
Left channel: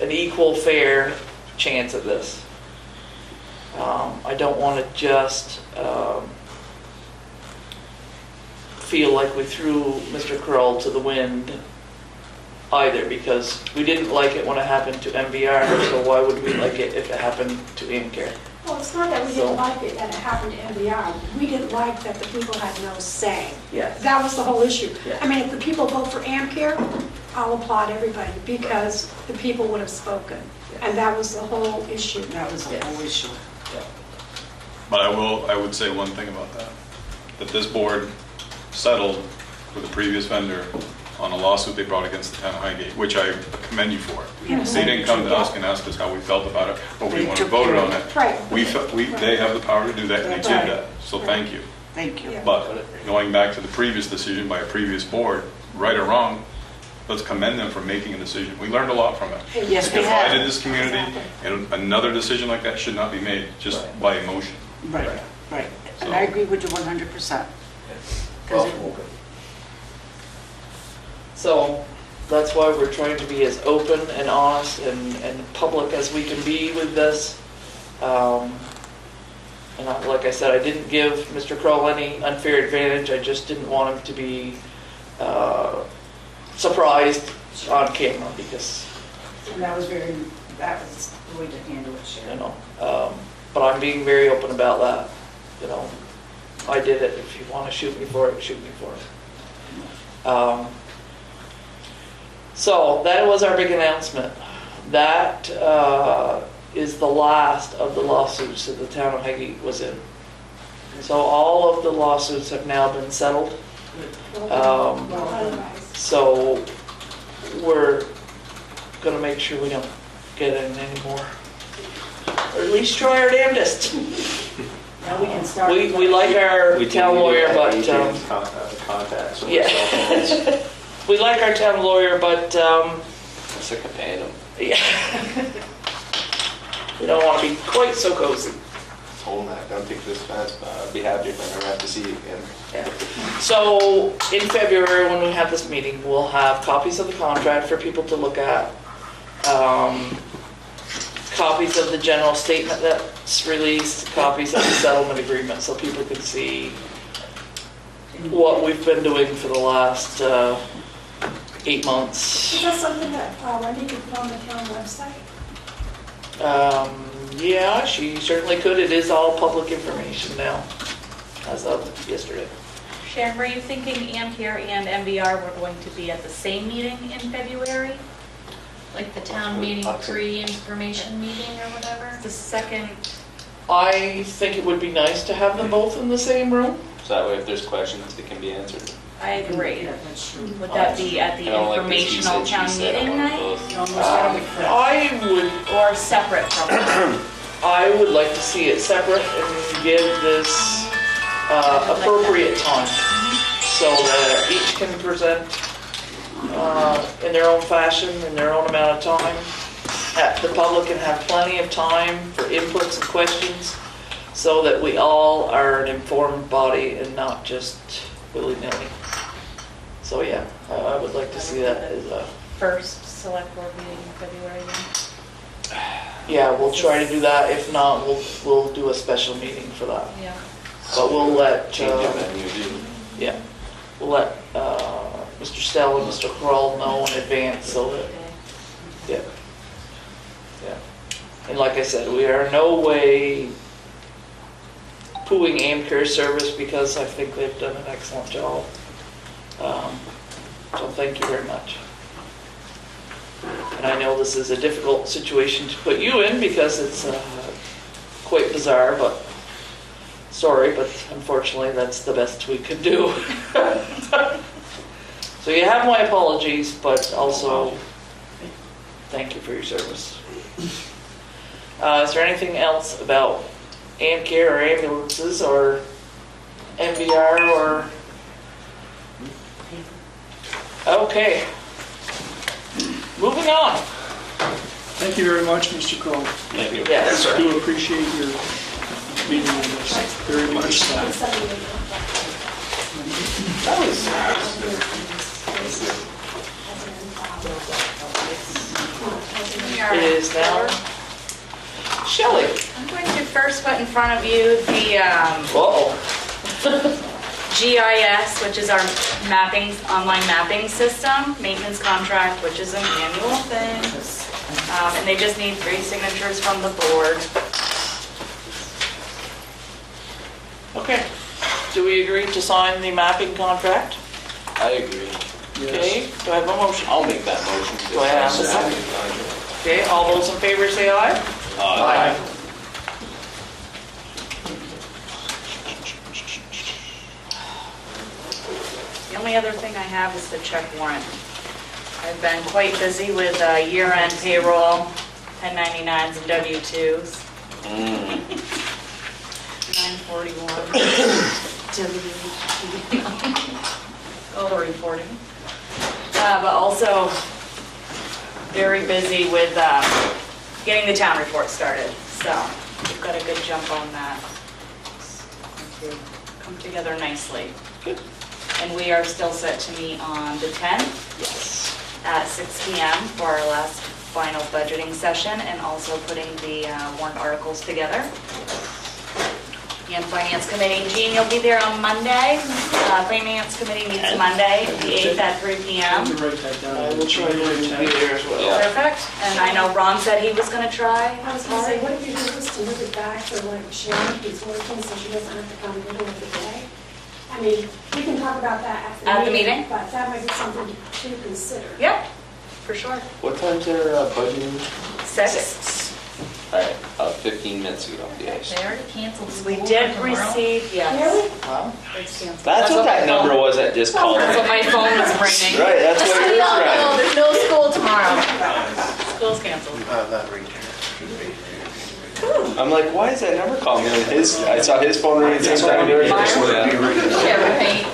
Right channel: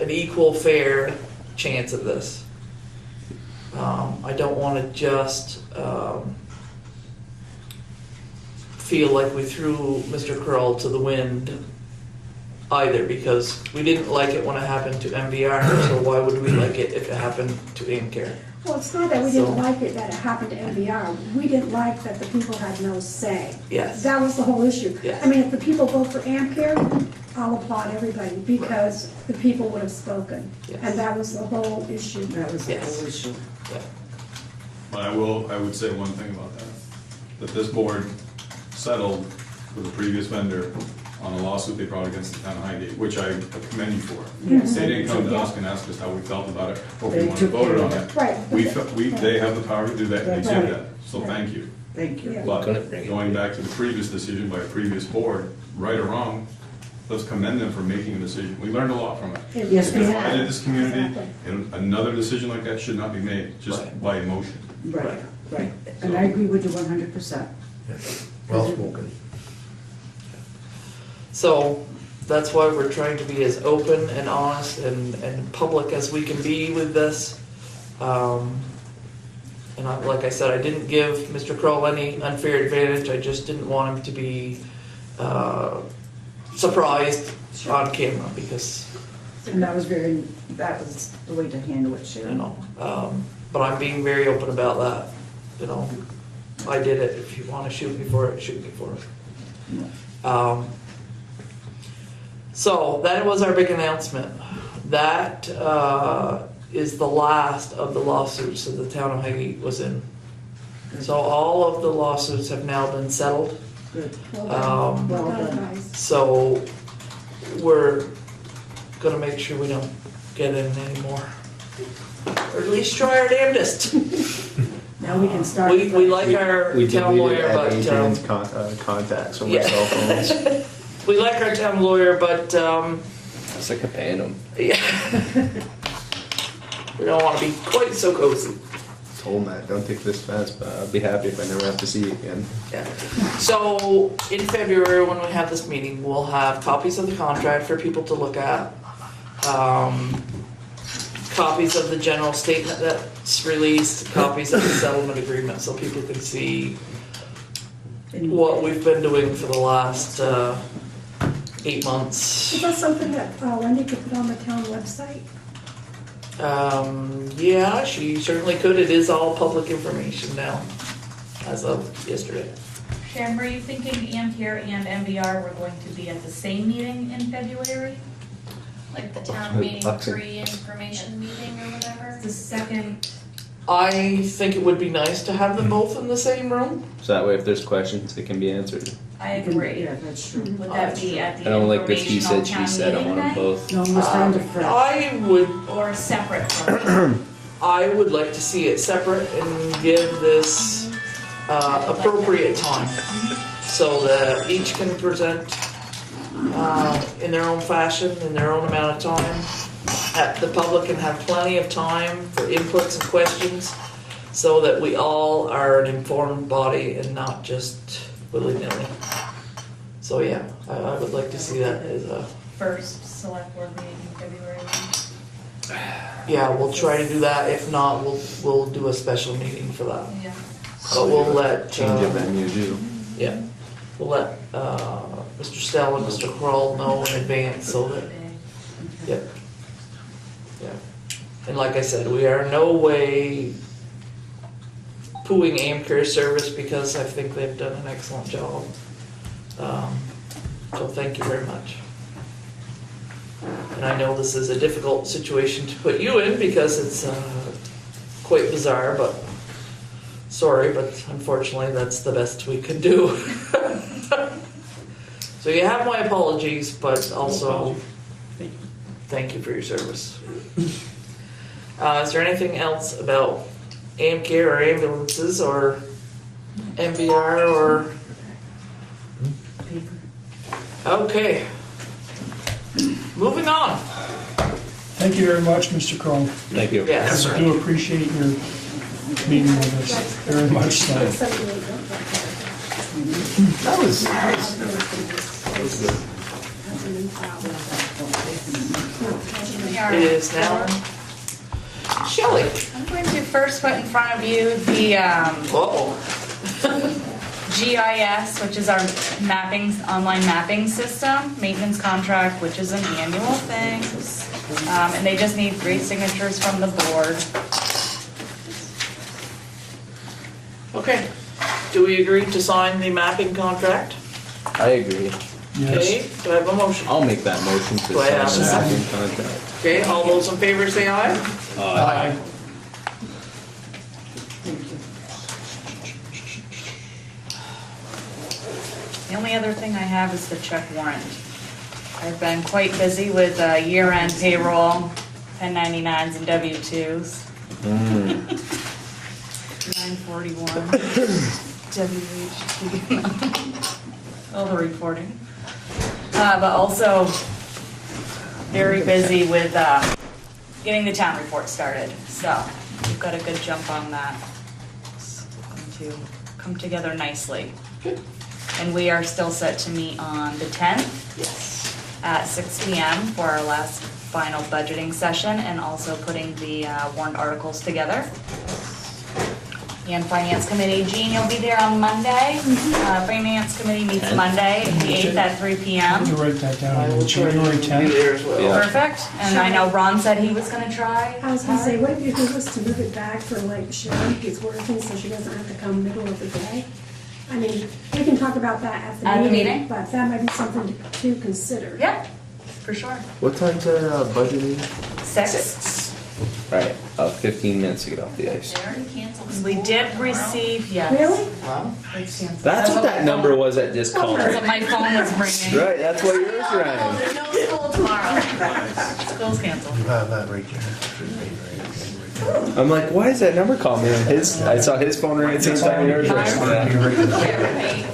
an equal, fair chance at this. I don't want to just feel like we threw Mr. Curl to the wind either, because we didn't like it when it happened to MVR, so why would we like it if it happened to AmCare? Well, it's not that we So- didn't like it, that it happened to MVR. We didn't like that the people had no say. Yes. That was the whole issue. Yes. I mean, if the people vote for AmCare, I'll applaud everybody because the people would have spoken. Yes. And that was the whole issue. That was the Yes. whole issue. But I would say one thing about that this board settled with the previous vendor on a lawsuit they brought against the town of Highgate, which I commend you for. Yes. They didn't come to us and ask us how we felt about it, but we They wanted to took vote care on of it. Right. They have the power to do that, and they did Right. that, so thank you. Thank you. Yeah. But going back to the previous decision by a previous board, right or wrong, let's commend them for making a decision. We learned a lot from it. Yes, It we have. divided this community, Exactly. and another decision like that should not be made just Right. by emotion. Right, right. And I agree with you 100%. Well spoken. So that's why we're trying to be as open and honest and public as we can be with this. Like I said, I didn't give Mr. Kroll any unfair advantage. I just didn't want him to be surprised on camera because, And that was the way to handle it, you Sharon. know, but I'm being very open about that. You know, I did it. If you want to shoot me for it, shoot me for it. So that was our big announcement. That is the last of the lawsuits that the town of Highgate was in. And so all of the lawsuits have now been settled. Well done. Um, Well done, guys. So we're gonna make sure we don't get in anymore. Or at least try our damnedest. Now we can start. We like our We town lawyer, but, contacts. or yeah. cell phones. we like our town lawyer, but, I'm sick of paying them. yeah. We don't wanna be quite so cozy. Told that, don't take this fast, but I'd be happy if I never have to see you again. Yeah. So in February, when we have this meeting, we'll have copies of the contract for people to look at. Copies of the general statement that's released, copies of the settlement agreement, so people can see what we've been doing for the last 8 months. Is that something that Wendy could put on the town website? Yeah, she certainly could. It is all public information now, as of yesterday. Sharon, were you thinking AmCare and MVR were going to be at the same meeting in February? like the town meeting pre-information meeting or whatever? The second, I think it would be nice to have them both in the same room. So that way if there's questions, they can be answered. I agree. Yeah, that's true. Would that be at I the don't like this he informational said, she town said, I meeting want night? both. No, we're starting to prep. I would, Or separate from that? I would like to see it separate and give this appropriate time so that each can present in their own fashion, in their own amount of time. The public can have plenty of time for inputs and questions so that we all are an informed body and not just willy-nilly. So yeah, I would like to see that as a, First select board meeting in February. yeah, we'll try to do that. If not, we'll do a special meeting for that. Yeah. But we'll let, Change it when you do. yeah, we'll let Mr. Stell and Mr. Kroll know in advance so that, yeah. Yeah. And like I said, we are in no way pooing AmCare service because I think they've done an excellent job. So thank you very much. And I know this is a difficult situation to put you in because it's quite bizarre, but sorry, but unfortunately that's the best we can do. So you have my apologies, but also thank you for your service. Is there anything else about AmCare or ambulances or MVR or? Okay. Moving on. Thank you very much, Mr. Crowe. Thank you. Yes. I do appreciate your meeting with us, very much so. That was It is now. Shelley. I'm going to first put in front of you the Uh-oh. GIS, which is our mapping, online mapping system, maintenance contract, which is an annual thing. And they just need 3 signatures from the board. Okay. Do we agree to sign the mapping contract? I agree. Yes. Okay, do I have a motion? I'll make that motion to Do I have a sign second? the contract. Okay, all those in favor say aye. Aye. The only other thing I have is the check warrant. I've been quite busy with year-end payroll, 1099s and W-2s. 941. All the reporting. But also very busy with getting the town report started. So we've got a good jump on that. It's going to come together nicely. Good. And we are still set to meet on the 10th Yes. at 6 PM for our last final budgeting session and also putting the warrant articles together. And Finance Committee, Jean, you'll be there on Monday. Finance Committee meets Monday, the 8th at 3 I'm PM. going to write that I down, will January be 10th. there as well. Yeah. Perfect. And I know Ron said he was gonna try. I was gonna say, what if you do was to move it back for like Sharon, who's working, so she doesn't have to come middle of the day? I mean, we can talk about that at At the the meeting, meeting? but that might be something to consider. Yep, for sure. What time's our budget meeting? 6. All right, 15 minutes to get off the ice. They already canceled school We did for tomorrow. receive, yes. Really? Wow. It's canceled. That's what that number was that just called. That's what my phone was ringing. Right, that's what it is, No, right? there's no school tomorrow. School's canceled. You have that right there. I'm like, why is that number calling me? I saw his phone ring at the same time. Mine? Yeah, right.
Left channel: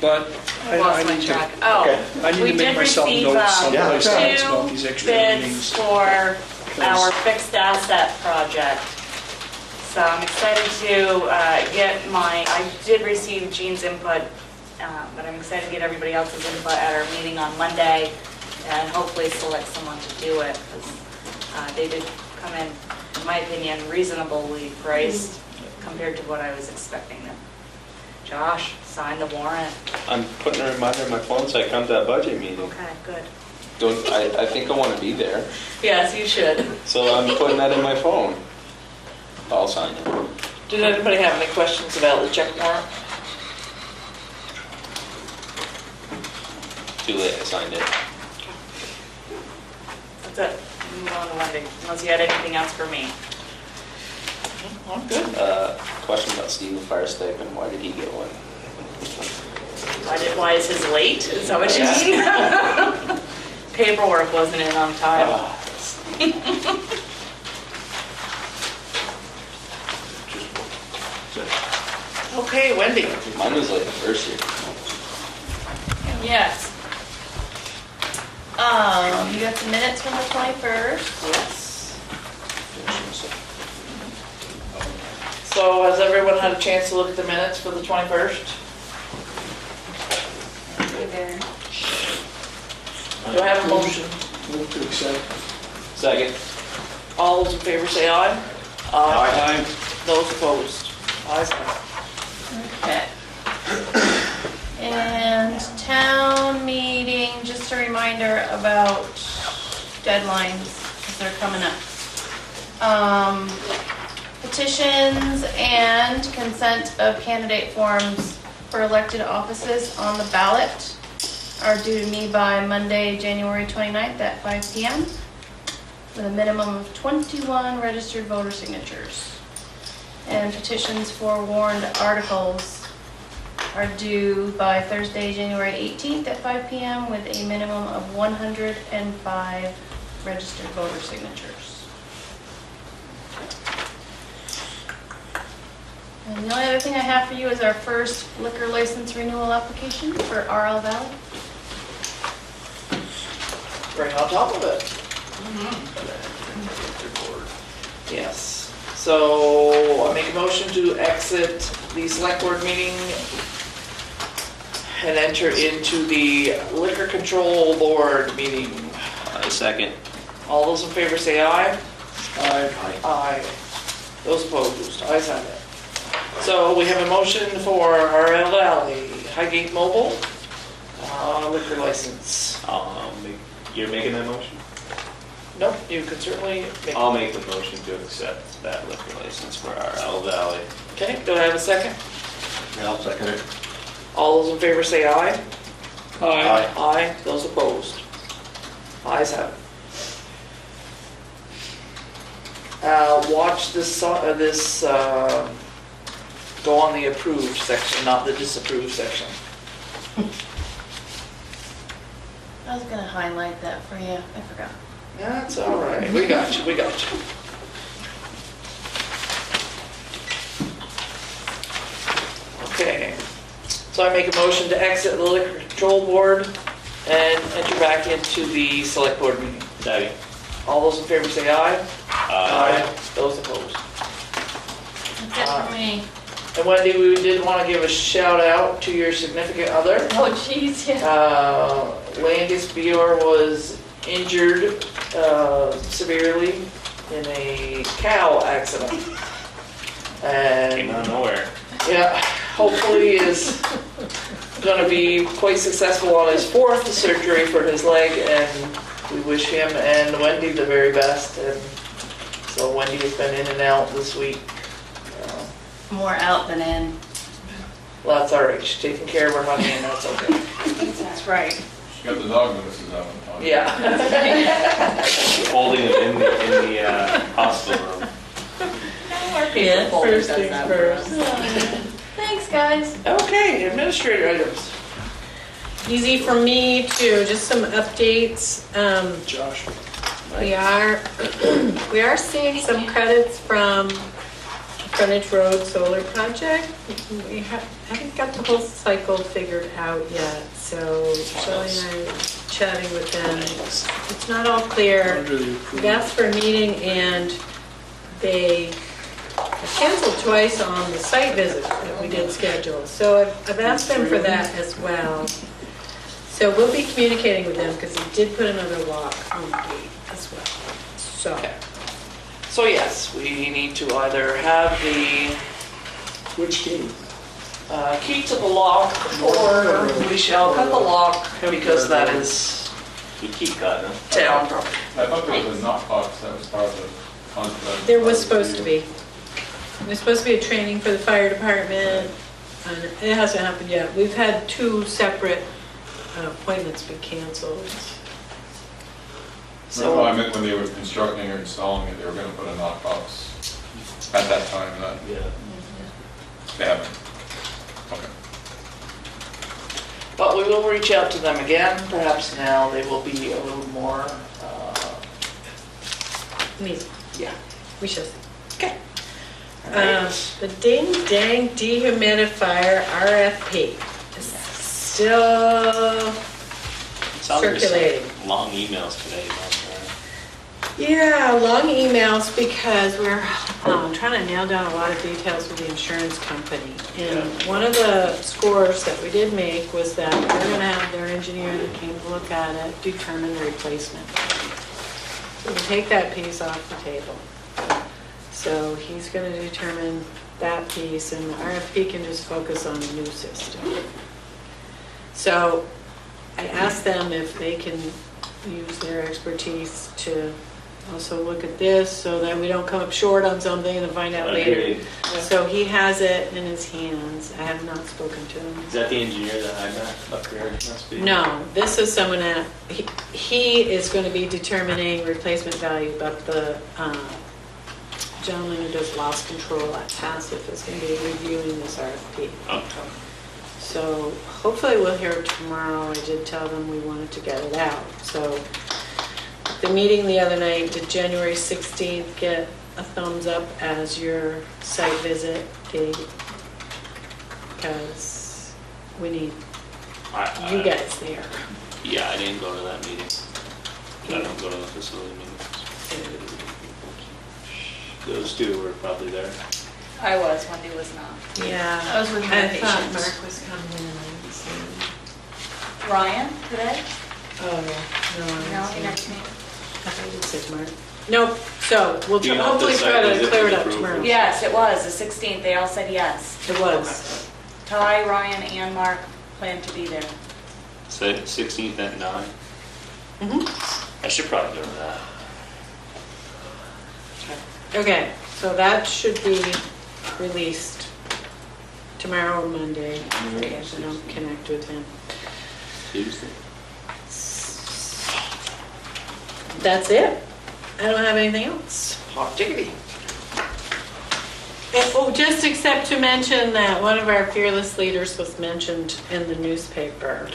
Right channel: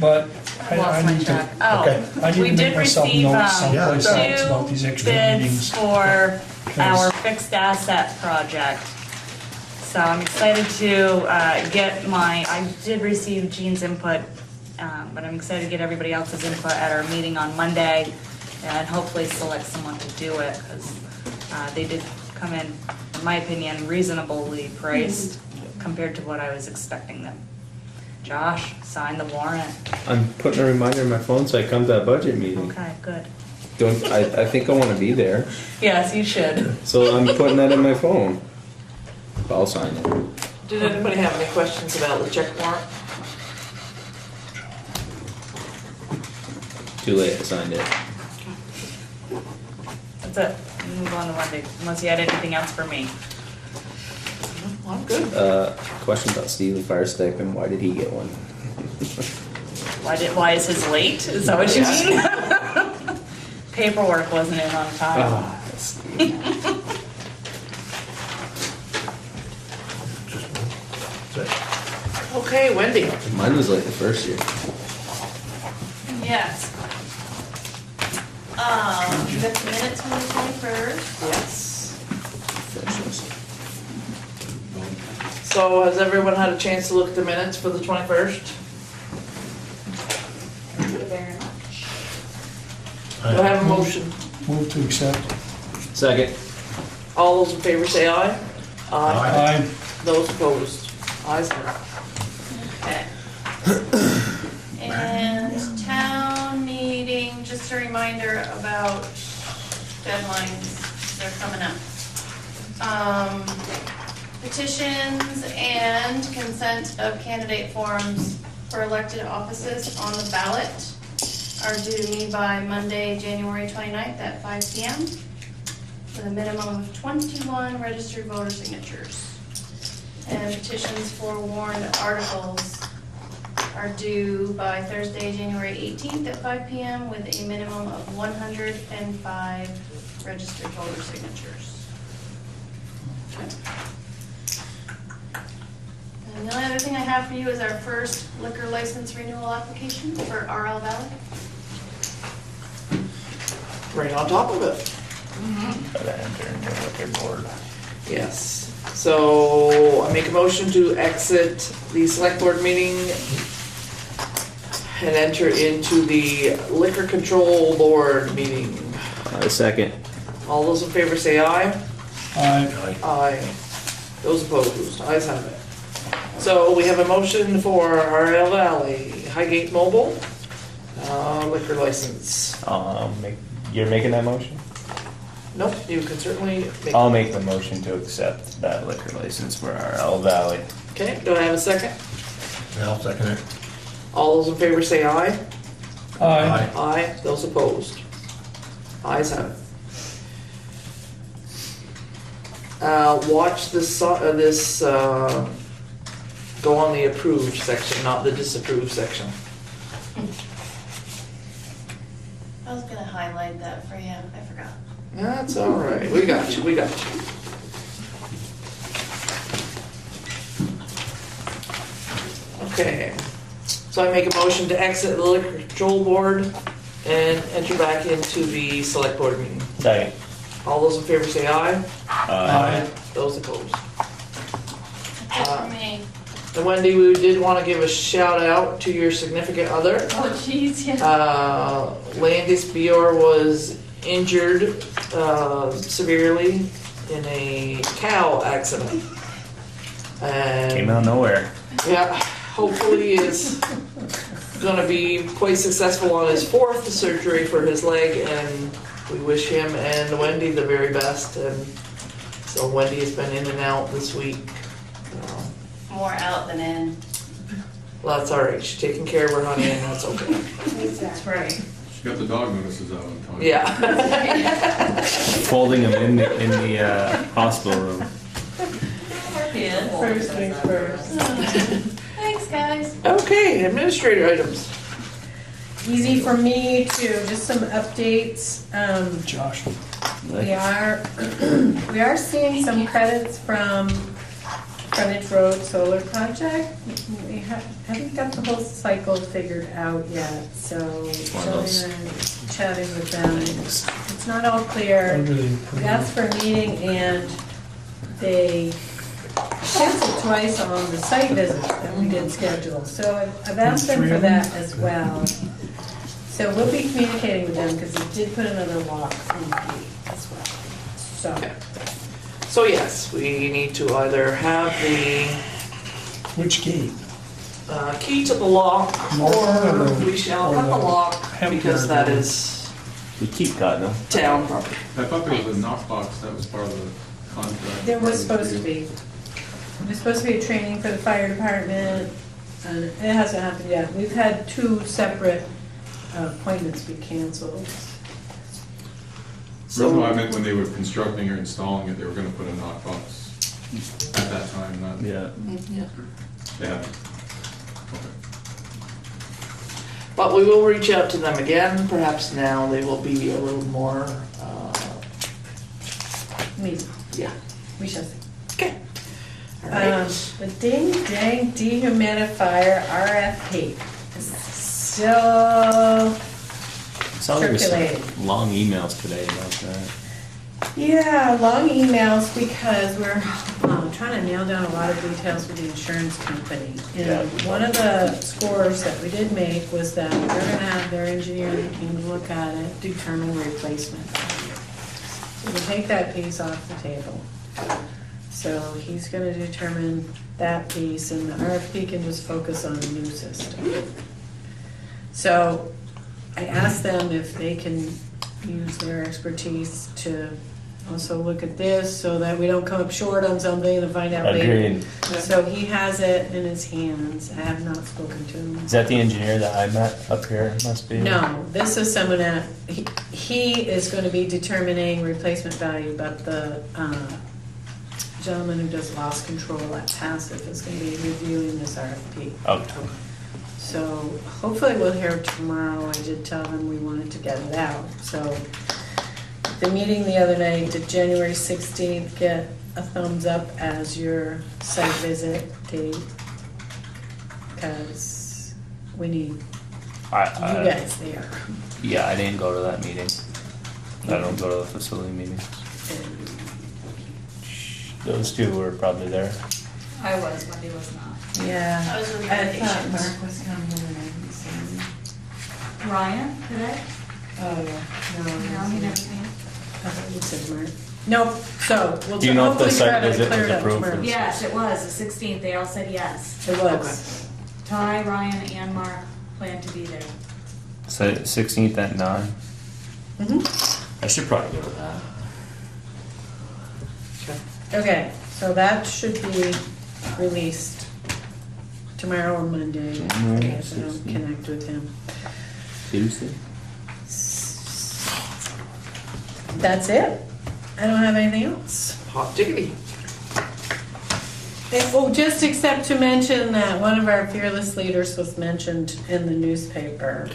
But I Lost my need to, track. Oh, I need we to make did myself receive notes someplace else two about these extra bids meetings. for our fixed asset project. So I'm excited to get I did receive Jean's input, but I'm excited to get everybody else's input at our meeting on Monday and hopefully select someone to do it, because they did come in my opinion, reasonably priced compared to what I was expecting them. Josh, sign the warrant. I'm putting a reminder on my phone so I come to that budget meeting. Okay, good. I think I want to be there, Yes, you should. so I'm putting that in my phone. I'll sign it. Did anybody have any questions about the check warrant? Too late, I signed it. That's it. Unless you had anything else for me. I'm good. Question about Steve, the fire stipend, why did he get one? Why is his late? Is that what you mean? Paperwork wasn't in on time. Okay, Wendy. Mine was like the first year. Yes. You got the minutes from the 21st? Yes. So has everyone had a chance to look at the minutes for the 21st? Either. Do I have a motion? Move to accept. Second. All those in favor say aye. Aye. Those opposed? Ayes have it. Okay. And town meeting, just a reminder about deadlines, they're coming up. Petitions and consent of candidate forms for elected offices on the ballot are due to me by Monday, January 29th at 5 p.m. with a minimum of 21 registered voter signatures. And petitions for warned articles are due by Thursday, January 18th at 5 p.m. with a minimum of 105 registered voter signatures. And the only other thing I have for you is our first liquor license renewal application for RL Valley. Right on top of it. Yes. So I make a motion to exit the select board meeting and enter into the liquor control board meeting. Second. All those in favor say aye. Aye. Aye. Those opposed, ayes have it. So we have a motion for RL Valley, Highgate Mobile, liquor license. You're making that motion? Nope, you can certainly make. I'll make the motion to accept that liquor license for RL Valley. Okay, do I have a second? Yeah, I'll second it. All those in favor say aye. Aye. Aye. Those opposed? Ayes have it. Watch this, go on the approved section, not the disapproved section. I was gonna highlight that for you, I forgot. That's all right, we got you, we got you. Okay, so I make a motion to exit the liquor control board and enter back into the select board meeting. Second. All those in favor say aye. Aye. Those opposed? That's it for me. And Wendy, we did want to give a shout out to your significant other. Oh, jeez, yeah. Landis Bior was injured severely in a cow accident. Came out And of nowhere. yeah, hopefully is gonna be quite successful on his fourth surgery for his leg, and we wish him and Wendy the very best. And so Wendy has been in and out this week. More out than in. Well, that's all right. She's taking care of her honey, and that's okay. That's right. She got the dog notices out on time. Yeah. Folding them in the hospital room. Yeah. First things first. Thanks, guys. Okay, administrator items. Easy for me too, just some updates. Josh. We are seeing some credits from Frontage Road Solar Project. We haven't got the whole cycle figured out yet, so Shelley and I are chatting with them. It's not all clear. We asked for a meeting and they canceled twice on the site visit that we did schedule. So I've asked them for that as well. So we'll be communicating with them because they did put another lock on the gate as well. So. Okay. So yes, we need to either have the Which gate? key to the lock, or we shall cut the lock because that is You keep cutting them. town property. I thought there was a knockbox that was part of the contract. There was supposed to be. There's supposed to be a training for the fire department, and it hasn't happened yet. We've had 2 separate appointments be canceled. No, I meant when they were constructing or installing it, they were gonna put a knockbox at that time, not, Yeah. they haven't. Okay. But we will reach out to them again, perhaps now they will be a little more, Me, yeah. we shall see. Okay. All right. The ding dang dehumidifier RFP is still Saw there was some circulating. long emails today about that. Yeah, long emails because we're trying to nail down a lot of details with the insurance company. And one of the scores that we did make was that we're gonna have their engineer that came to look at it determine replacement. So we'll take that piece off the table. So he's gonna determine that piece and the RFP can just focus on the new system. So I asked them if they can use their expertise to also look at this so that we don't come up short on something and find out later. Agreed. So he has it in his hands. I have not spoken to him. Is that the engineer that I met up here? Must be. No, this is someone that, he is going to be determining replacement value, but the gentleman who does loss control at Passive is going to be reviewing this RFP. Oh. So hopefully we'll hear tomorrow. I did tell them we wanted to get it out. So the meeting the other night, did January 16th get a thumbs up as your site visit date? Because we need you guys there. Yeah, I didn't go to that meeting. I don't go to the facility meetings. Those two were probably there. I was, Wendy was not. Yeah. I was with I my thought patients. Mark was coming and I didn't see him. Ryan today? Oh, No, he never came. I think it says Mark. Nope, so we'll Do you know if the hopefully try site to visit clear was it up approved tomorrow. or- Yes, it was, the 16th, they all said yes. It was. Ty, Ryan, and Mark plan to be there. So 16th at 9. Mm-hmm. I should probably go to that. Okay, so that should be released tomorrow or Monday, if I don't connect with him. Tuesday. That's it. I don't have anything else. Hot diggity. Well, just except to mention that one of our fearless leaders was mentioned in the newspaper.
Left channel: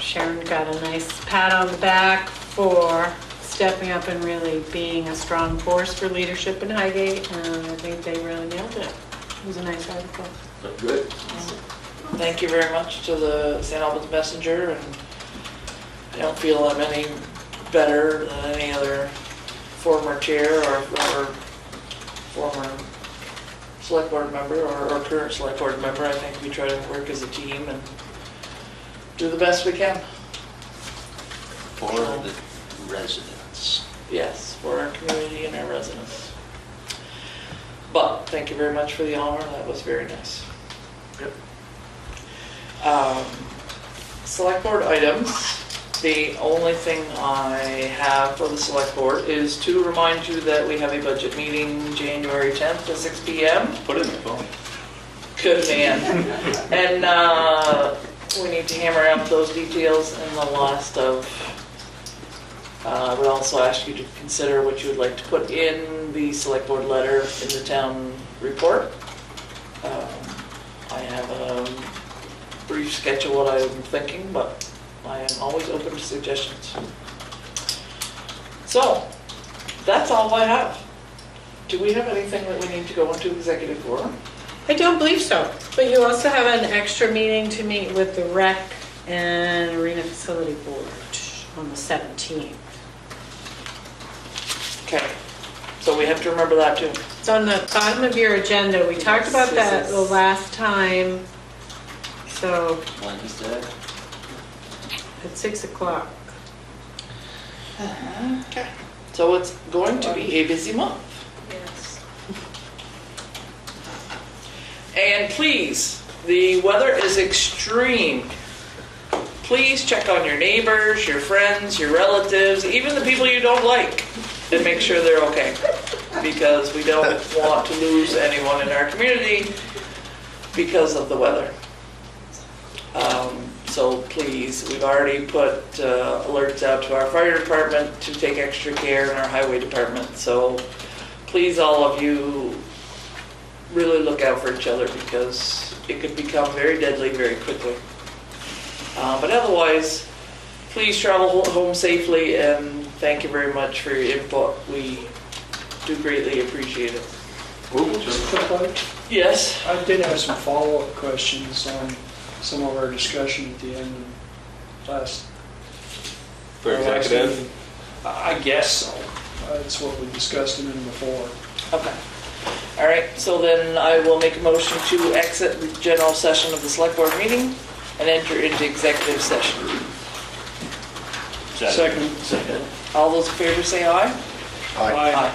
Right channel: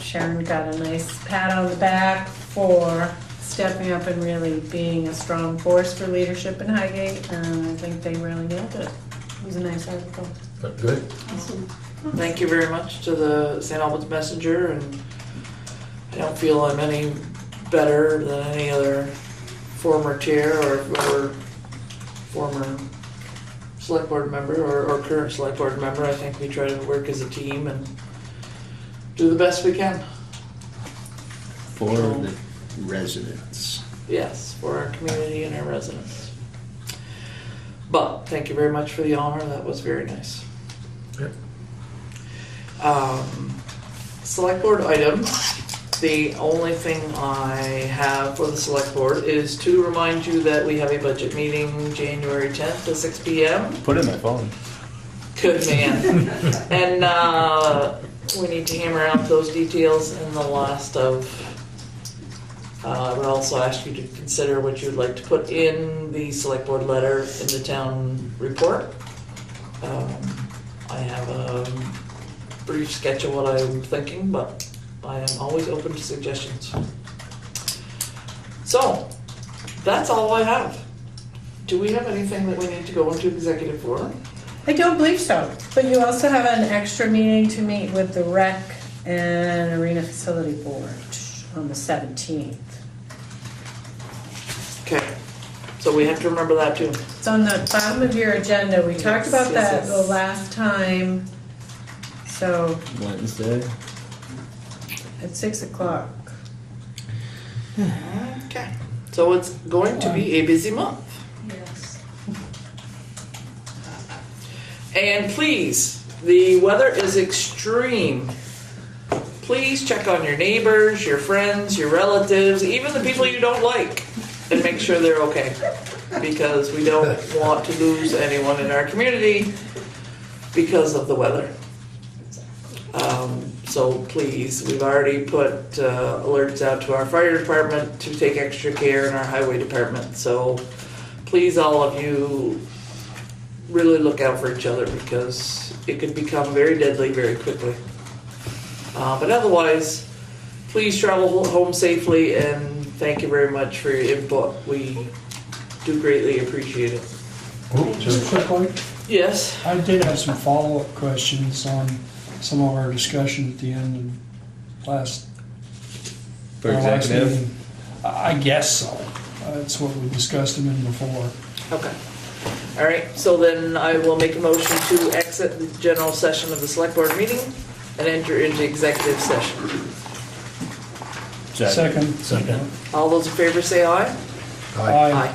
Sharon got a nice pat on the back for stepping up and really being a strong force for leadership in Highgate, and I think they really nailed it. It was a nice article. Good. Thank you very much to the St. Albans Messenger, and I don't feel I'm any better than any other former chair or former select board member or current select board member. I think we try to work as a team and do the best we can. For the residents. Yes, for our community and our residents. But thank you very much for the honor. That was very nice. Yep. Select board items. The only thing I have for the select board is to remind you that we have a budget meeting January 10th at 6 p.m. Put it in my phone. Good man. And we need to hammer out those details in the last of, I would also ask you to consider what you would like to put in the select board letter in the town report. I have a brief sketch of what I'm thinking, but I am always open to suggestions. So, that's all I have. Do we have anything that we need to go into executive forum? I don't believe so, but you also have an extra meeting to meet with the rec and arena facility board on the 17th. Okay, so we have to remember that too. It's on the bottom of your agenda. We talked about that the last time, so Wednesday. at 6 o'clock. Okay. So it's going to be a busy month. Yes. And please, the weather is extreme. Please check on your neighbors, your friends, your relatives, even the people you don't like, and make sure they're okay. Because we don't want to lose anyone in our community because of the weather. So So please, we've already put alerts out to our fire department to take extra care in our highway department. So please, all of you, really look out for each other because it could become very deadly very quickly. But otherwise, please travel home safely and thank you very much for your input. We do greatly appreciate it. Just a quick one. Yes? I did have some follow-up questions on some of our discussion at the end of last. For our last executive? meeting. I guess so. That's what we discussed them in before. Okay. All right, so then I will make a motion to exit the general session of the select board meeting and enter into executive session. Second. Second. All those in favor say aye. Aye.